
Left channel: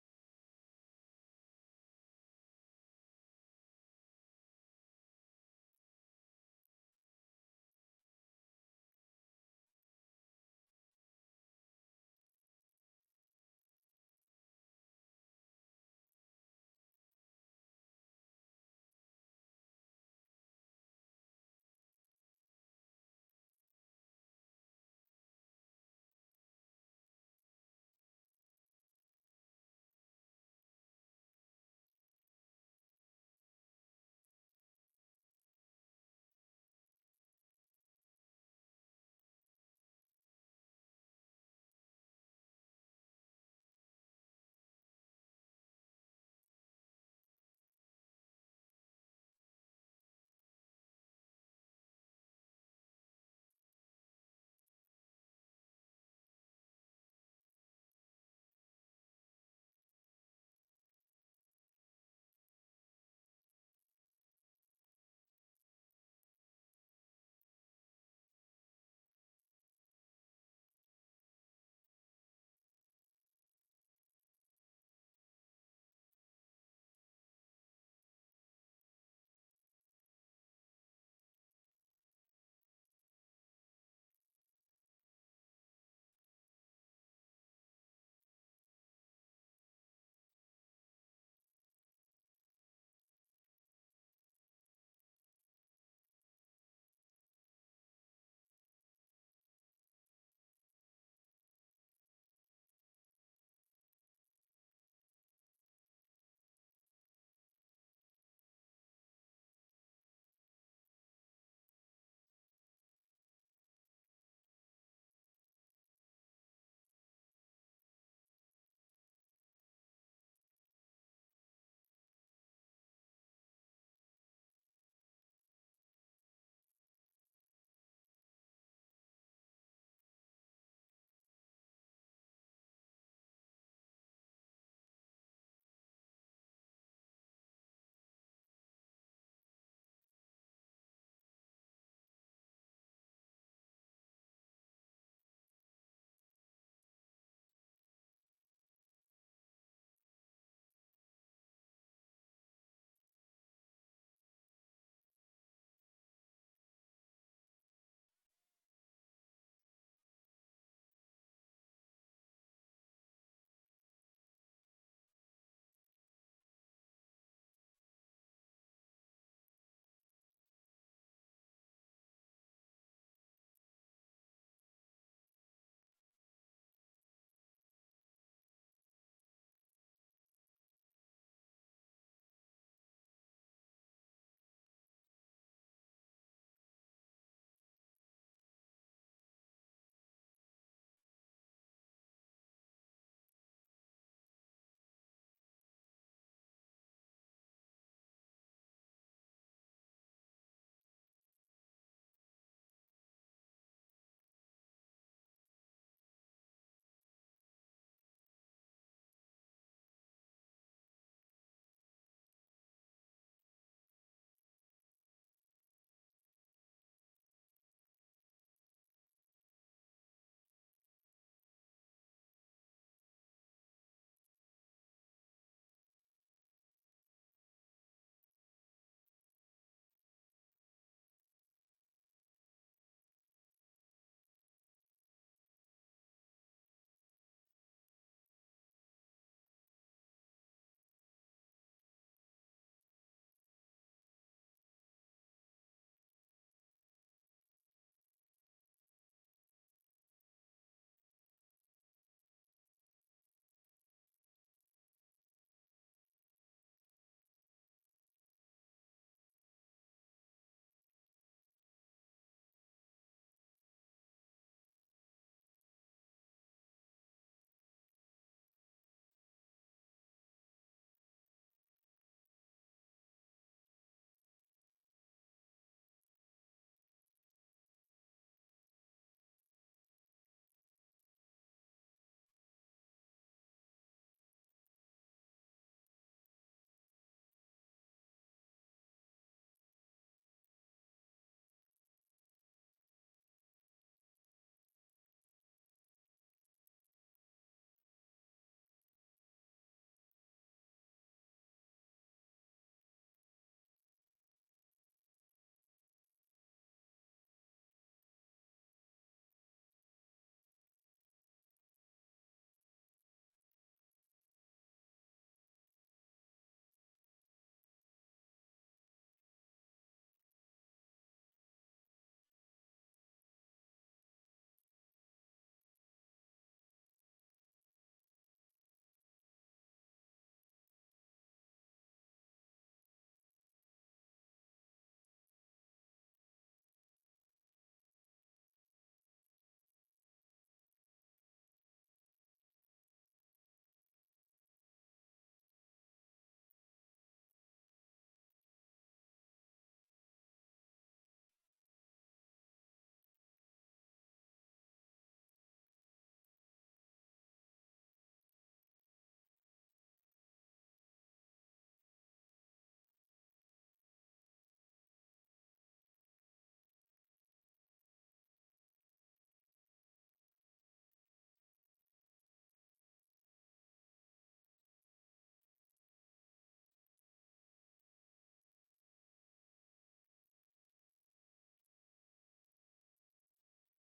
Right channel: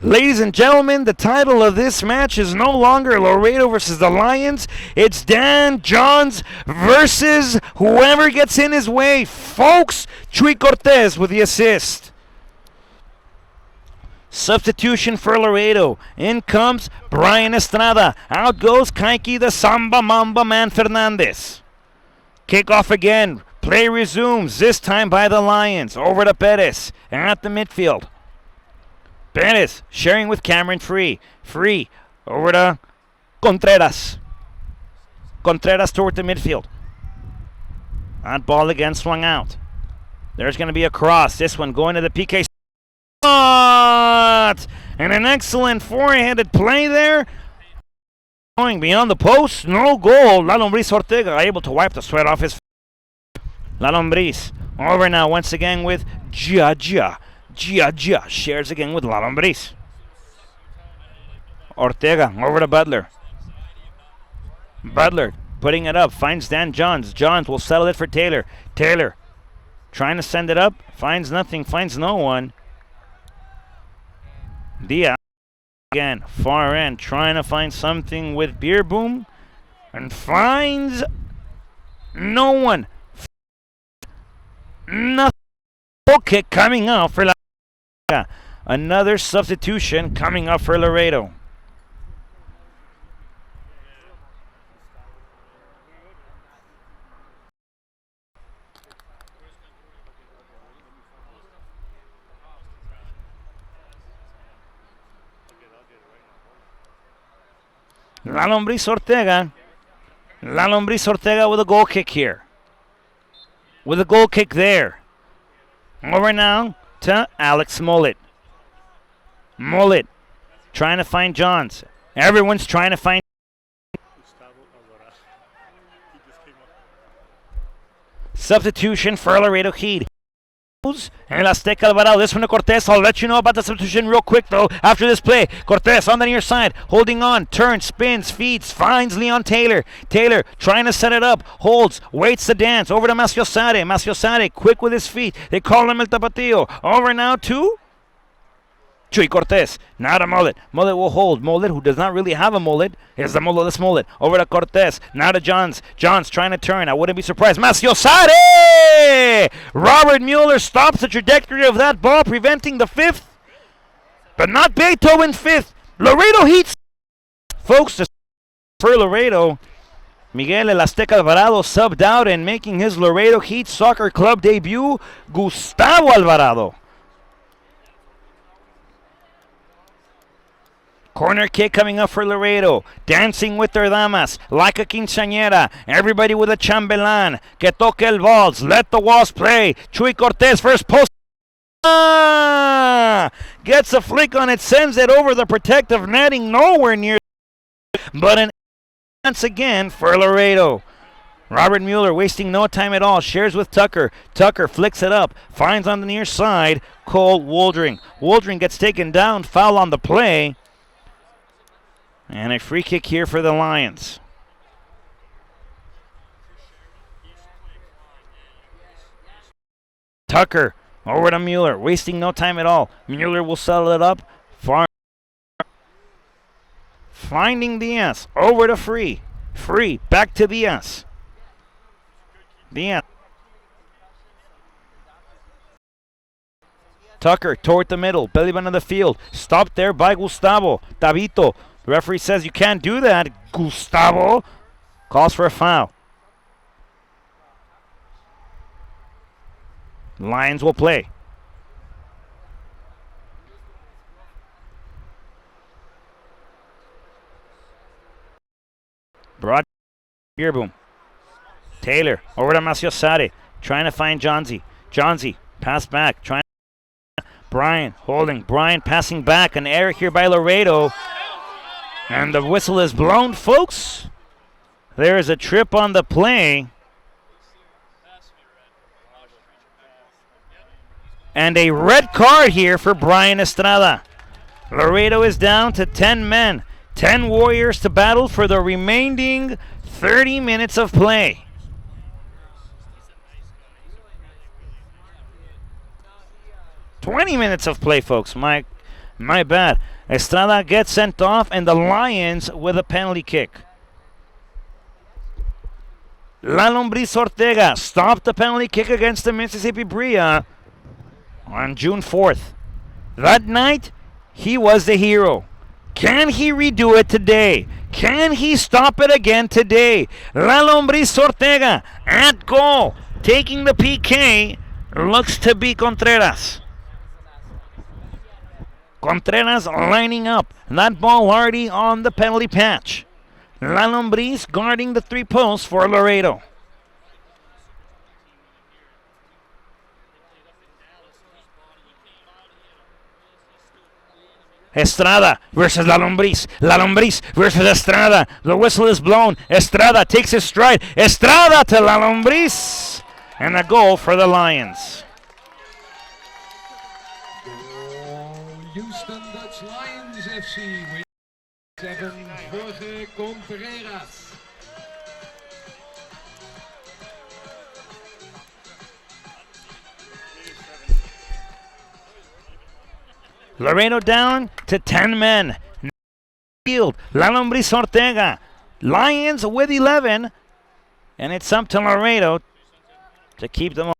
Ladies and gentlemen, the title of this match is no longer Laredo versus the Lions. It's Dan Johns versus whoever gets in his way. Folks, Chuy Cortez with the assist. Substitution for Laredo. In comes Brian Estrada. Out goes Kaiki the Samba Mamba Man Fernandez. Kickoff again. Play resumes, this time by the Lions. Over to Perez at the midfield. Perez sharing with Cameron Free. Free over to Contreras. Contreras toward the midfield. That ball again swung out. There's going to be a cross. This one going to the PK. And an excellent four-handed play there. Going beyond the post. No goal. La Lombriz Ortega able to wipe the sweat off his face. La Lombriz over now once again with Gia. Gia shares again with La Lombriz. Ortega over to Butler. Butler putting it up, finds Dan Johns. Johns will settle it for Taylor. Taylor trying to send it up, finds nothing, finds no one. Diaz again, far end, trying to find something with Beer Boom, and finds no one. Nothing. Kick coming out for another substitution coming up for Laredo. La Lombriz Ortega. La Lombriz Ortega with a goal kick here. With a goal kick there. Over now to Alex Mullet. Mullet trying to find Johns. Everyone's trying to find. Substitution for Laredo Heat. And Azteca Alvarado. This one to Cortez. I'll let you know about the substitution real quick though after this play. Cortez on the near side, holding on, turns, spins, feeds, finds Leon Taylor. Taylor trying to set it up, holds, waits to dance. Over to Maciosare. Maciosare quick with his feet. They call him El Tapatillo. Over now to Chuy Cortez. Now to Mullet. Mullet will hold. Mullet, who does not really have a mullet, is the mulletless Mullet. Over to Cortez. Now to Johns. Johns trying to turn. I wouldn't be surprised. Maciosare! Robert Mueller stops the trajectory of that ball, preventing the fifth. But not Beethoven fifth. Laredo Heat. Folks, for Laredo, Miguel El Azteca Alvarado subbed out and making his Laredo Heat Soccer Club debut, Gustavo Alvarado. Corner kick coming up for Laredo. Dancing with their damas. Like a quinceañera. Everybody with a chambelán. Que toque el balls. Let the walls play. Chuy Cortez first post. Gets a flick on it. Sends it over the protective netting. Nowhere near. But an once again for Laredo. Robert Mueller wasting no time at all. Shares with Tucker. Tucker flicks it up. Finds on the near side. Cole Woldring. Woldring gets taken down. Foul on the play. And a free kick here for the Lions. Tucker over to Mueller, wasting no time at all. Mueller will settle it up. Far. Finding Diaz. Over to Free. Free. Back to Diaz. Diaz. Tucker toward the middle. Belly button of the field. Stopped there by Gustavo. Tabito. The referee says you can't do that, Gustavo. Calls for a foul. Lions will play. Broad beer boom. Taylor over to Maciosare, trying to find Johnsy. Johnsy, pass back, trying. Brian holding. Brian passing back. An error here by Laredo. And the whistle is blown, folks. There is a trip on the play. And a red card here for Brian Estrada. Laredo is down to 10 men. 10 Warriors to battle for the remaining 30 minutes of play. "20 minutes of play, folks. My bad. Estrada gets sent off, and the Lions with a penalty kick. La Lombriz Ortega stopped the penalty kick against the Mississippi Bria on June 4th. That night, he was the hero. Can he redo it today? Can he stop it again today? La Lombriz Ortega at goal, taking the PK, looks to be Contreras. Contreras lining up. That ball already on the penalty patch. La Lombriz guarding the 3 posts for Laredo. Estrada versus La Lombriz. La Lombriz versus Estrada. The whistle is blown. Estrada takes his stride. Estrada to La Lombriz. And a goal for the Lions. Houston Dutch Lions FC with 7 Jorge Contreras. Laredo down to 10 men. Field, La Lombriz Ortega. Lions with 11. And it's up to Laredo to keep them on.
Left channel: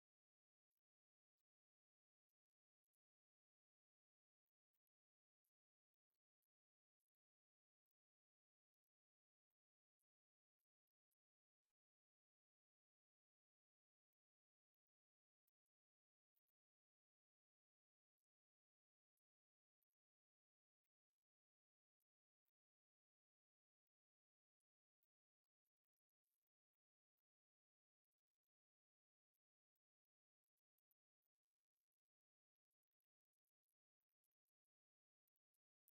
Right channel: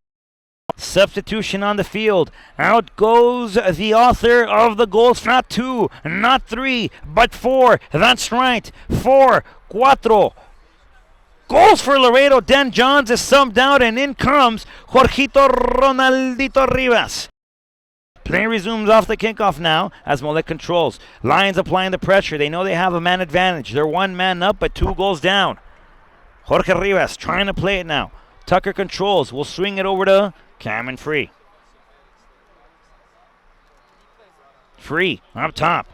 Substitution on the field. Out goes the author of the goals. Not 2, not 3, but 4. That's right. 4, cuatro. Goals for Laredo. Dan Johns is subbed out, and in comes Jorgito Ronaldito Rivas. Play resumes off the kickoff now as Mollet controls. Lions applying the pressure. They know they have a man advantage. They're 1 man up, but 2 goals down. Jorge Rivas trying to play it now. Tucker controls. Will swing it over to Cameron Free. Free up top.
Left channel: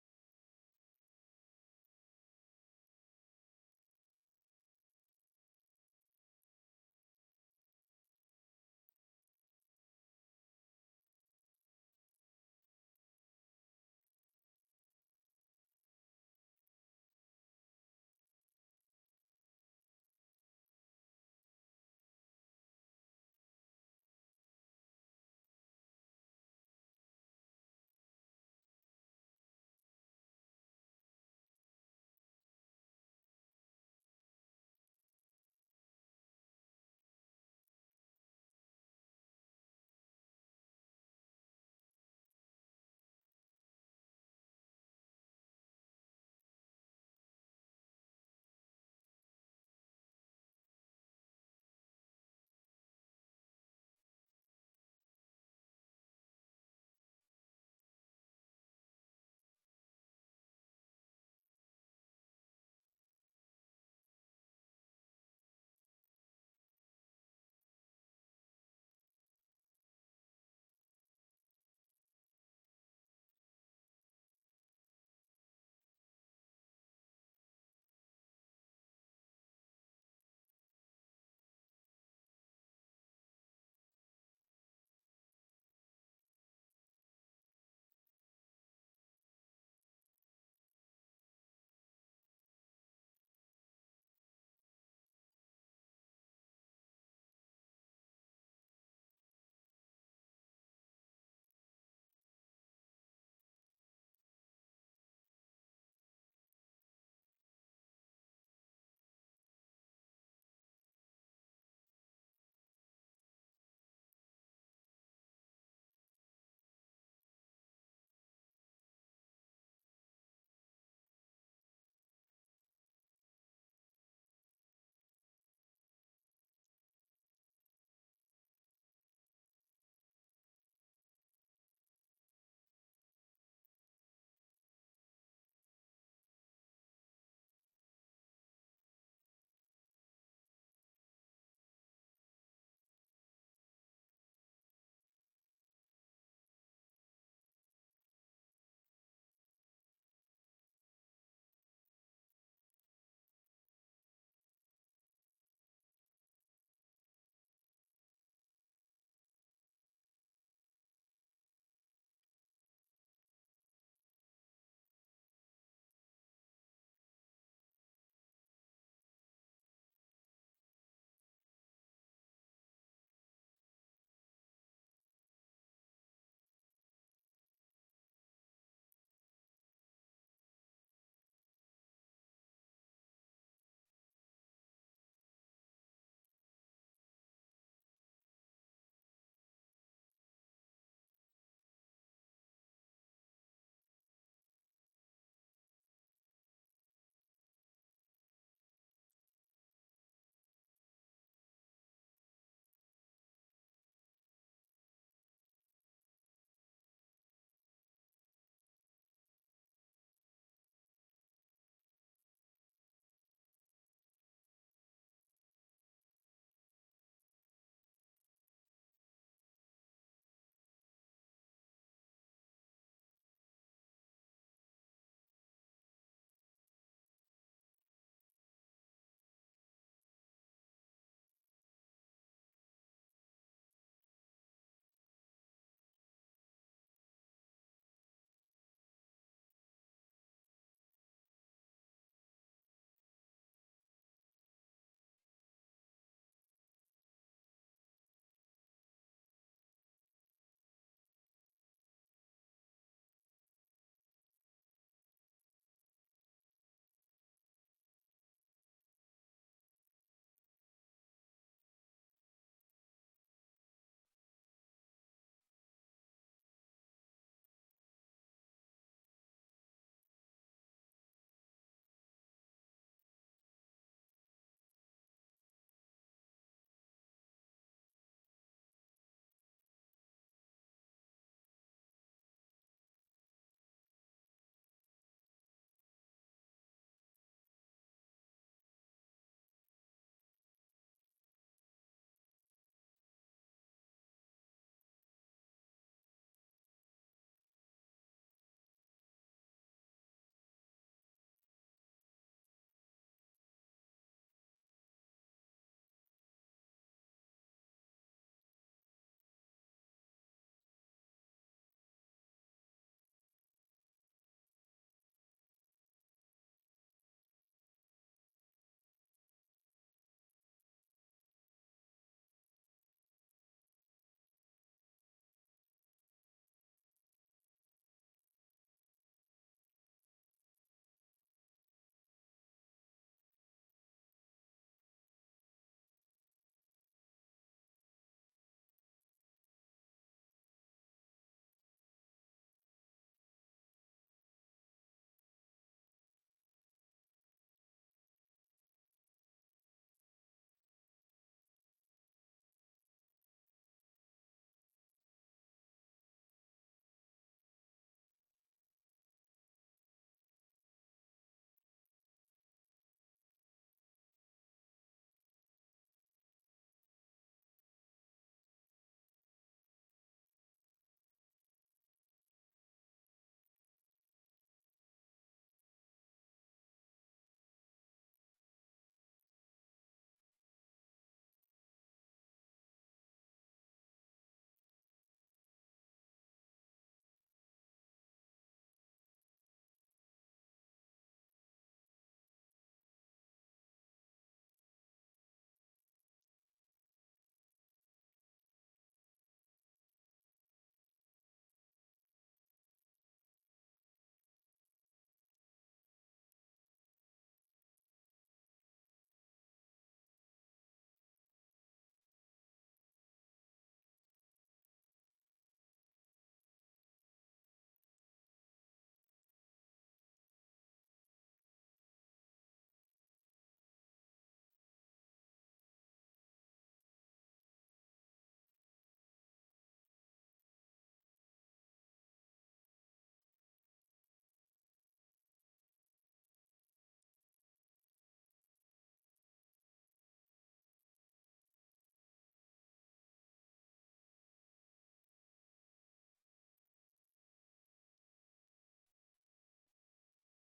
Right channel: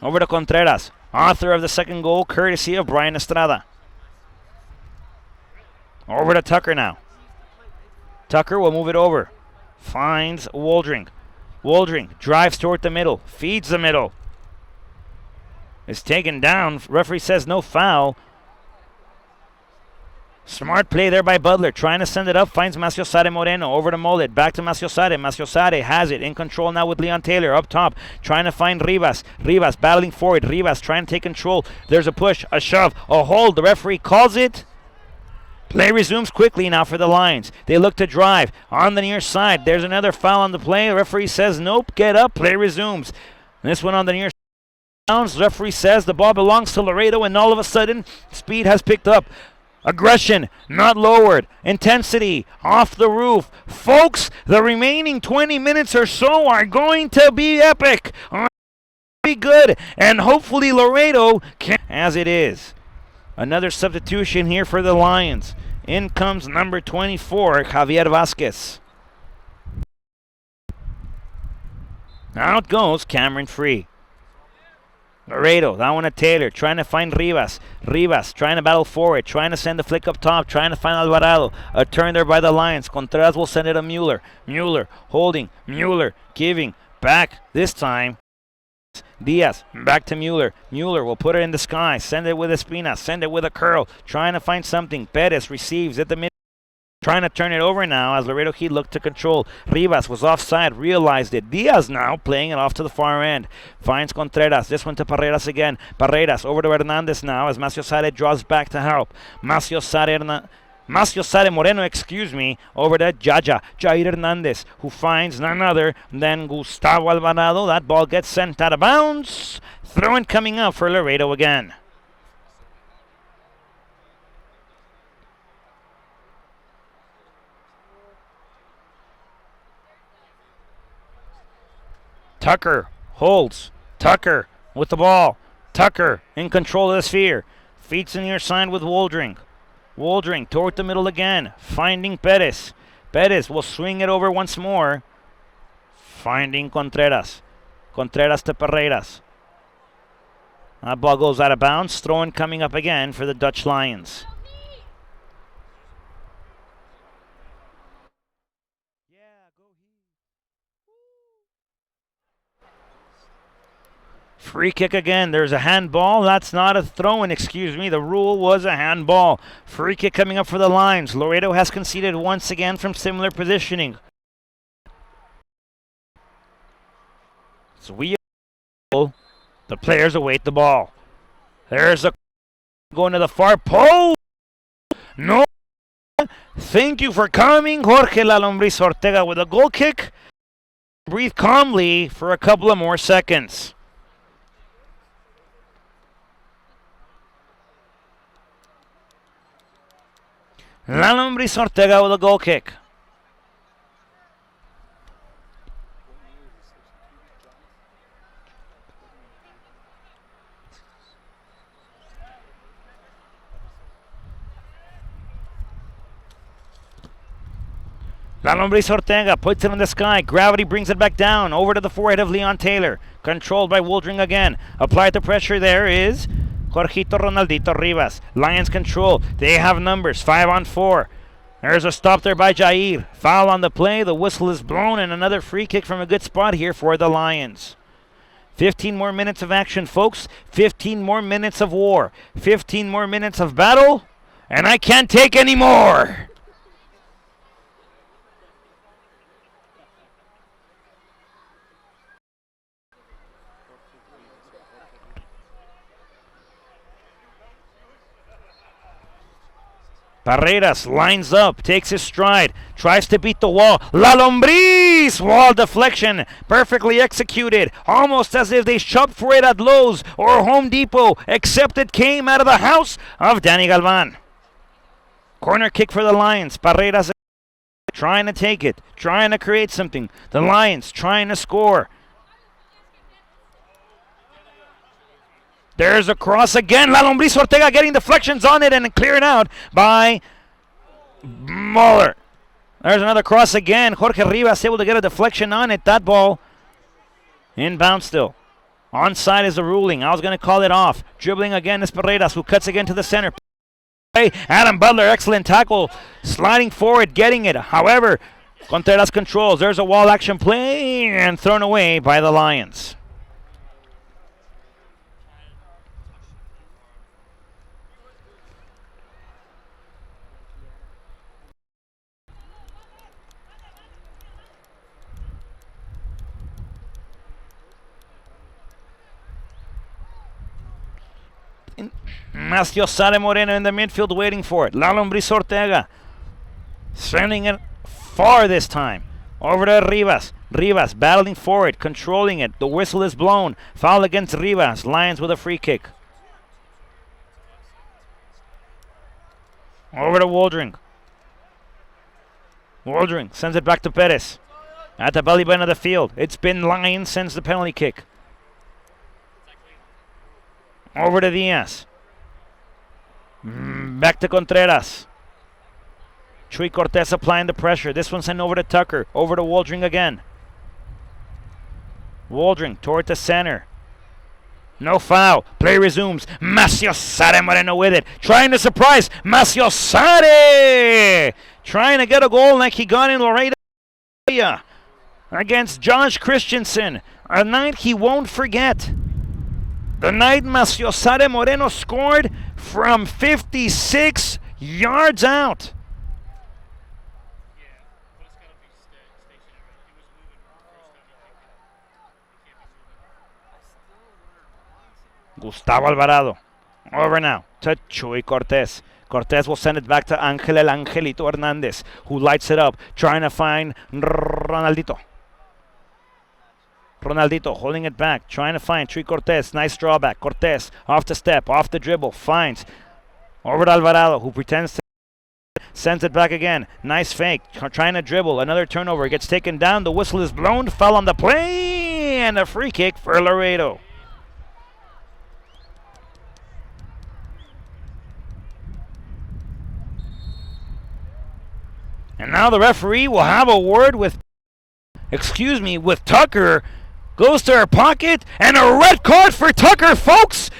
Over to Contreras. Author of the second goal, courtesy of Brian Estrada. Over to Tucker now. Tucker will move it over. Finds Waldring. Waldring drives toward the middle. Feeds the middle. Is taken down. Referee says no foul. Smart play there by Butler. Trying to send it up. Finds Maciosare Moreno. Over to Mollet. Back to Maciosare. Maciosare has it. In control now with Leon Taylor. Up top. Trying to find Rivas. Rivas battling forward. Rivas trying to take control. There's a push. A shove. A hold. The referee calls it. Play resumes quickly now for the Lions. They look to drive on the near side. There's another foul on the play. The referee says nope. Get up. Play resumes. This one on the near side. The referee says the ball belongs to Laredo, and all of a sudden speed has picked up. Aggression not lowered. Intensity off the roof. Folks, the remaining 20 minutes or so are going to be epic. Be good, and hopefully Laredo can, as it is. Another substitution here for the Lions. In comes number 24, Javier Vasquez. Out goes Cameron Free. Laredo, that one to Taylor, trying to find Rivas. Rivas trying to battle forward, trying to send the flick up top, trying to find Alvarado. A turn there by the Lions. Contreras will send it to Mueller. Mueller holding. Mueller giving back this time. Diaz back to Mueller. Mueller will put it in the sky. Send it with Espina. Send it with a curl. Trying to find something. Perez receives at the mid. Trying to turn it over now as Laredo Heat looked to control. Rivas was offside, realized it. Diaz now playing it off to the far end. Finds Contreras. This one to Parreras again. Parreras over to Hernandez now as Maciosare draws back to help. Maciosare Moreno, over to Jair Hernandez, who finds none other than Gustavo Alvarado. That ball gets sent out of bounds. Throw-in coming up for Laredo again. Tucker holds. Tucker with the ball. Tucker in control of the sphere. Feeds in near side with Woldring. Woldring toward the middle again. Finding Perez. Perez will swing it over once more. Finding Contreras. Contreras to Paredes. That ball goes out of bounds. Throw-in coming up again for the Dutch Lions. Free kick again. There's a handball. That's not a throw-in, excuse me. The rule was a handball. Free kick coming up for the Lions. Laredo has conceded once again from similar positioning. So the players await the ball. There's a going to the far post. No. Thank you for coming. Jorge La Lombriz Ortega with a goal kick. Breathe calmly for a couple of more seconds. La Lombriz Ortega with a goal kick. La Lombriz Ortega puts it in the sky. Gravity brings it back down. Over to the forehead of Leon Taylor. Controlled by Woldring again. Applied the pressure there is Jorgito Ronaldito Rivas. Lions control. They have numbers. 5-on-4. There's a stop there by Jair. Foul on the play. The whistle is blown, and another free kick from a good spot here for the Lions. 15 more minutes of action, folks. 15 more minutes of war. 15 more minutes of battle. And I can't take any more. Paredes lines up, takes his stride, tries to beat the wall. La Lombriz! Wall deflection, perfectly executed, almost as if they shopped for it at Lowe's or Home Depot, except it came out of the house of Danny Galvan. Corner kick for the Lions. Paredes trying to take it, trying to create something. The Lions trying to score. There's a cross again. La Lombriz Ortega getting deflections on it and cleared out by Muller. There's another cross again. Jorge Rivas able to get a deflection on it. That ball inbound still. Onside is the ruling. I was going to call it off. Dribbling again is Paredes, who cuts again to the center. Adam Butler, excellent tackle. Sliding forward, getting it. However, Contreras controls. There's a wall action play and thrown away by the Lions. Macio Sare Moreno in the midfield waiting for it. La Lombriz Ortega sending it far this time. Over to Rivas. Rivas battling forward, controlling it. The whistle is blown. Foul against Rivas. Lions with a free kick. Over to Woldring. Woldring sends it back to Perez. At the belly button of the field. It's been Lions since the penalty kick. Over to Diaz. Back to Contreras. Chuy Cortez applying the pressure. This one sent over to Tucker. Over to Woldring again. Woldring toward the center. No foul. Play resumes. Macio Sare Moreno with it. Trying to surprise. Macio Sare! Trying to get a goal like he got in Laredo against Josh Christensen. A night he won't forget. The night Macio Sare Moreno scored from 56 yards out. Gustavo Alvarado. Over now to Chuy Cortez. Cortez will send it back to Angel El Angelito Hernandez, who lights it up, trying to find Ronaldito. Ronaldito holding it back, trying to find Chuy Cortez. Nice drawback. Cortez off the step, off the dribble, finds over to Alvarado, who pretends to sends it back again. Nice fake, trying to dribble. Another turnover, gets taken down. The whistle is blown. Foul on the play, and a free kick for Laredo. And now the referee will have a word with Tucker. Goes to her pocket, and a red card for Tucker, folks.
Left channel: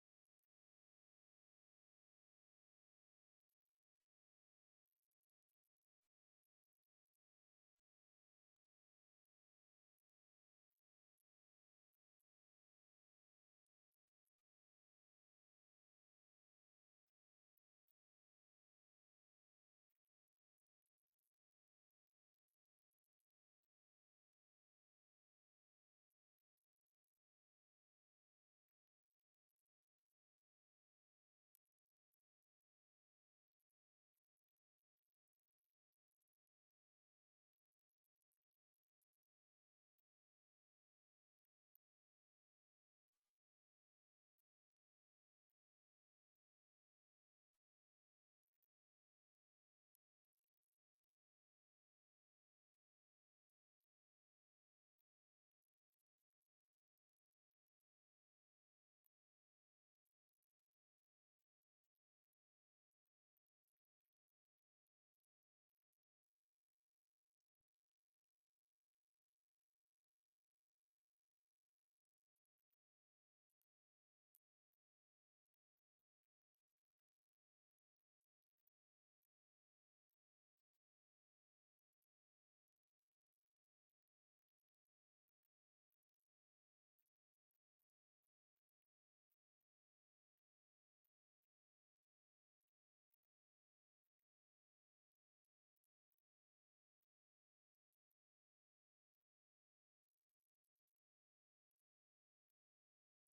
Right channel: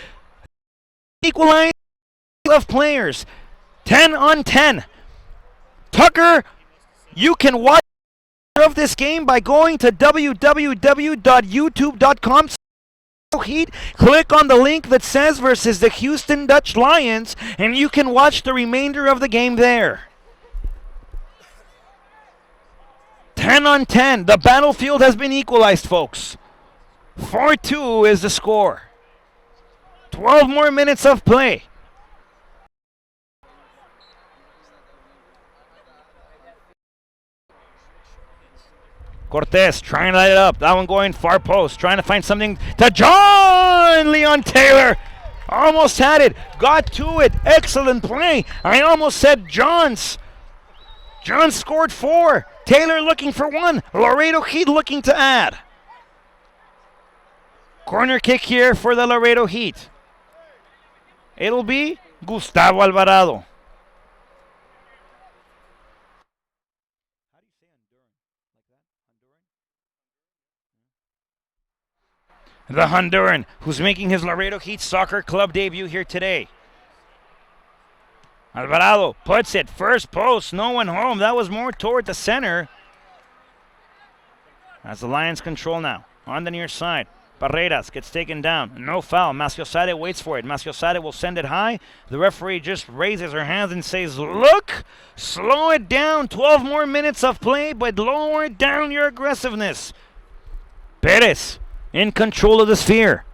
Equalize of players. 10 on 10. Tucker, you can watch of this game by going to www.youtube.com. Heat. Click on the link that says versus the Houston Dutch Lions, and you can watch the remainder of the game there. 10 on 10. The battlefield has been equalized, folks. 4-2 is the score. 12 more minutes of play. Cortez trying to light it up. That one going far post. Trying to find something to John Leon Taylor. Almost had it. Got to it. Excellent play. I almost said John's. John scored 4. Taylor looking for 1. Laredo Heat looking to add. Corner kick here for the Laredo Heat. It'll be Gustavo Alvarado. The Honduran, who's making his Laredo Heat Soccer Club debut here today. Alvarado puts it, first post, no one home. That was more toward the center. As the Lions control now, on the near side. Barreras gets taken down, no foul. Maciosade waits for it. Maciosade will send it high. The referee just raises her hands and says, look, slow it down. 12 more minutes of play, but lower down your aggressiveness. Perez in control of the sphere.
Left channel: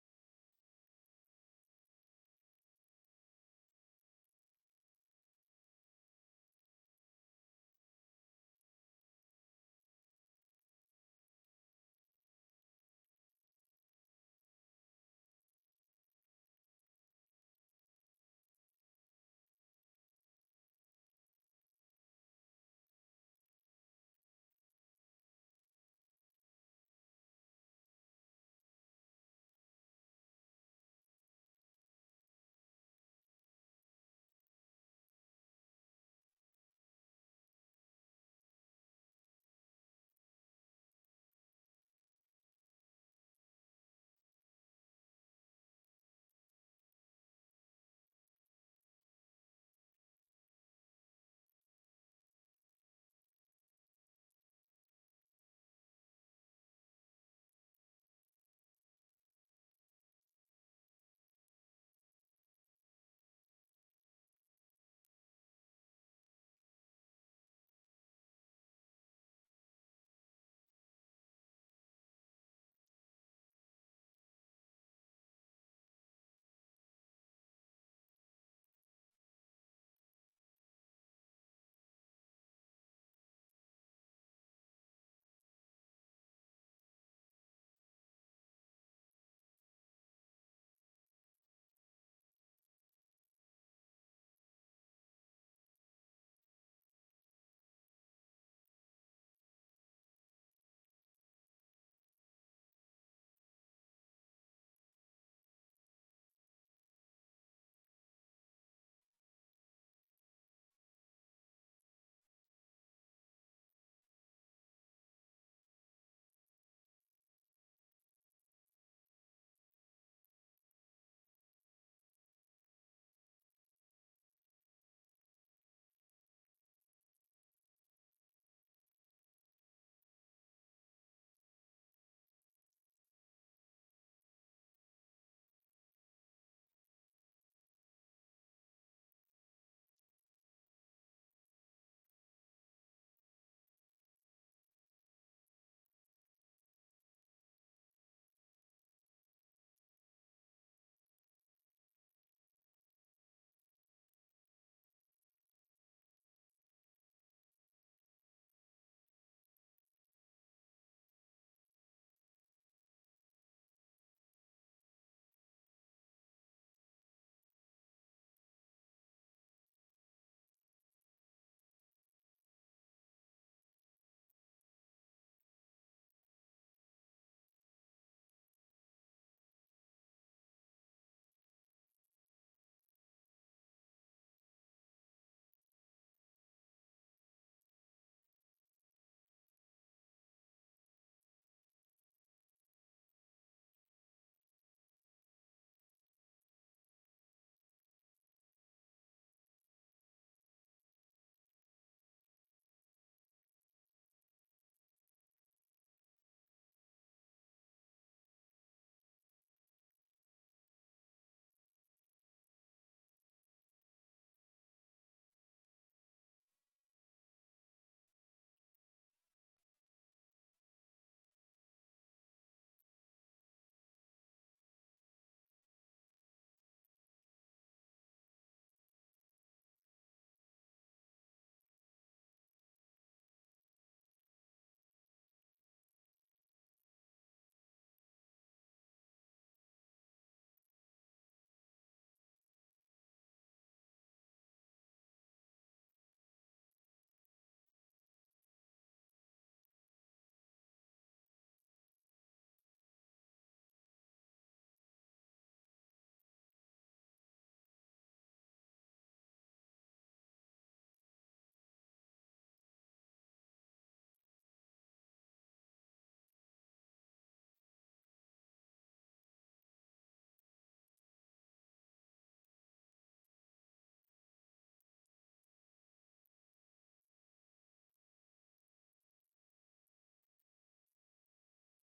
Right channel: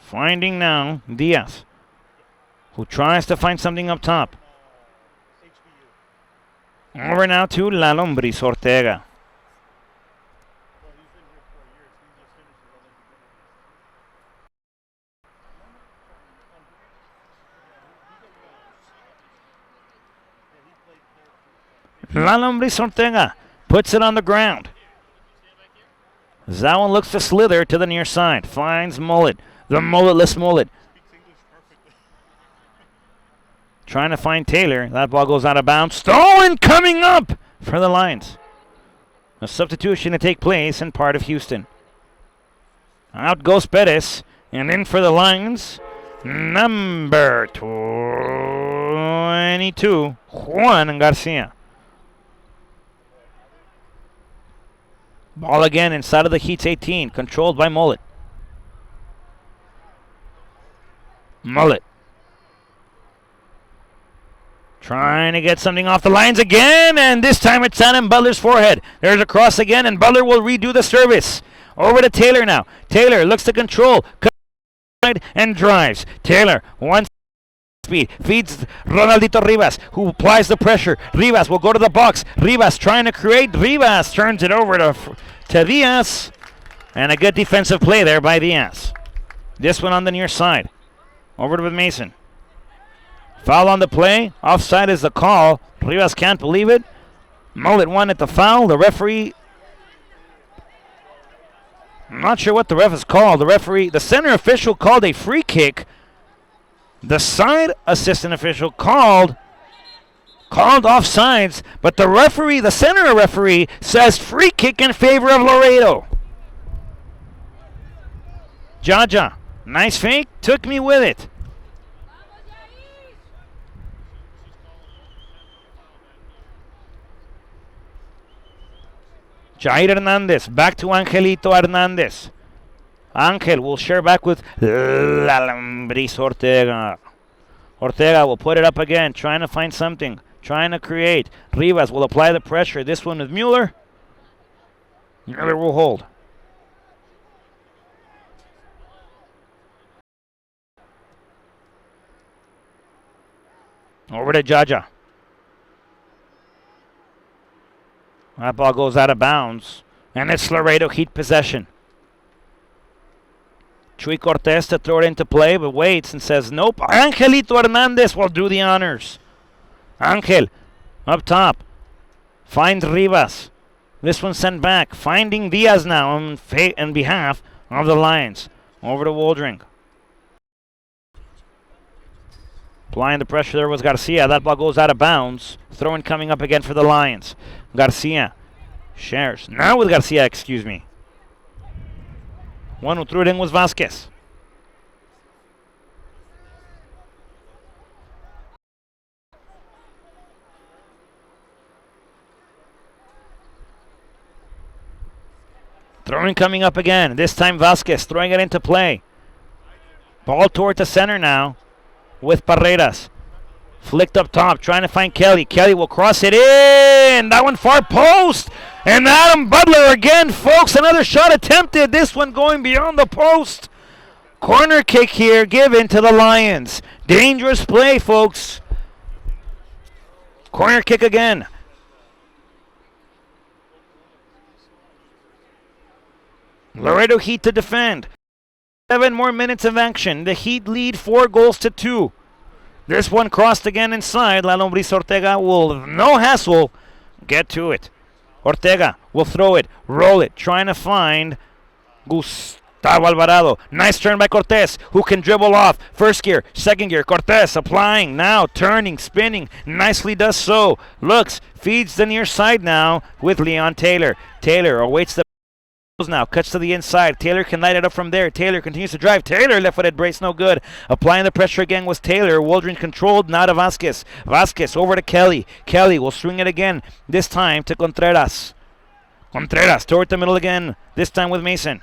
Finding now Diaz, who tries to find something up top. Over now to La Lombris Ortega. La Lombris Ortega puts it on the ground. That one looks to slither to the near side. Finds Mullet. The mulletless Mullet. Trying to find Taylor. That ball goes out of bounds. Stolen coming up for the Lions. A substitution to take place in part of Houston. Out goes Perez. And in for the Lions, number 22, Juan Garcia. Ball again inside of the Heat's 18, controlled by Mullet. Mullet. Trying to get something off the lines again, and this time it's on Butler's forehead. There's a cross again, and Butler will redo the service. Over to Taylor now. Taylor looks to control, and drives. Taylor, one speed, feeds Ronaldito Rivas, who applies the pressure. Rivas will go to the box. Rivas trying to create. Rivas turns it over to Diaz, and a good defensive play there by Diaz. This one on the near side. Over to Mason. Foul on the play. Offside is the call. Rivas can't believe it. Mullet wanted the foul. The referee, I'm not sure what the ref has called. The center official called a free kick. The side assistant official called offsides, but the center referee says free kick in favor of Laredo. Jaja, nice fake, took me with it. Jair Hernandez, back to Angelito Hernandez. Angel will share back with Lambris Ortega. Ortega will put it up again, trying to find something, trying to create. Rivas will apply the pressure. This one with Mueller. Mueller will hold. Over to Jaja. That ball goes out of bounds, and it's Laredo Heat possession. Chuy Cortez to throw it into play, but waits and says nope. Angelito Hernandez will do the honors. Angel up top. Finds Rivas. This one sent back. Finding Diaz now on behalf of the Lions. Over to Waldring. Applying the pressure there was Garcia. That ball goes out of bounds. Throw-in coming up again for the Lions. Garcia shares. Now with Garcia, excuse me. One who threw it in was Vasquez. Throwing coming up again. This time Vasquez throwing it into play. Ball toward the center now with Paredes. Flicked up top, trying to find Kelly. Kelly will cross it in. That one far post. And Adam Butler again, folks. Another shot attempted. This one going beyond the post. Corner kick here given to the Lions. Dangerous play, folks. Corner kick again. Laredo Heat to defend. 7 more minutes of action. The Heat lead 4-2. This one crossed again inside. La Lombriz Ortega will, no hassle, get to it. Ortega will throw it, roll it, trying to find Gustavo Alvarado. Nice turn by Cortez, who can dribble off. First gear, second gear. Cortez applying now, turning, spinning. Nicely does so. Looks, feeds the near side now with Leon Taylor. Taylor awaits the now, cuts to the inside. Taylor can light it up from there. Taylor continues to drive. Taylor left-footed brace, no good. Applying the pressure again was Taylor. Waldron controlled, now to Vasquez. Vasquez over to Kelly. Kelly will swing it again, this time to Contreras. Contreras toward the middle again, this time with Mason.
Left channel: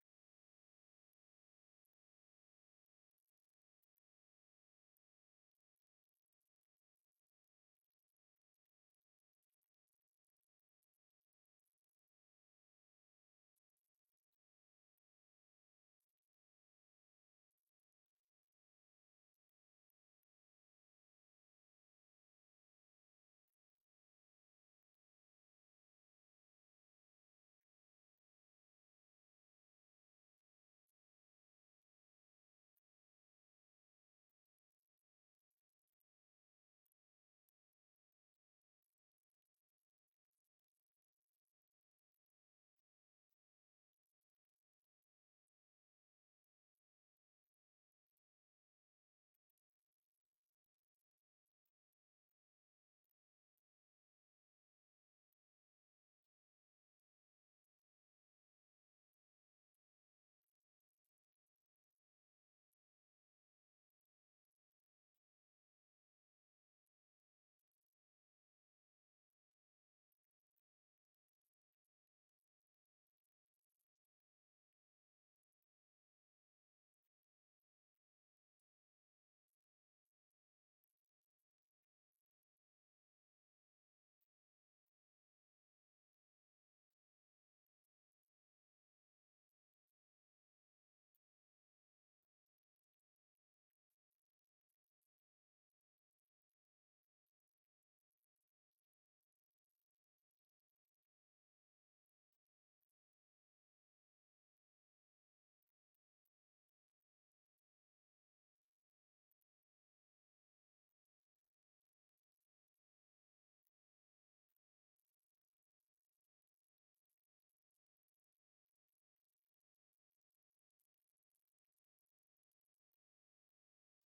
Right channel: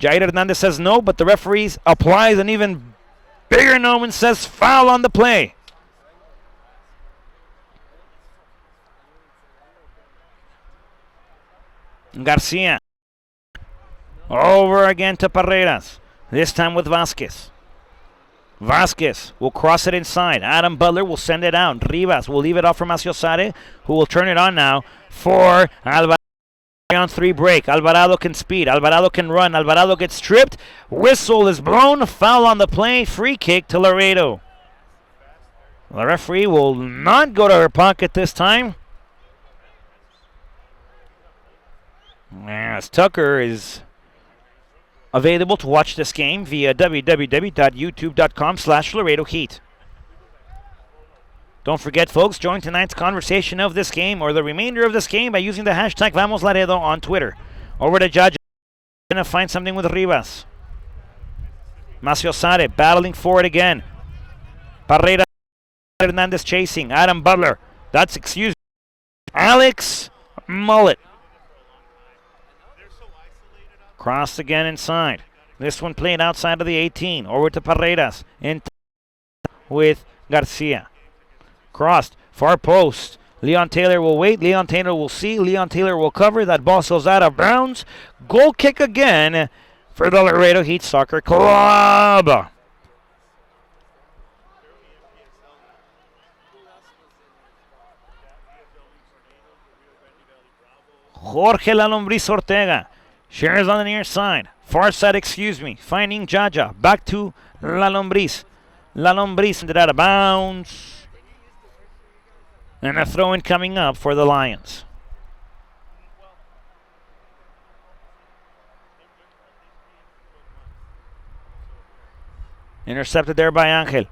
Jair Hernandez says no, but the referees applies an even bigger no and says foul on the play. Garcia. Over again to Paredes. This time with Vasquez. Vasquez will cross it inside. Adam Butler will send it out. Rivas will leave it off for Maciosare, who will turn it on now for Alvarado. On 3 break. Alvarado can speed. Alvarado can run. Alvarado gets tripped. Whistle is blown. Foul on the play. Free kick to Laredo. The referee will not go to her pocket this time. As Tucker is available to watch this game via www.youtube.com/Laredo Heat. Don't forget, folks, join tonight's conversation of this game or the remainder of this game by using the hashtag VamosLaredo on Twitter. Over to Judge. Going to find something with Rivas. Maciosare battling for it again. Paredes Hernandez chasing. Adam Butler. That's, excuse me, Alex Mullet. Crossed again inside. This one played outside of the 18. Over to Paredes. In with Garcia. Crossed. Far post. Leon Taylor will wait. Leon Taylor will see. Leon Taylor will cover. That ball goes out of bounds. Goal kick again for the Laredo Heat Soccer Club. Jorge La Lombriz Ortega. Shares on the near side. Far side, excuse me. Finding Jaja. Back to La Lombriz. La Lombriz sent it out of bounds. And a throw-in coming up for the Lions. Intercepted there by Angel.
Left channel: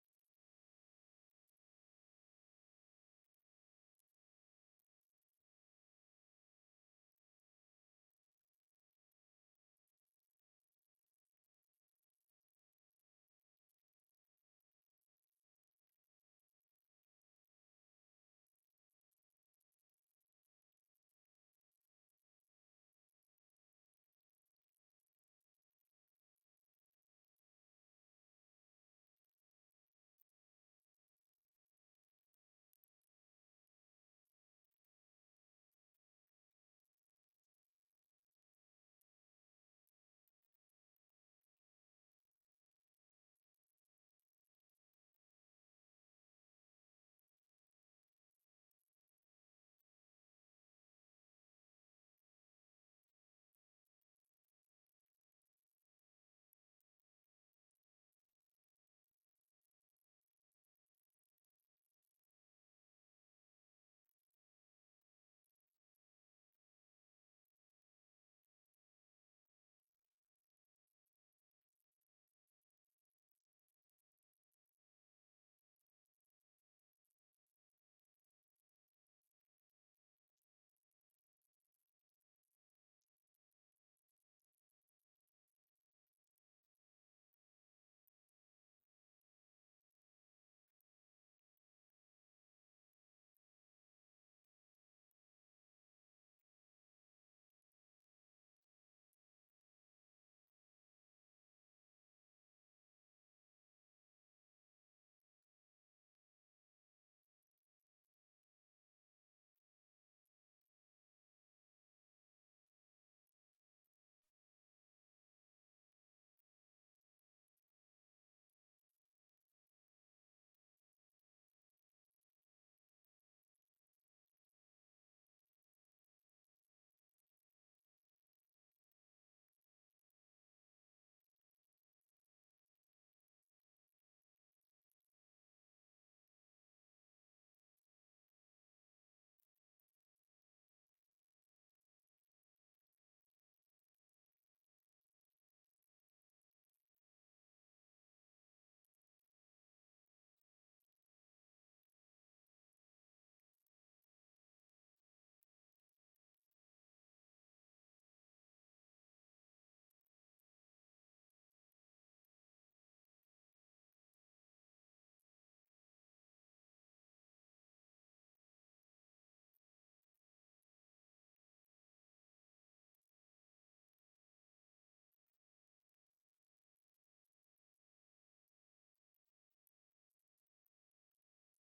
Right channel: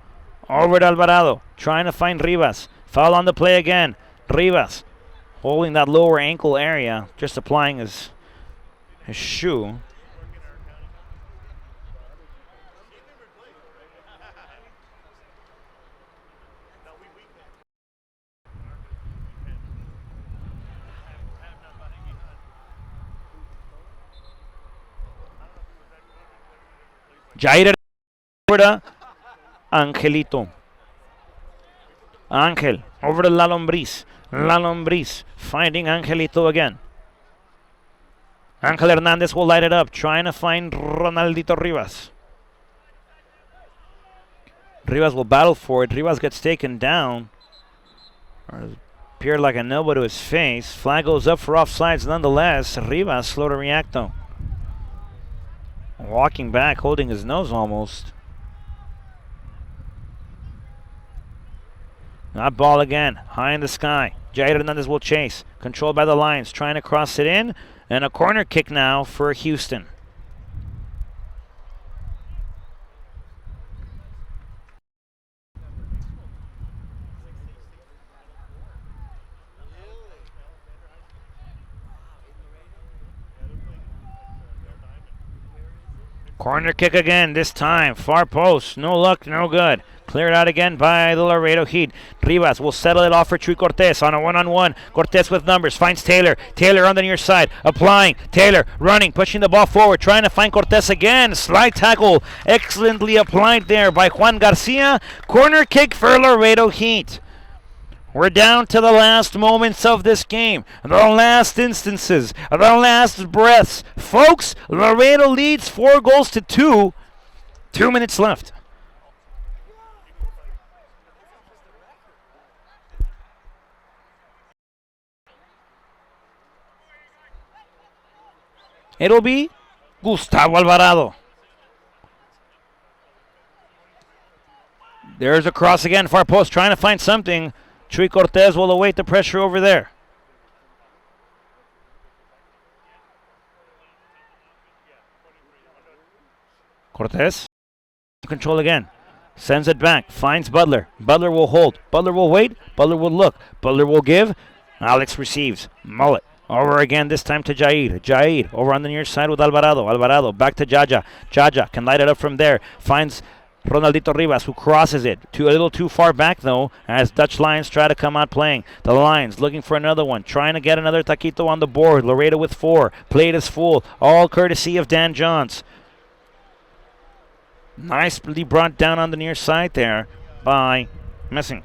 Over to Alvarado. Trying to find Rivas. Foul on the play again. Rivas holding that lower ankle area. Just applying his shoe. Jair over to Angelito. Angel over to La Lombriz. La Lombriz finding Angelito again. Angel Hernandez will light it up, trying to find Ronaldito Rivas. Rivas will battle for it. Rivas gets taken down. Appeared like an elbow to his face. Flag goes up for offsides nonetheless. Rivas slow to react though. Walking back, holding his nose almost. That ball again, high in the sky. Jair Hernandez will chase. Controlled by the Lions. Trying to cross it in. And a corner kick now for Houston. Corner kick again, this time. Far post. No luck, no good. Cleared out again by the Laredo Heat. Rivas will settle it off for Chuy Cortez on a one-on-one. Cortez with numbers. Finds Taylor. Taylor on the near side. Applying. Taylor running. Pushing the ball forward. Trying to find Cortez again. Slide tackle. Excellently applied there by Juan Garcia. Corner kick for Laredo Heat. We're down to the last moments of this game, the last instances, the last breaths. Folks, Laredo leads 4-2. 2 minutes left. It'll be Gustavo Alvarado. There's a cross again, far post, trying to find something. Chuy Cortez will await the pressure over there. Cortez, control again. Sends it back, finds Butler. Butler will hold. Butler will wait. Butler will look. Butler will give. Alex receives. Mullet. Over again, this time to Jair. Jair over on the near side with Alvarado. Alvarado back to Jaja. Jaja can light it up from there. Finds Ronaldito Rivas, who crosses it. A little too far back, though, as Dutch Lions try to come out playing. The Lions looking for another one, trying to get another taquito on the board. Laredo with 4. Plate is full, all courtesy of Dan Johns. Nicely brought down on the near side there by Messing.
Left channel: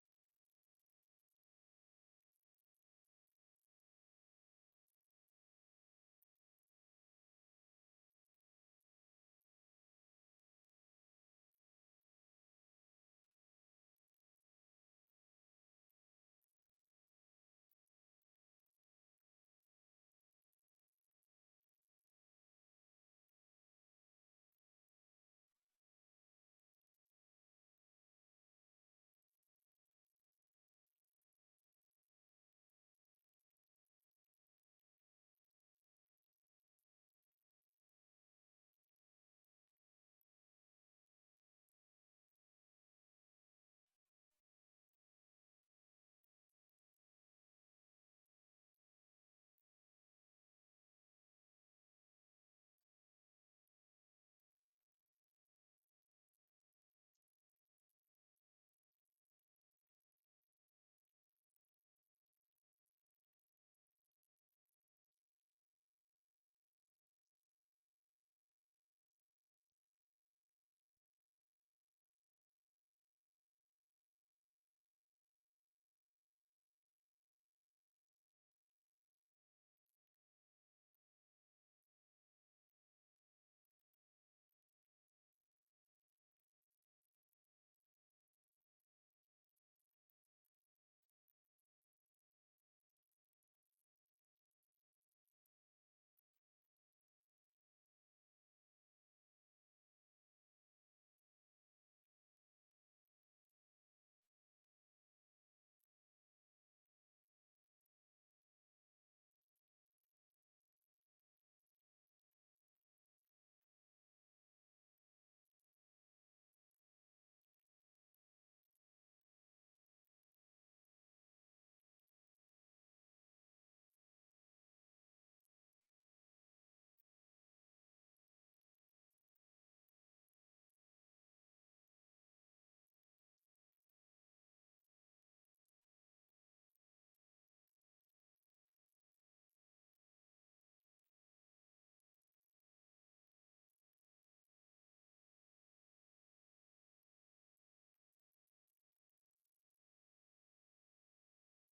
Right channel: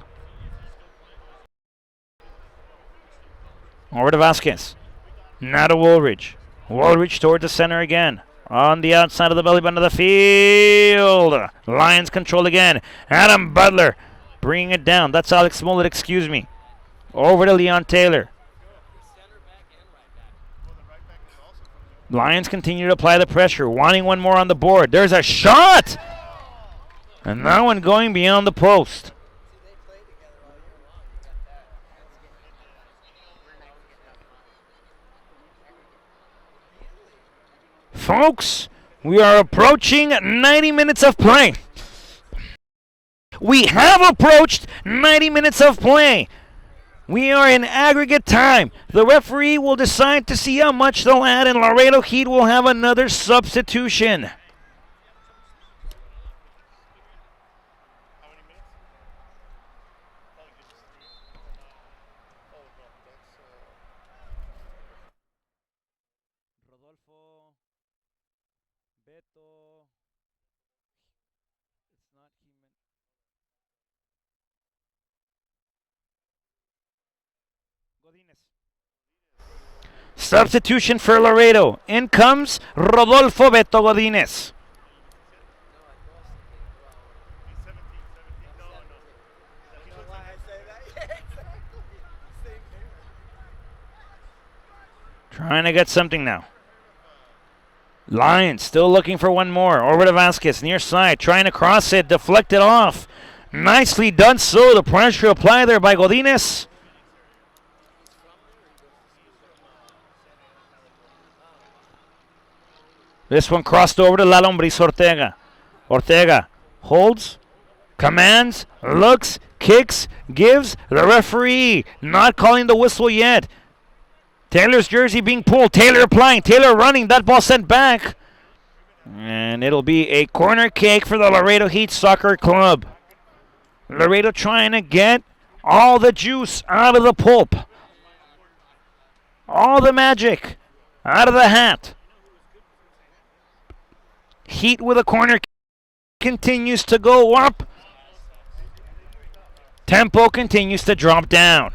Over to Vasquez. Now to Woolridge. Woolridge toward the center again. On the outside of the belly button of the field. Lions control again. Adam Butler bringing it down. That's Alex Smollett, excuse me. Over to Leon Taylor. Lions continue to apply the pressure, wanting one more on the board. There's a shot! And that one going beyond the post. Folks, we are approaching 90 minutes of play. We have approached 90 minutes of play. We are in aggregate time. The referee will decide to see how much they'll add, and Laredo Heat will have another substitution. Substitution for Laredo. In comes Rodolfo Beto Godínez. Trying to get something now. Lions still looking for one more. Over to Vasquez, near side, trying to cross it, deflected off. Nicely done so. The pressure applied there by Godínez. This one crossed over to Lalombriz Ortega. Ortega holds, commands, looks, kicks, gives. The referee not calling the whistle yet. Taylor's jersey being pulled. Taylor applying. Taylor running. That ball sent back. And it'll be a corner kick for the Laredo Heat Soccer Club. Laredo trying to get all the juice out of the pulp. All the magic out of the hat. Heat with a corner continues to go up. Tempo continues to drop down.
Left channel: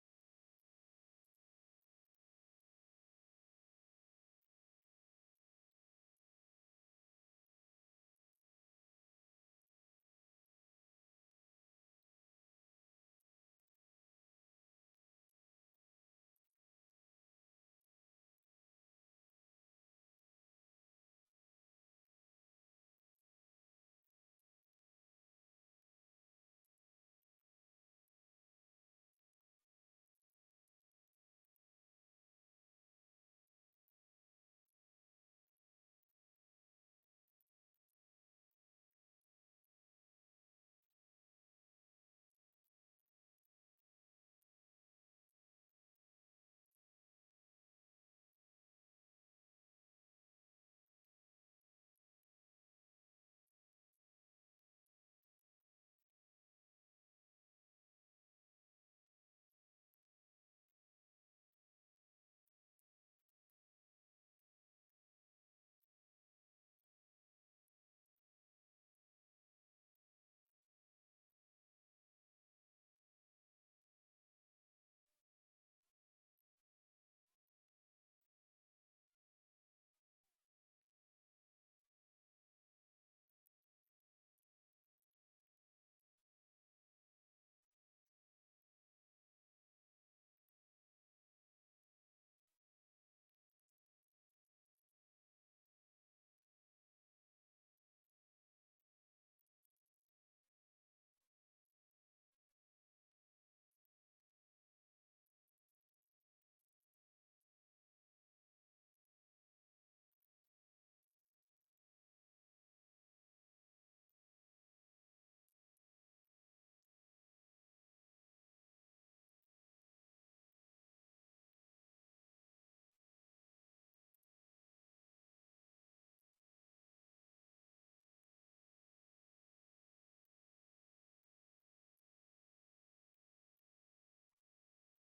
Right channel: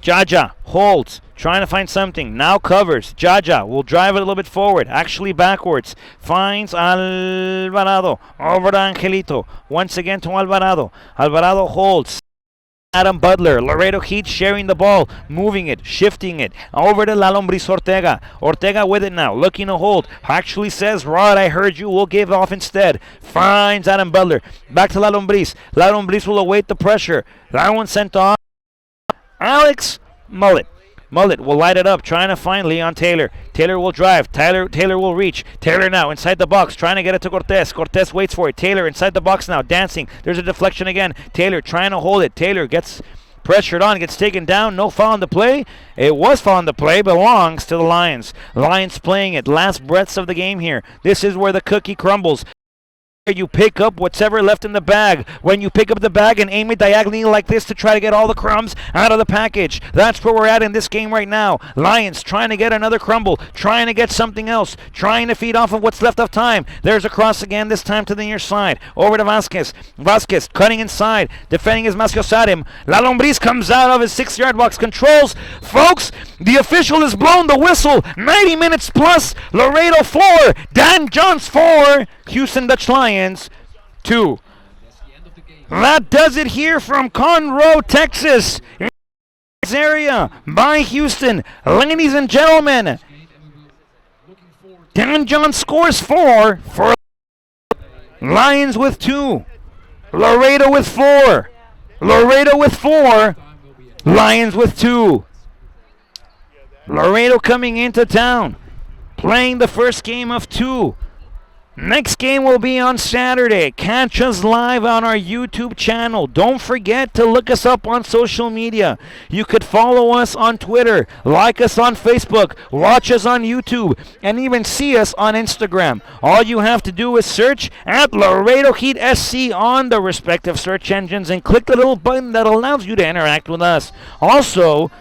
Jaja holds, trying to find something. Now covers. Jaja will drive it a little bit forward, actually backwards. Finds Alvarado. Over to Angelito. Once again to Alvarado. Alvarado holds. Adam Butler, Laredo Heat sharing the ball, moving it, shifting it, over to Lalombriz Ortega. Ortega with it now, looking to hold. Actually says, Rod, I heard you, we'll give off instead. Finds Adam Butler, back to Lalombriz. Lalombriz will await the pressure. That one sent off. Alex Mullet. Mullet will light it up, trying to find Leon Taylor. Taylor will drive. Taylor will reach. Taylor now inside the box, trying to get it to Cortez. Cortez waits for it. Taylor inside the box now, dancing. There's a deflection again. Taylor trying to hold it. Taylor gets pressured on, gets taken down. No foul on the play. It was foul on the play, belongs to the Lions. Lions playing it. Last breaths of the game here. This is where the cookie crumbles. You pick up whatever left in the bag. When you pick up the bag and aim it diagonally like this to try to get all the crumbs out of the package. That's where we're at in this game right now. Lions trying to get another crumble, trying to get something else, trying to feed off of what's left of time. There's a cross again, this time to the near side. Over to Vasquez. Vasquez cutting inside, defending his Masciosadim. La Lombriz comes out of his 6-yard box, controls. Folks, the official has blown the whistle. 90 minutes plus. Laredo 4, Dan Johns 4, Houston Dutch Lions 2. That does it here from Conroe, Texas. In this area by Houston. Ladies and gentlemen, Dan Johns scores 4 for Lions with 2. Laredo with 4. Laredo with 4. Lions with 2. Laredo coming into town, playing the first game of 2. Next game will be on Saturday. Catch us live on our YouTube channel. Don't forget to look us up on social media. You could follow us on Twitter, like us on Facebook, watch us on YouTube, and even see us on Instagram. All you have to do is search at Laredo Heat SC on the respective search engines and click the little button that allows you to interact with us. Also,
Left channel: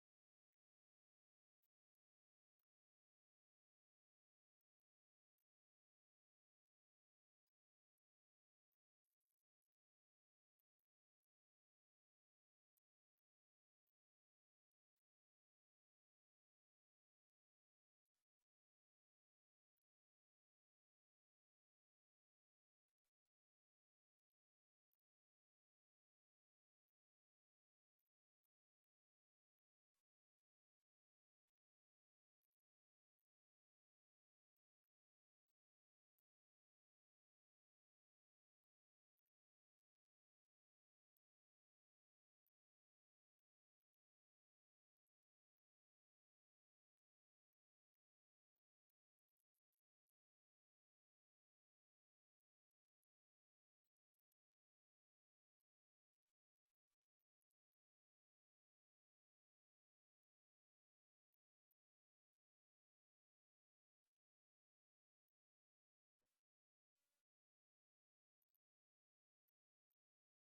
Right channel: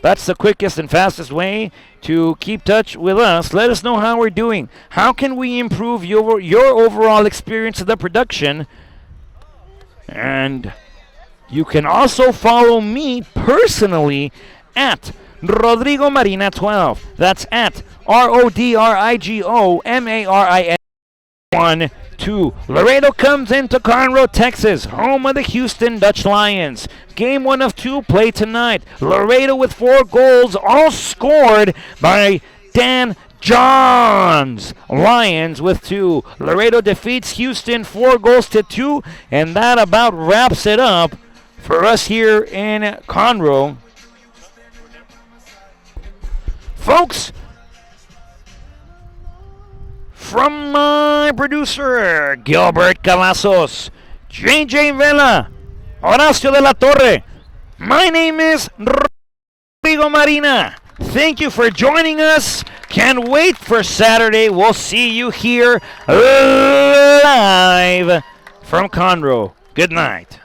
that's the quickest and fastest way to keep touch with us. Let us know how we're doing. How can we improve your overall experience of the production? And you can also follow me personally at Rodrigo Marina 12. That's at RODRIGO MARIN 1-2. Laredo comes into Conroe, Texas, home of the Houston Dutch Lions. Game 1 of 2 played tonight. Laredo with 4 goals, all scored by Dan Johns. Lions with 2. Laredo defeats Houston 4-2, and that about wraps it up for us here in Conroe. Folks, from my producer, Gilbert Cavazos, JJ Vela, Horacio de la Torre, my name is Rodrigo Marina. Thank you for joining us. Can't wait for Saturday. We'll see you here live from Conroe. Good night.